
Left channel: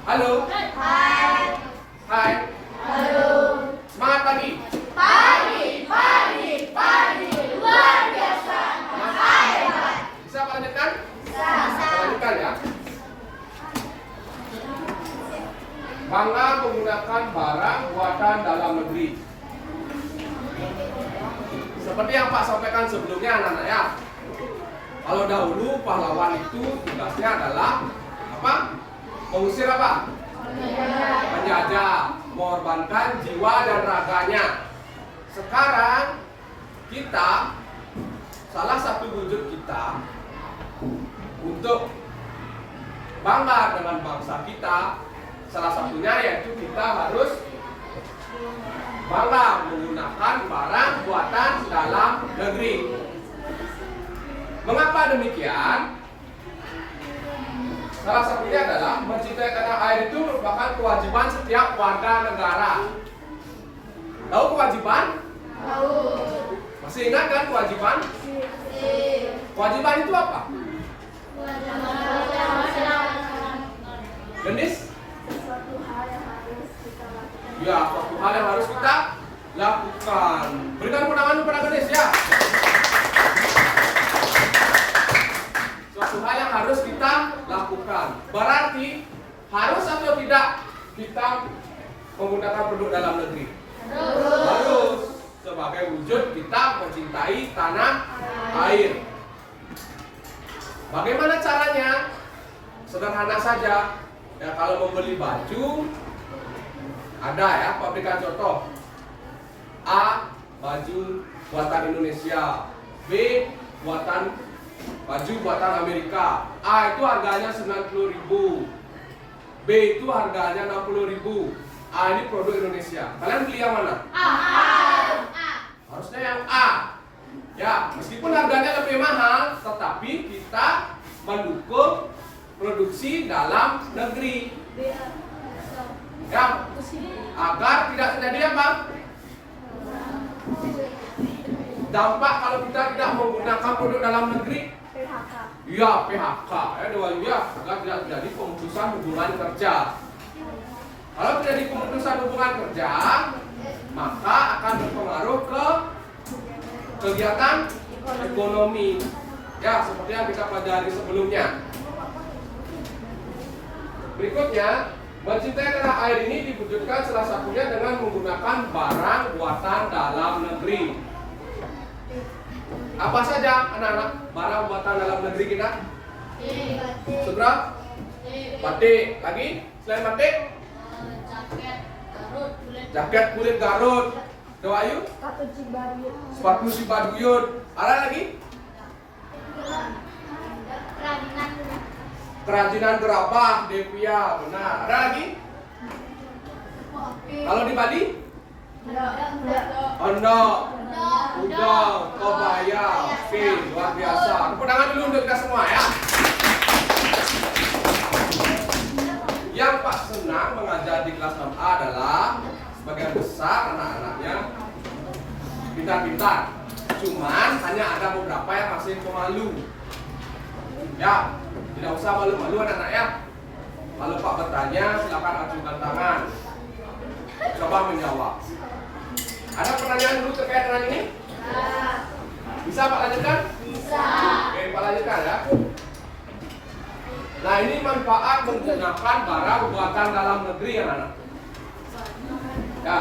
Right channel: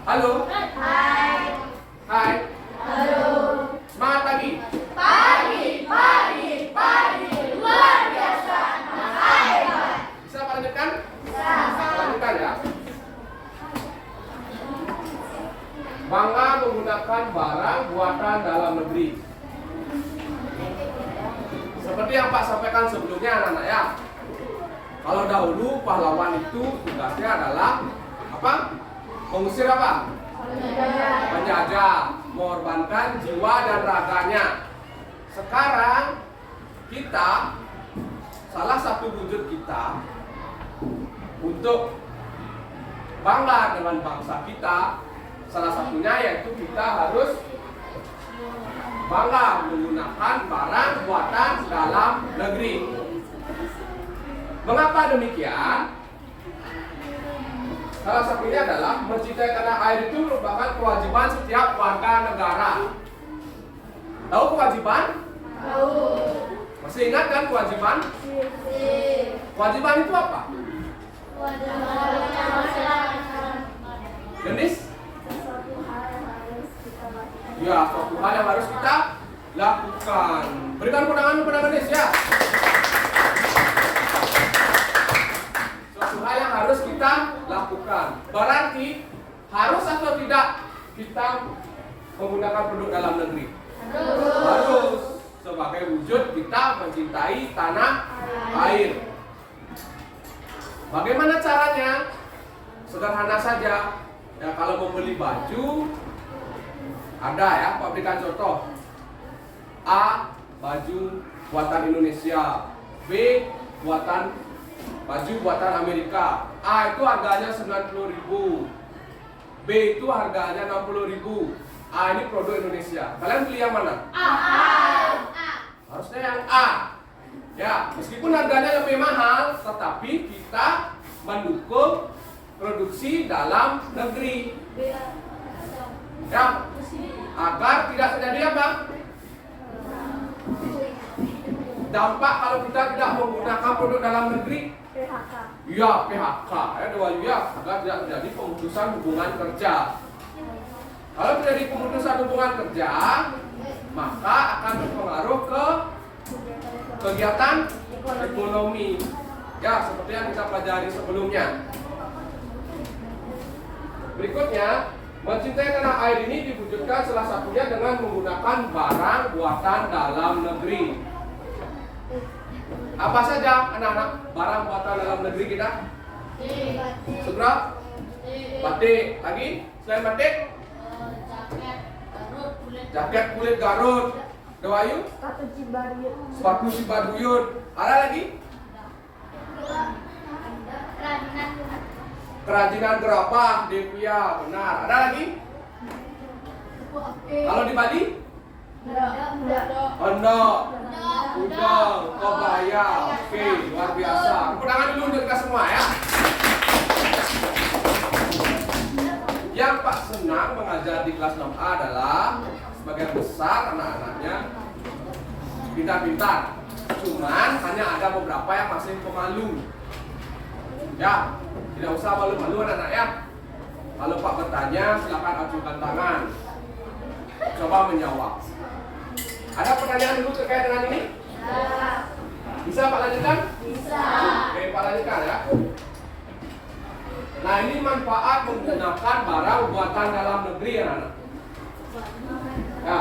Halo. Hai. Hai. Halo. Semangat pagi. Pagi, luar biasa. Hebat. Bisa Pak lanjutkan? Bisa. Pak lanjutkan ya. Bangga menggunakan barang buatan dalam negeri. Seperti yang Pak sampaikan sebelumnya anak-anak ya. Kalau dahulu pahlawan itu tugasnya adalah apa? Mengusir apa? Penjajah, mengorbankan jiwa dan raganya. Sekarang kita, salah satu wujud kita untuk bangga dengan bangsa kita, salah satunya yaitu kita harus bangga menggunakan barang buatan dalam negeri. Mengapa demikian? Salah satunya adalah mencintai tanah air itu merupakan kewajiban setiap warga negara. Tahu kewajiban? Tahu. Masih ingat kan kewajiban? Kewajiban itu apa? Genis? Sesuatu hal yang harus kita lakukan. Ya, suatu hal yang harus kita lakukan. Berikan tepuk tangan kepada Genis ya. Suatu hal yang harus kita lakukan. Berarti harus atau tidak kita menggunakan produk dalam negeri? Harus. Coba sebagai wujud kita mencintai tanah air. Bagaimana caranya? Sederhana saja. Ya, kalau membeli baju ada ya pabrikan contoh. A, baju buatan Indonesia. B, baju buatan Amerika. A itu harganya 90.000. B itu harganya 60.000. A ini produk Indonesia. Kalian beli yang mana? A. Harusnya yang A. Ya, meskipun harganya lebih mahal, tetapi kita mendukung produksi dalam negeri. Ya, agar tidak terjadi apa? Dampak kalau kita tidak menggunakan produk dalam negeri. PHK. Ya, PHK. Ya, agar tidak terjadi pemutusan hubungan kerja. Kalau terjadi pemutusan hubungan kerja, maka akan berpengaruh ke kegiatan ekonomi. Ya, seperti yang kita pelajari sebelumnya. Berikutnya, mencintai tanah air ini diwujudkan salah satunya dengan menggunakan barang buatan dalam negeri. Apa saja anak-anak barang buatan dalam negeri kita? Sutra, batik. Lagi selain batik? Jaket kulit Garut. Dewayu? Sepatu Cibaduyut. Sepatu Cibaduyut. Ada lagi? Kerajinan gerabah Devia. Benar. Ada lagi? Kalau di Bali? Enggak. Ondok, udang, kebaya. Oke, luar biasa. Tepuk tangan dulu untuk kita semua ya. Yang Pak senang mengajar di kelas 6A adalah sebagian besar anak-anaknya pintar-pintar. Cuman hanya ada beberapa yang masih pemalu. Ya, tidak usah malu-malu anak-anak ya. Kalau Pak bertanya, silakan ajukan tangan. Coba menjawab. Ada pertanyaan dulu terkait dengan ini? Bisa Pak lanjutkan? Bisa. Oke, Pak lanjutkan ya. Nah, ini manfaat menggunakan barang buatan dalam negeri anak-anak. Ya,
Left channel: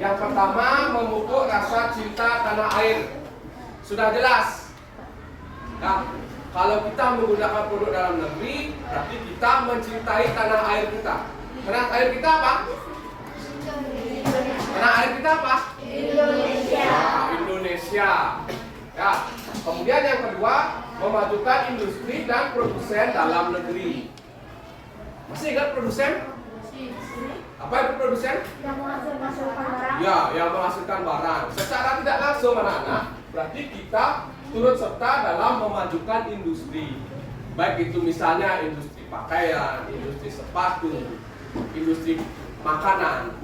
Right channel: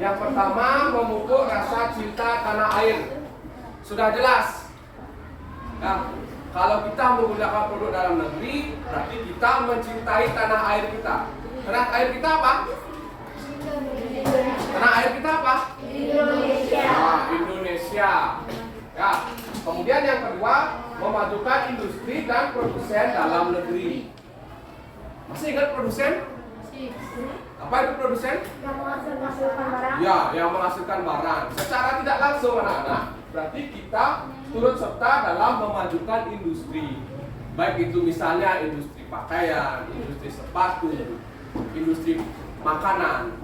yang pertama memupuk rasa cinta tanah air. Sudah jelas. Ya, kalau kita menggunakan produk dalam negeri, berarti kita mencintai tanah air kita. Tanah air kita apa? Tanah air kita apa? Indonesia. Nah, Indonesia. Ya. Kemudian yang kedua, memajukan industri dan produsen dalam negeri. Masih ingat produsen? Apa itu produsen? Yang menghasilkan barang. Ya, yang menghasilkan barang. Secara tidak langsung anak-anak, berarti kita turut serta dalam memajukan industri. Baik itu misalnya industri pakaian, industri sepatu, industri makanan.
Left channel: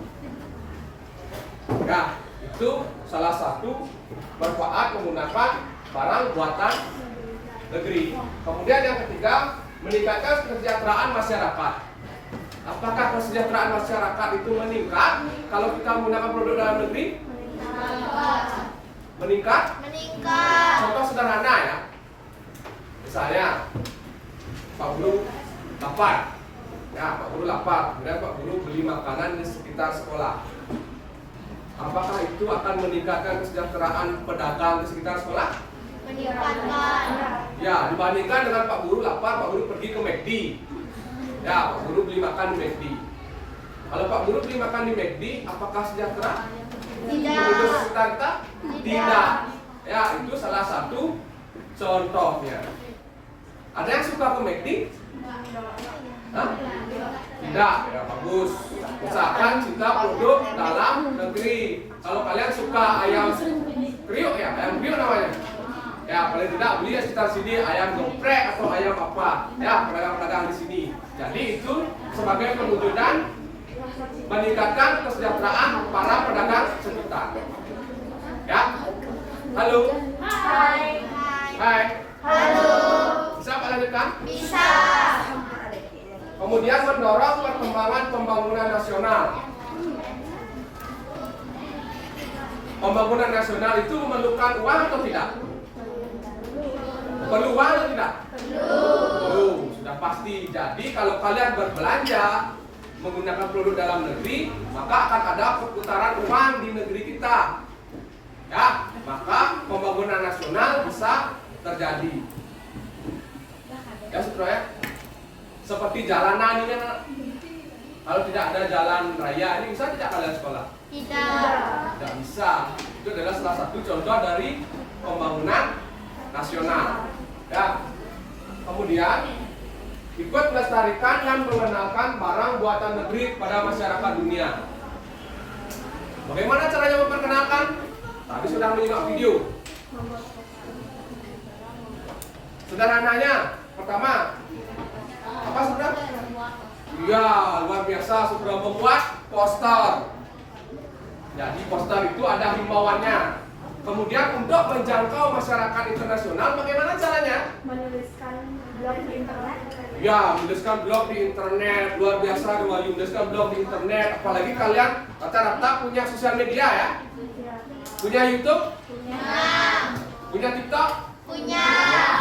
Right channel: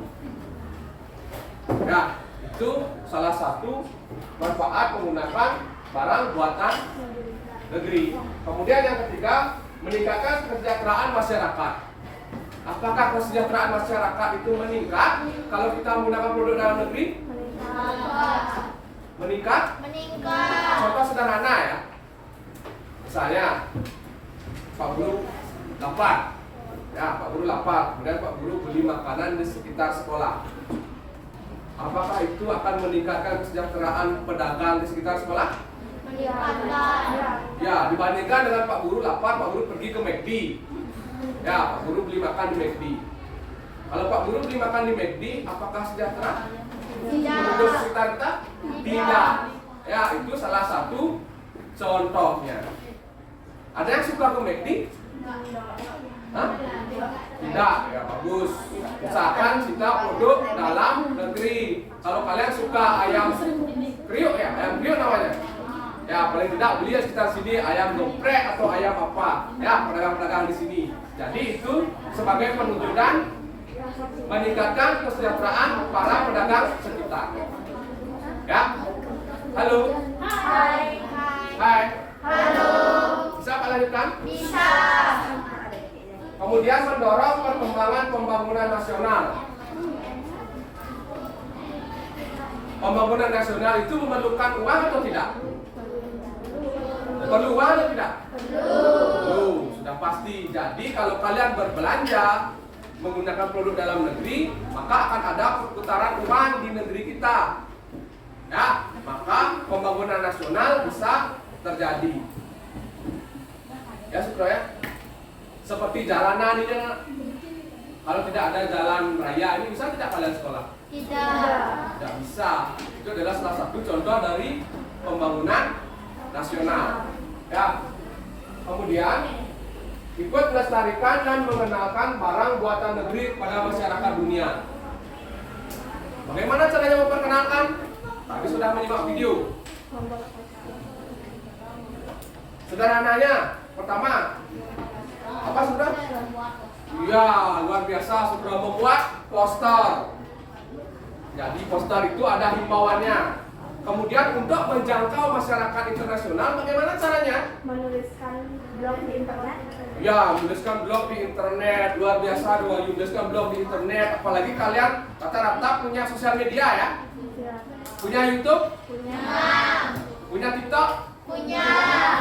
Ya, itu salah satu manfaat menggunakan barang buatan negeri. Kemudian yang ketiga, meningkatkan kesejahteraan masyarakat. Apakah kesejahteraan masyarakat itu meningkat kalau kita menggunakan produk dalam negeri? Meningkat? Contoh sederhana ya. Misalnya, Pak Guru lapar. Ya, Pak Guru lapar. Kemudian Pak Guru beli makanan di sekitar sekolah. Apakah itu akan meningkatkan kesejahteraan pedagang di sekitar sekolah? Ya, dibandingkan dengan Pak Guru lapar, Pak Guru pergi ke McD. Ya, Pak Guru beli makan di McD. Kalau Pak Guru beli makan di McD, apakah sejahtera? Penduduk sekitar kita? Tidak. Ya, itu salah satu contohnya. Ada yang suka ke McD? Hah? Tidak, ya bagus. Usahakan kita produk dalam negeri. Kalau kalian suka ayam kriuk ya, ayam kriuk namanya. Ya paling tidak beli ya sekitar sini ayam geprek atau ayam apa. Ya pedagang-pedagang di sini. Jadi itu sebagai penunjukan meningkatkan kesejahteraan para pedagang sekitar. Ya, halo. Hai. Hai. Halo. Bisa Pak lanjutkan? Bisa. Kemudian mendorong perkembangan pembangunan nasional. Pembangunan nasional itu memerlukan uang atau tidak? Perlu uang atau tidak? Perlu. Sudah pasti. Jadi kalau kalian berbelanja menggunakan produk dalam negeri, maka akan ada perputaran uang di negeri kita. Ya, maka pembangunan nasional bisa terjadi. Ya, Sutro ya. Seperti jalanan ini kan, kalau tidak ada jalan raya ini bisa tidak kalian sekolah? Tidak bisa. Itu adalah salah satu contoh dari pembangunan nasional. Ya. Kemudian ikut melestarikan dan mengenalkan barang buatan negeri pada masyarakat dunia. Bagaimana caranya memperkenalkan? Tadi sudah menyimak video. Sederhananya, pertama, apa sudah? Iya, luar biasa sudah membuat poster. Jadi poster itu ada himbauannya. Kemudian untuk menjangkau masyarakat internasional, bagaimana caranya? Menuliskan blog di internet. Ya, menuliskan blog di internet. Luar biasa, menuliskan blog di internet. Apalagi kalian rata-rata punya sosial media ya? Ya. Punya YouTube? Punya. Punya TikTok? Punya.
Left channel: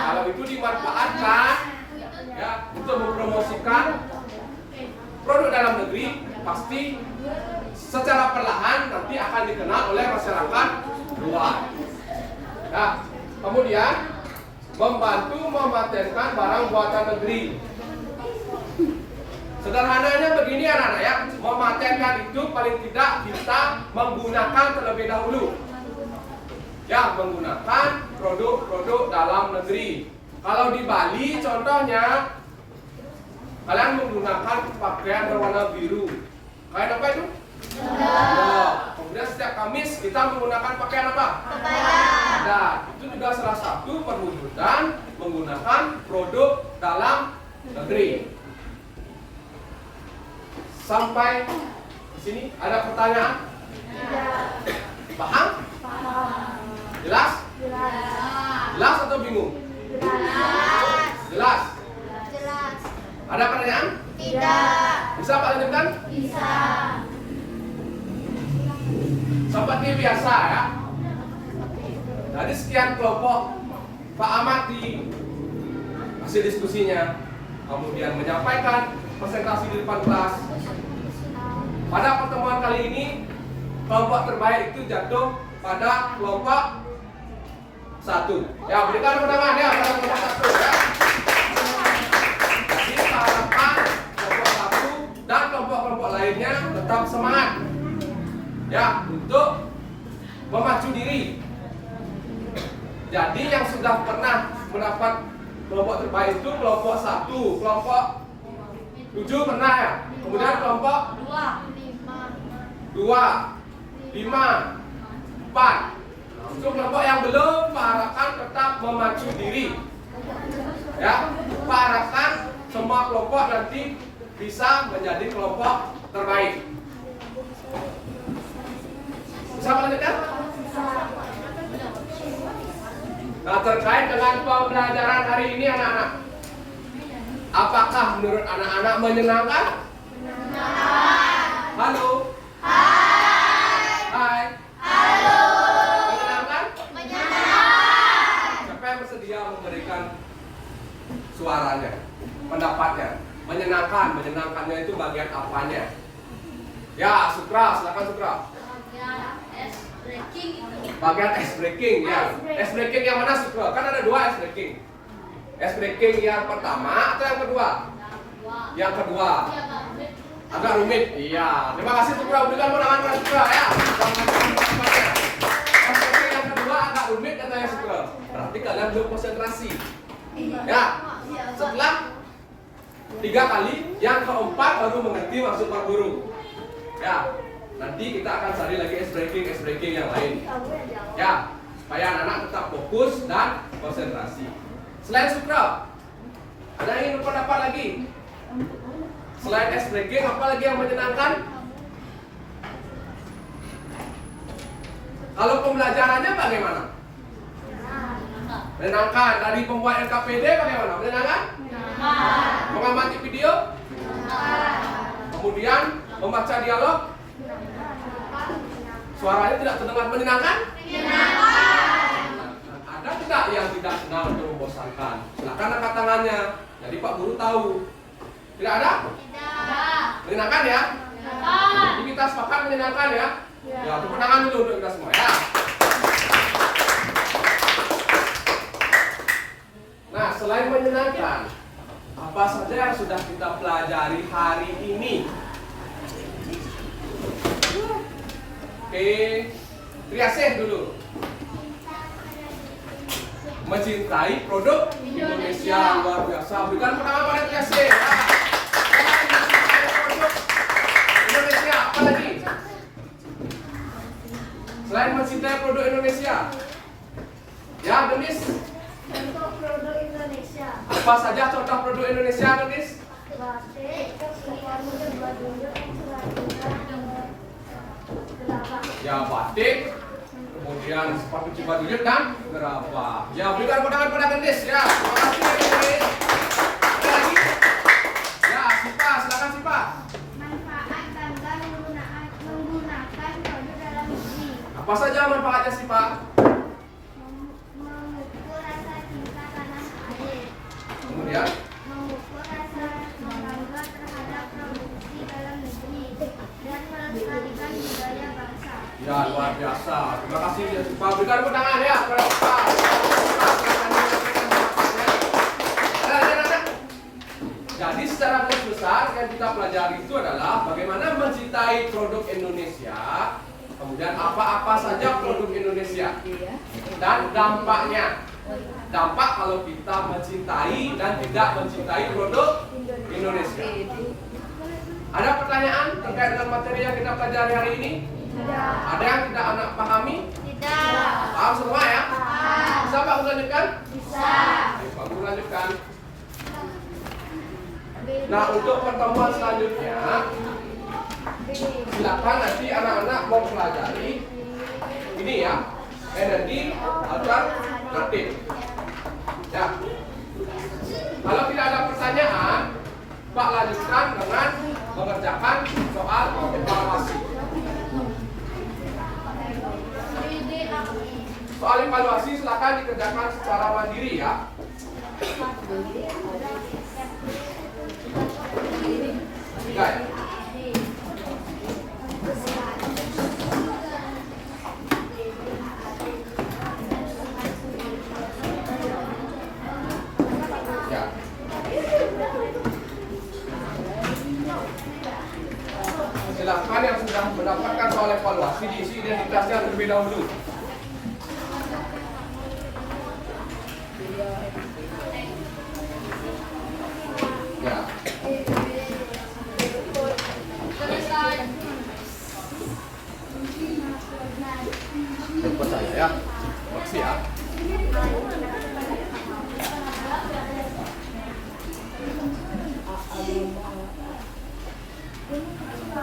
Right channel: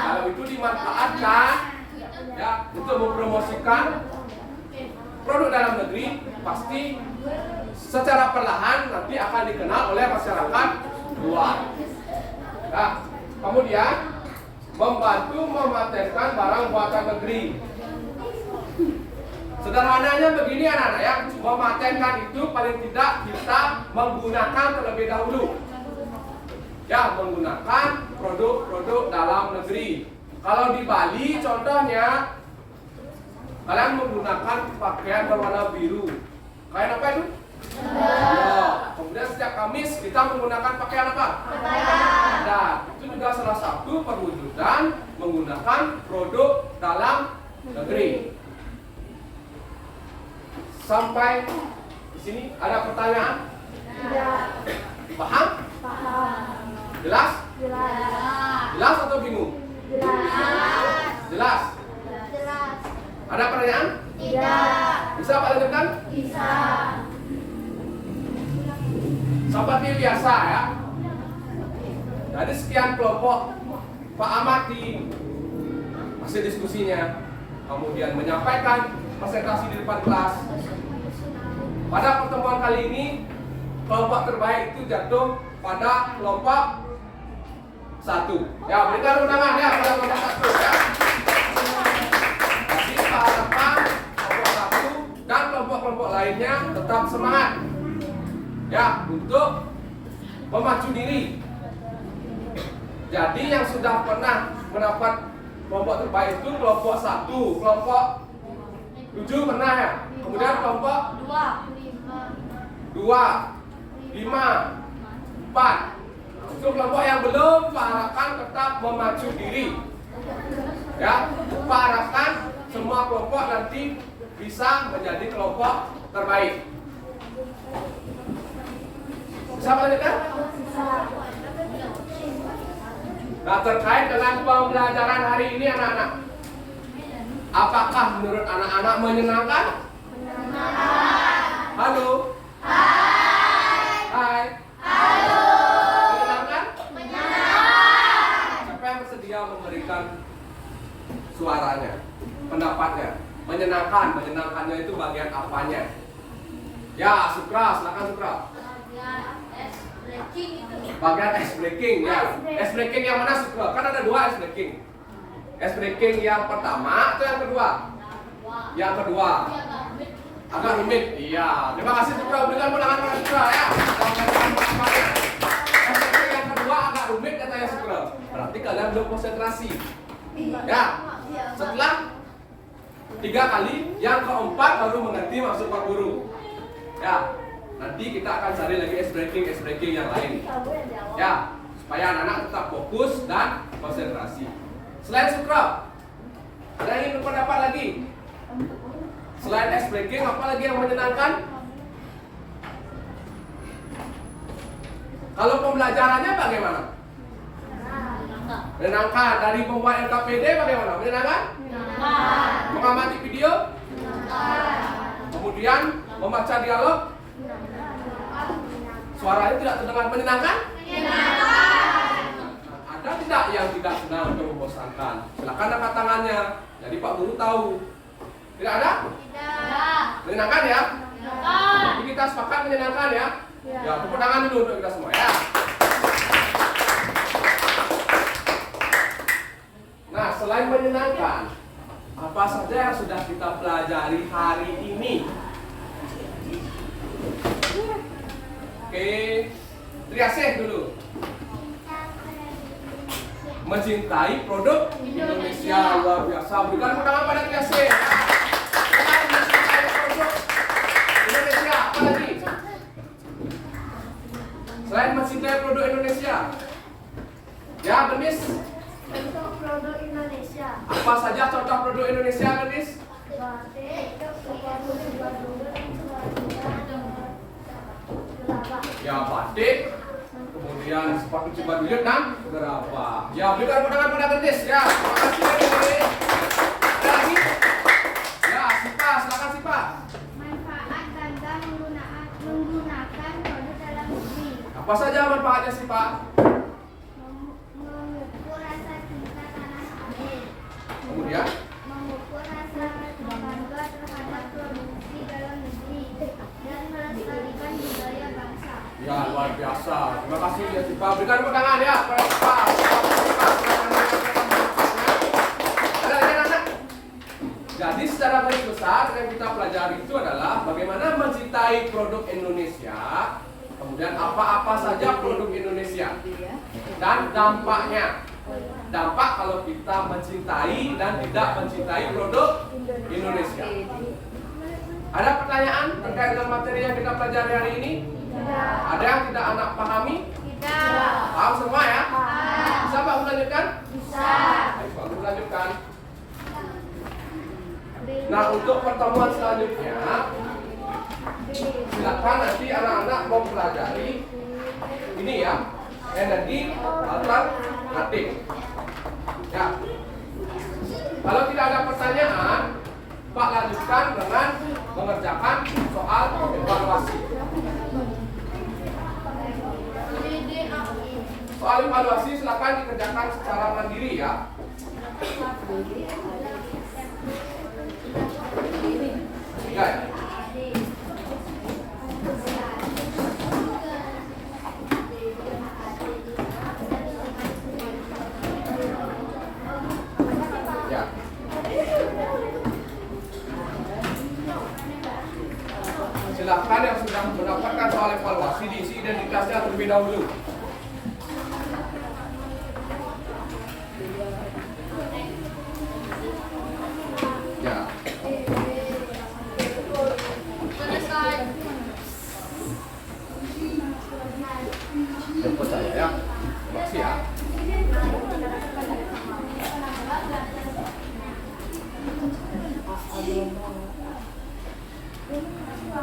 Kalau itu dimanfaatkan ya untuk mempromosikan produk dalam negeri, pasti secara perlahan nanti akan dikenal oleh masyarakat luar. Ya, kemudian membantu mematenkan barang buatan negeri. Sederhananya begini anak-anak ya, mematenkan itu paling tidak kita menggunakan terlebih dahulu. Ya, menggunakan produk-produk dalam negeri. Kalau di Bali contohnya, kalian menggunakan pakaian berwarna biru. Kain apa itu? Ya. Kemudian setiap Kamis kita menggunakan pakaian apa? Adat. Itu juga salah satu perwujudan menggunakan produk dalam negeri. Sampai di sini ada pertanyaan? Tidak. Paham? Paham. Jelas? Jelas. Jelas atau bingung? Jelas. Jelas? Ada pertanyaan? Tidak. Bisa Pak lanjutkan? Bisa. Seperti biasa ya. Dari sekian kelompok, Pak Ahmad di hasil diskusinya, kemudian menyampaikan presentasi di depan kelas. Pada pertemuan kali ini, kelompok terbaik itu jatuh pada kelompok 1. Ya, berikan tepuk tangan ya pada kelompok 1 ya. Jadi harapan kelompok 1 dan kelompok-kelompok lainnya tetap semangat ya untuk memacu diri. Jadi yang sudah pernah mendapat kelompok terbaik itu kelompok 1, kelompok 7 pernah ya. Kemudian kelompok 2, 5, 4. Untuk kelompok yang belum, Pak harapkan tetap memacu diri. Ya, Pak harapkan semua kelompok nanti bisa menjadi kelompok terbaik. Bisa melanjutkan? Bisa. Nah, terkait dengan pembelajaran hari ini anak-anak, apakah menurut anak-anak menyenangkan? Halo? Hai? Menyenangkan? Siapa yang bersedia memberikan suaranya, pendapatnya? Menyenangkannya itu bagian apanya? Ya, Sukra, silakan Sukra. Bagian ice breaking ya. Ice breaking yang mana Sukra? Kan ada 2 ice breaking. Ice breaking yang pertama atau yang kedua? Yang kedua. Agak rumit. Iya. Terima kasih Sukra. Berikan penanganan Sukra ya. Ice breaking yang kedua agak rumit katanya Sukra. Berarti kalian belum konsentrasi. Ya. Setelah 3 kali, yang keempat baru mengerti maksud Pak Guru. Ya. Nanti kita akan cari lagi ice breaking yang lain. Ya, supaya anak-anak tetap fokus dan konsentrasi. Selain Sukra, ada yang ingin berpendapat lagi? Selain ice breaking, apa lagi yang menyenangkan? Kalau pembelajarannya bagaimana? Menyenangkan. Dari pembuat LKPD bagaimana? Menyenangkan? Mengamati video? Kemudian membaca dialog? Suaranya tidak terdengar menyenangkan? Ada tidak yang tidak senang atau membosankan? Silakan angkat tangannya. Jadi Pak Guru tahu. Tidak ada? Menyenangkan ya? Jadi kita sepakat menyenangkan ya? Ya, tepuk tangan dulu untuk kita semua ya. menyenangkan. Apa saja yang sudah kita pelajari hari ini? Oke, Triasih dulu. Mencintai produk Indonesia, luar biasa. Berikan tepuk tangan pada Triasih. Mencintai produk Indonesia, apa lagi? Selain mencintai produk Indonesia, ya Denis. Contoh produk Indonesia. Apa saja contoh produk Indonesia, Denis? Batik, sepatu dulu, Ya batik, kemudian sepatu Cibaduyut dan gerabah. Ya berikan tepuk tangan pada Denis. Ya, terima kasih Denis. Ada lagi? Ya, Sipa, silakan Sipa. manfaat bangga menggunakan produk dalam negeri. Apa saja manfaatnya Sipa? Mengukur rasa cinta tanah air. Kemudian? Mengukur rasa bangga terhadap produksi dalam negeri dan melestarikan budaya bangsa. Ya luar biasa. Terima kasih ya Sipa. Berikan tepuk tangan ya pada Sipa. Sipa, silakan menyampaikan pendapatnya. Ada lagi anak? Jadi secara garis besar yang kita pelajari itu adalah bagaimana mencintai produk Indonesia, kemudian apa-apa saja produk Indonesia dan dampaknya. Dampak kalau kita mencintai dan tidak mencintai produk Indonesia. Ada pertanyaan terkait dengan materi yang kita pelajari hari ini? Tidak. Ada yang tidak anak pahami? Tidak. Tahu semua ya? Ah. Bisa Pak lanjutkan? Bisa. Baik Pak lanjutkan. Nah untuk pertemuan selanjutnya, silakan nanti anak-anak mau pelajari ini ya, energi alternatif. Ya. Kalau tidak ada pertanyaan, Pak lanjutkan dengan mengerjakan soal evaluasi. Soal evaluasi silakan dikerjakan secara mandiri ya. Tiga ya. Ya. Silakan yang sudah mendapatkan soal evaluasi diisi identitasnya terlebih dahulu. Ya. Jemput saya ya. Makasih ya.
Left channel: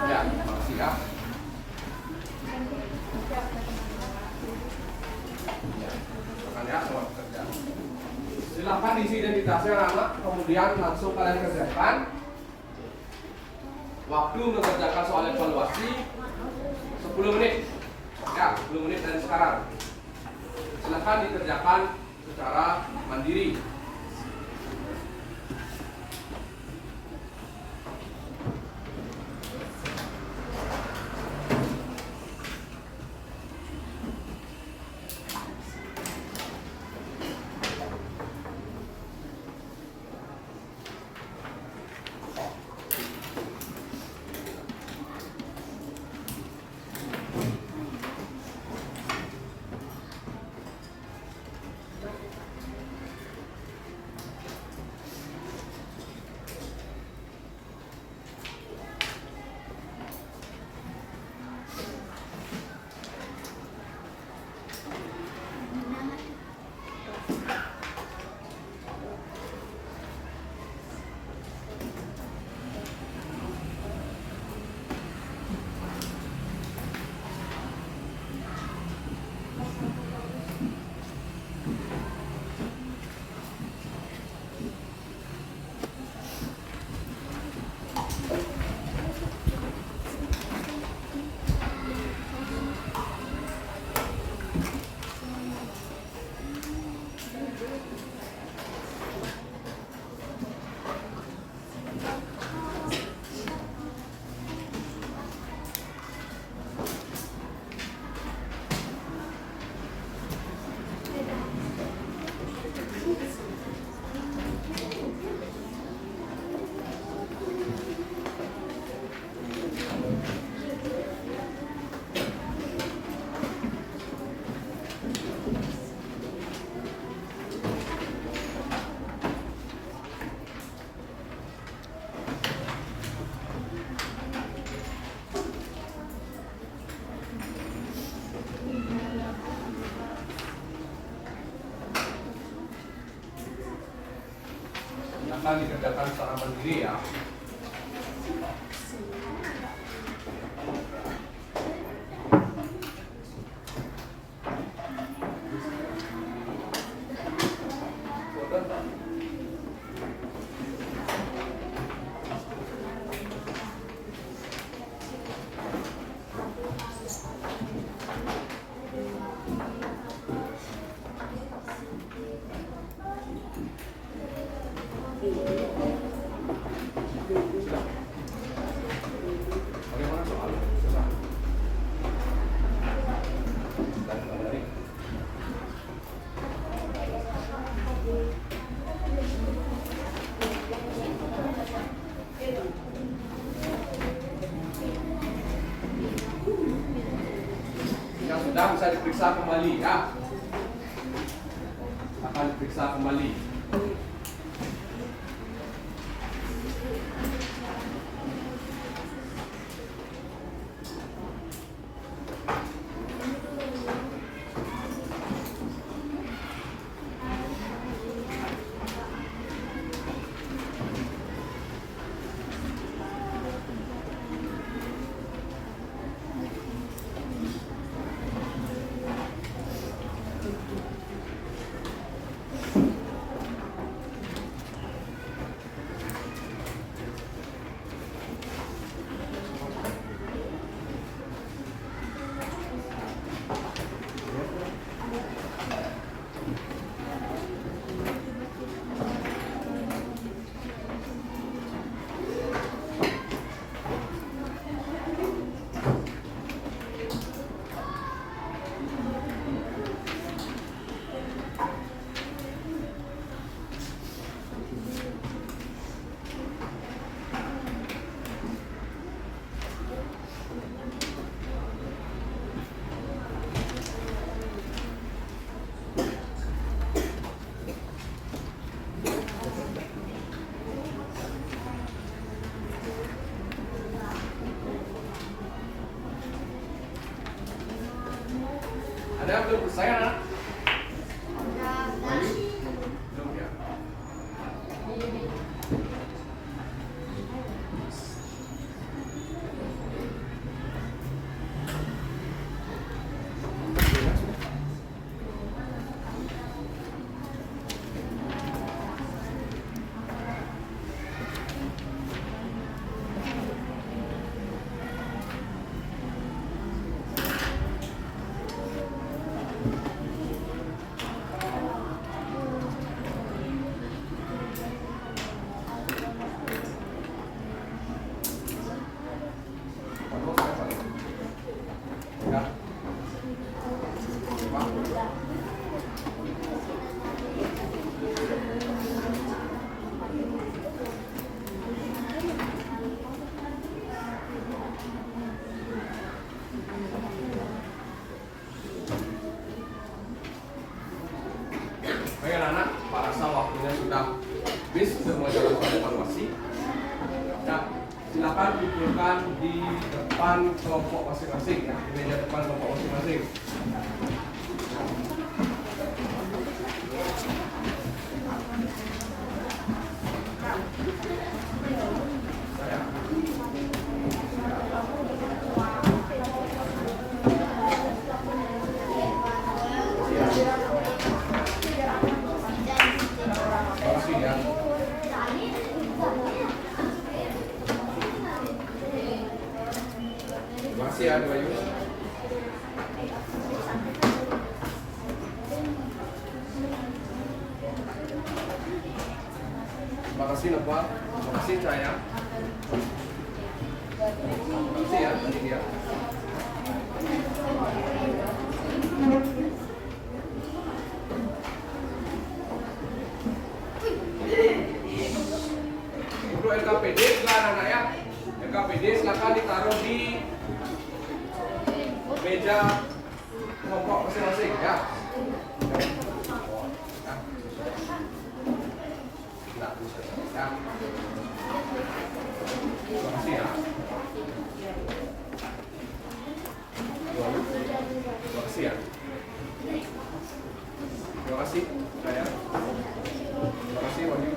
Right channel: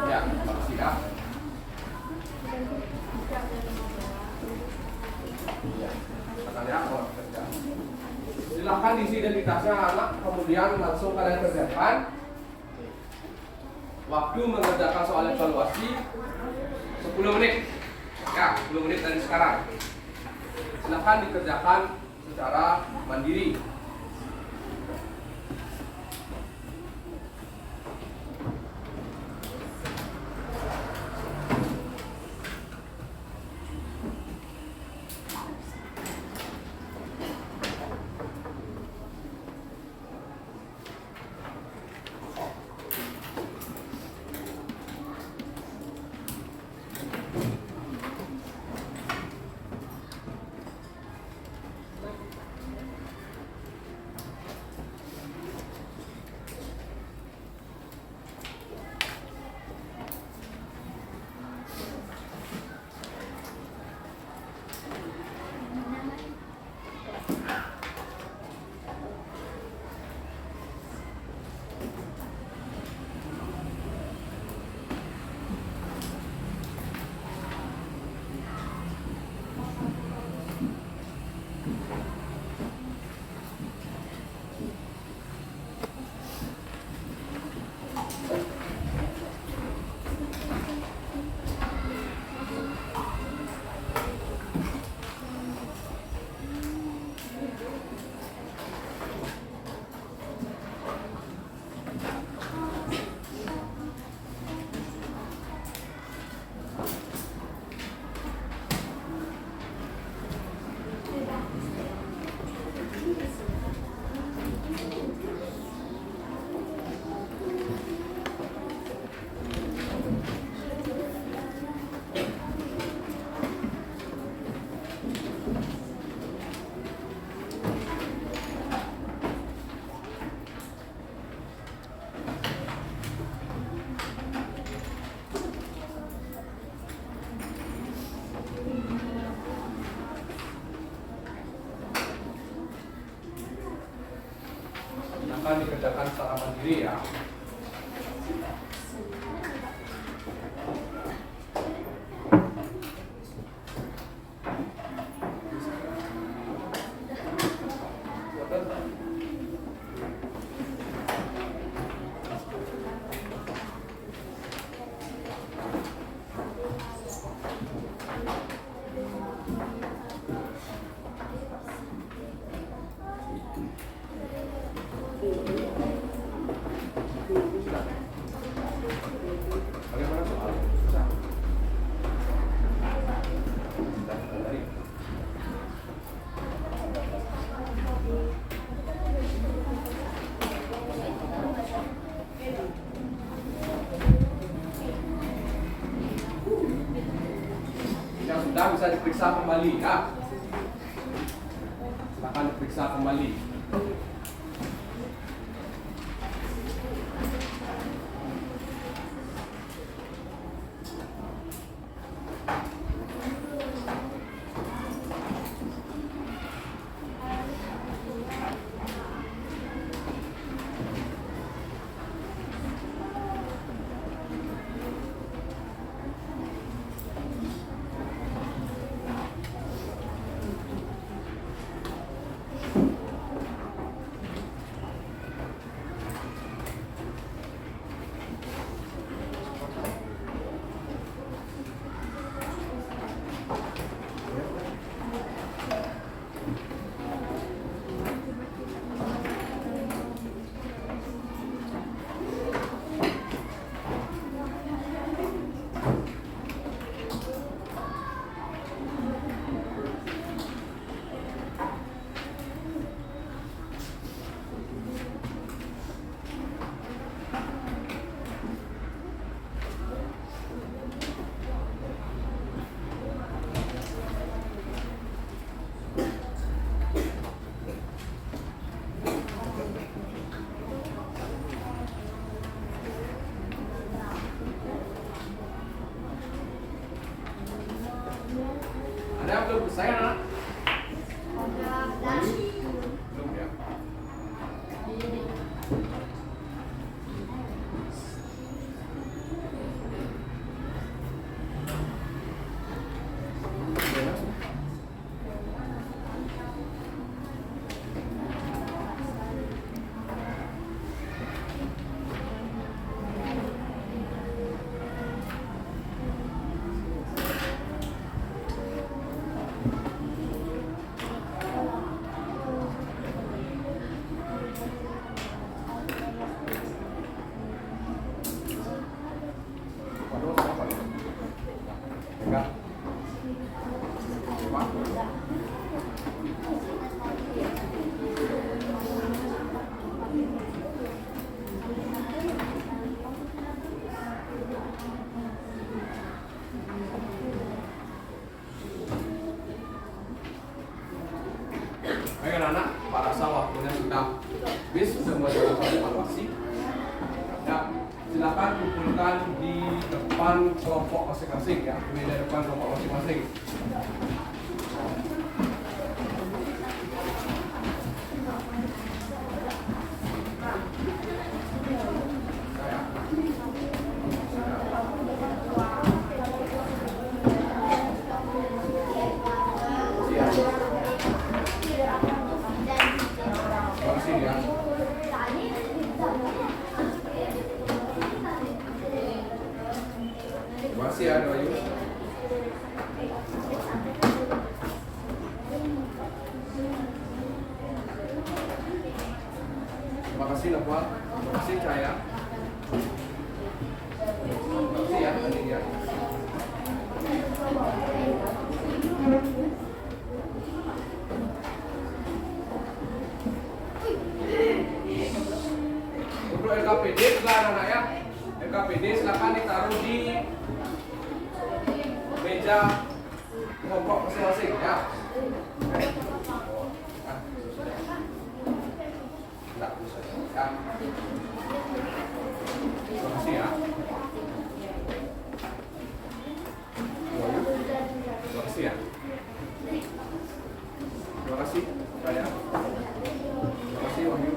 Ya, makasih ya. Ya, silakan ya, mau kerja. Silakan diisi identitasnya anak, kemudian langsung kalian kerjakan. Waktu mengerjakan soal evaluasi 10 menit. Ya, 10 menit dari sekarang. Silakan dikerjakan secara mandiri. akan dikerjakan secara mandiri ya. Bagaimana soal? Susah. Dan dari yang sudah bisa diperiksa kembali ya. Akan diperiksa kembali. Ada yang belum selesai anak? Belum ya? Gimana sudah? Enggak. Pak. Baik anak-anak, Pak rasa waktunya sudah habis untuk melakukan evaluasi. Ya, silakan kumpulkan di depan kelompok masing-masing ya, di meja depan kelompok masing-masing. Terima kasih ya. Terima kasih ya, Dewayu. Terima kasih Nopal. Terima kasih Cahaya. Terima kasih ya, Lydia. Untuk LKPD juga anak-anak ya. LKPD silakan ditaruh di meja kelompok masing-masing ya. Ya. Terima kasih ya. Terima kasih ya. Terima kasih. Terima kasih Wahyu.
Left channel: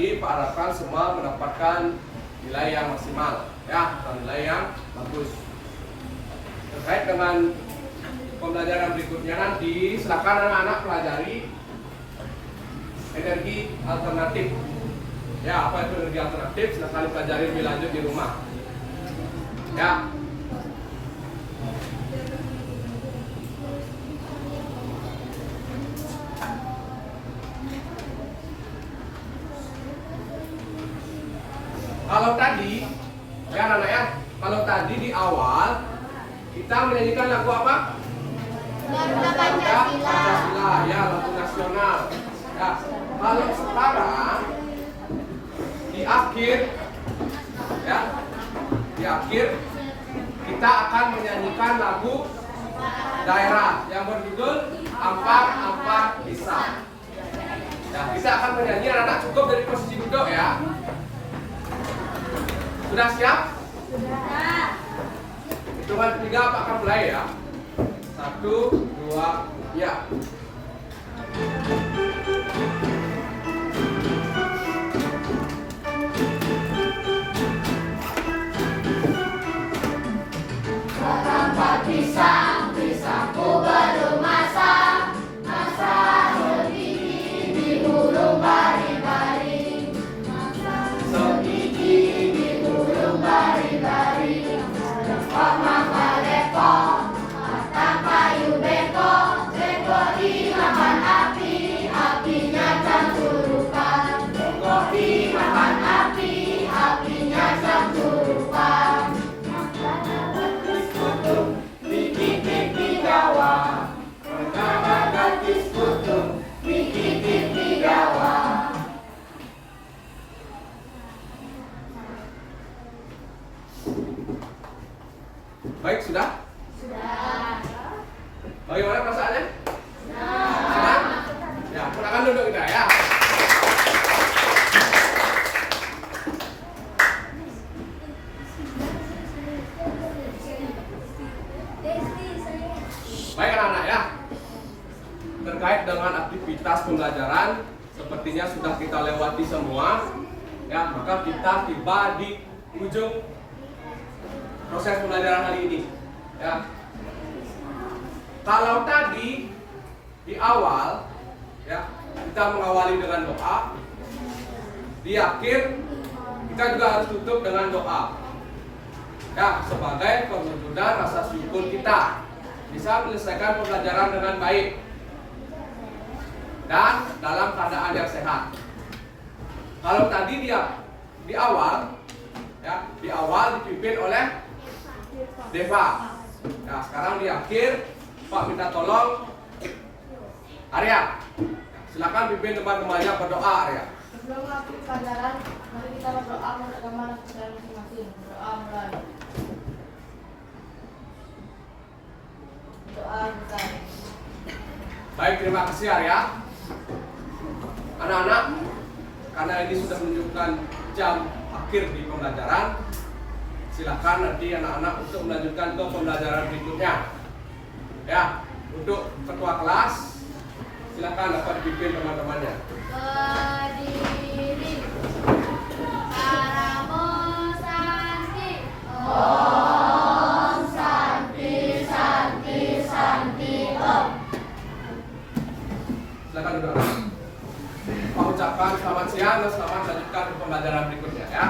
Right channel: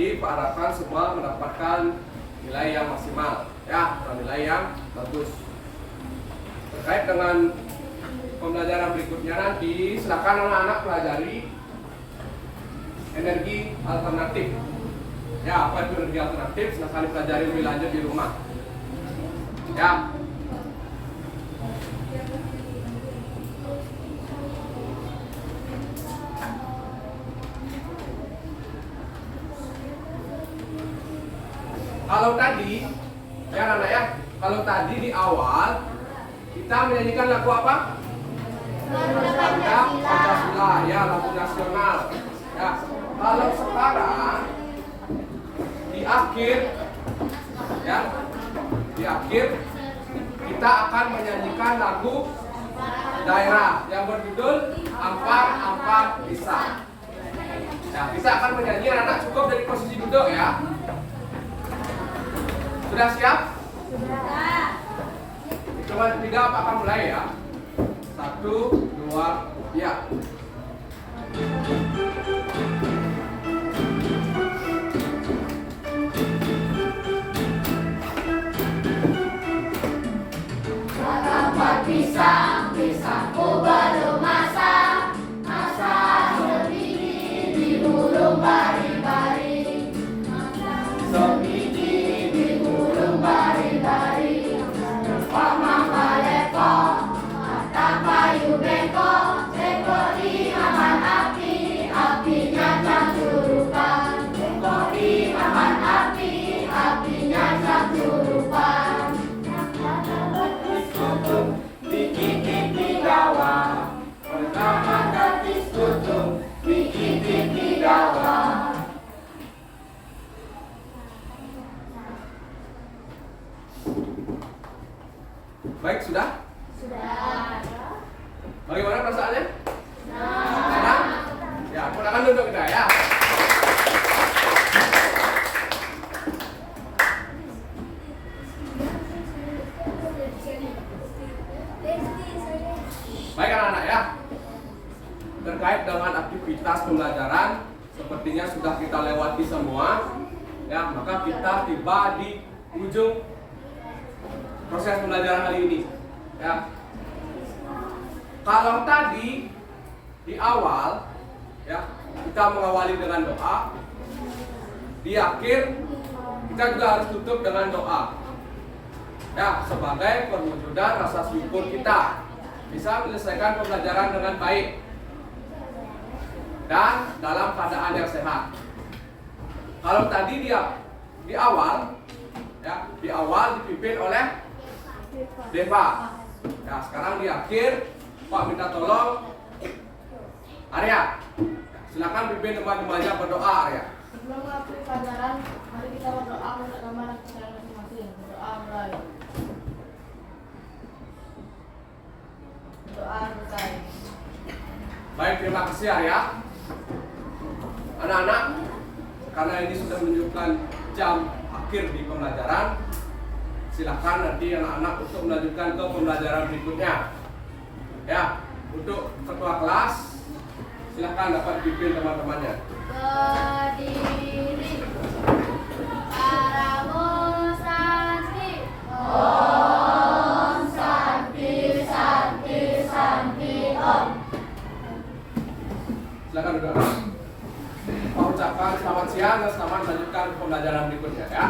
tadi Pak harapkan semua mendapatkan nilai yang maksimal, ya, atau nilai yang bagus. Terkait dengan pembelajaran berikutnya nanti, silakan anak-anak pelajari energi alternatif. Ya, apa itu energi alternatif? Silakan dipelajari lebih lanjut di rumah. Ya. Kalau tadi, ya anak-anak ya, kalau tadi di awal kita menyanyikan lagu apa? Bangga Pancasila, ya, lagu nasional. Ya, kalau sekarang di akhir, ya, di akhir kita akan menyanyikan lagu daerah yang berjudul Ampar Ampar Bisa. Ya, kita akan menyanyi, anak-anak cukup dari posisi duduk ya. Sudah siap? Sudah. Hitungan 3 Pak akan mulai ya. 1, 2, ya. Ampar bisa, bisaku baru masa sebiji di hurung bari-bari, sebiji di hurung bari-bari, kok mama leko, kata kayu beko, beko dimakan api, apinya jam surupan, beko dimakan api, apinya jam surupan. Dikit di Jawa, pertama gadis kutung, dikit di Jawa. Baik, sudah? Sudah. Bagaimana perasaannya? Senang? Ya, silakan duduk kita ya. Baik anak-anak ya. Terkait dengan aktivitas pembelajaran, sepertinya sudah kita lewati semua. Ya, maka kita tiba di ujung proses pembelajaran hari ini. Ya. Kalau tadi di awal, ya, kita mengawali dengan doa. Di akhir kita juga harus tutup dengan doa. Ya, sebagai perwujudan rasa syukur kita bisa menyelesaikan pembelajaran dengan baik dan dalam keadaan yang sehat. Kalau tadi dia di awal, ya, di awal dipimpin oleh Deva. Ya, sekarang di akhir Pak minta tolong Arya. Ya, silakan pimpin teman-temannya berdoa Arya. Sebelum mengakui pelajaran, mari kita berdoa menurut agama dan kepercayaan masing-masing. Berdoa mulai. Doa mulai. Baik, terima kasih Arya. Anak-anak, karena ini sudah menunjukkan jam akhir di pembelajaran, silakan nanti anak-anak untuk melanjutkan ke pembelajaran berikutnya. Ya, untuk ketua kelas, silakan dapat dipimpin teman-temannya. Berdiri. Paramo Santi. Om Santi Santi Santi Om. Silakan duduk. Pak ucapkan selamat siang dan selamat melanjutkan pembelajaran berikutnya ya.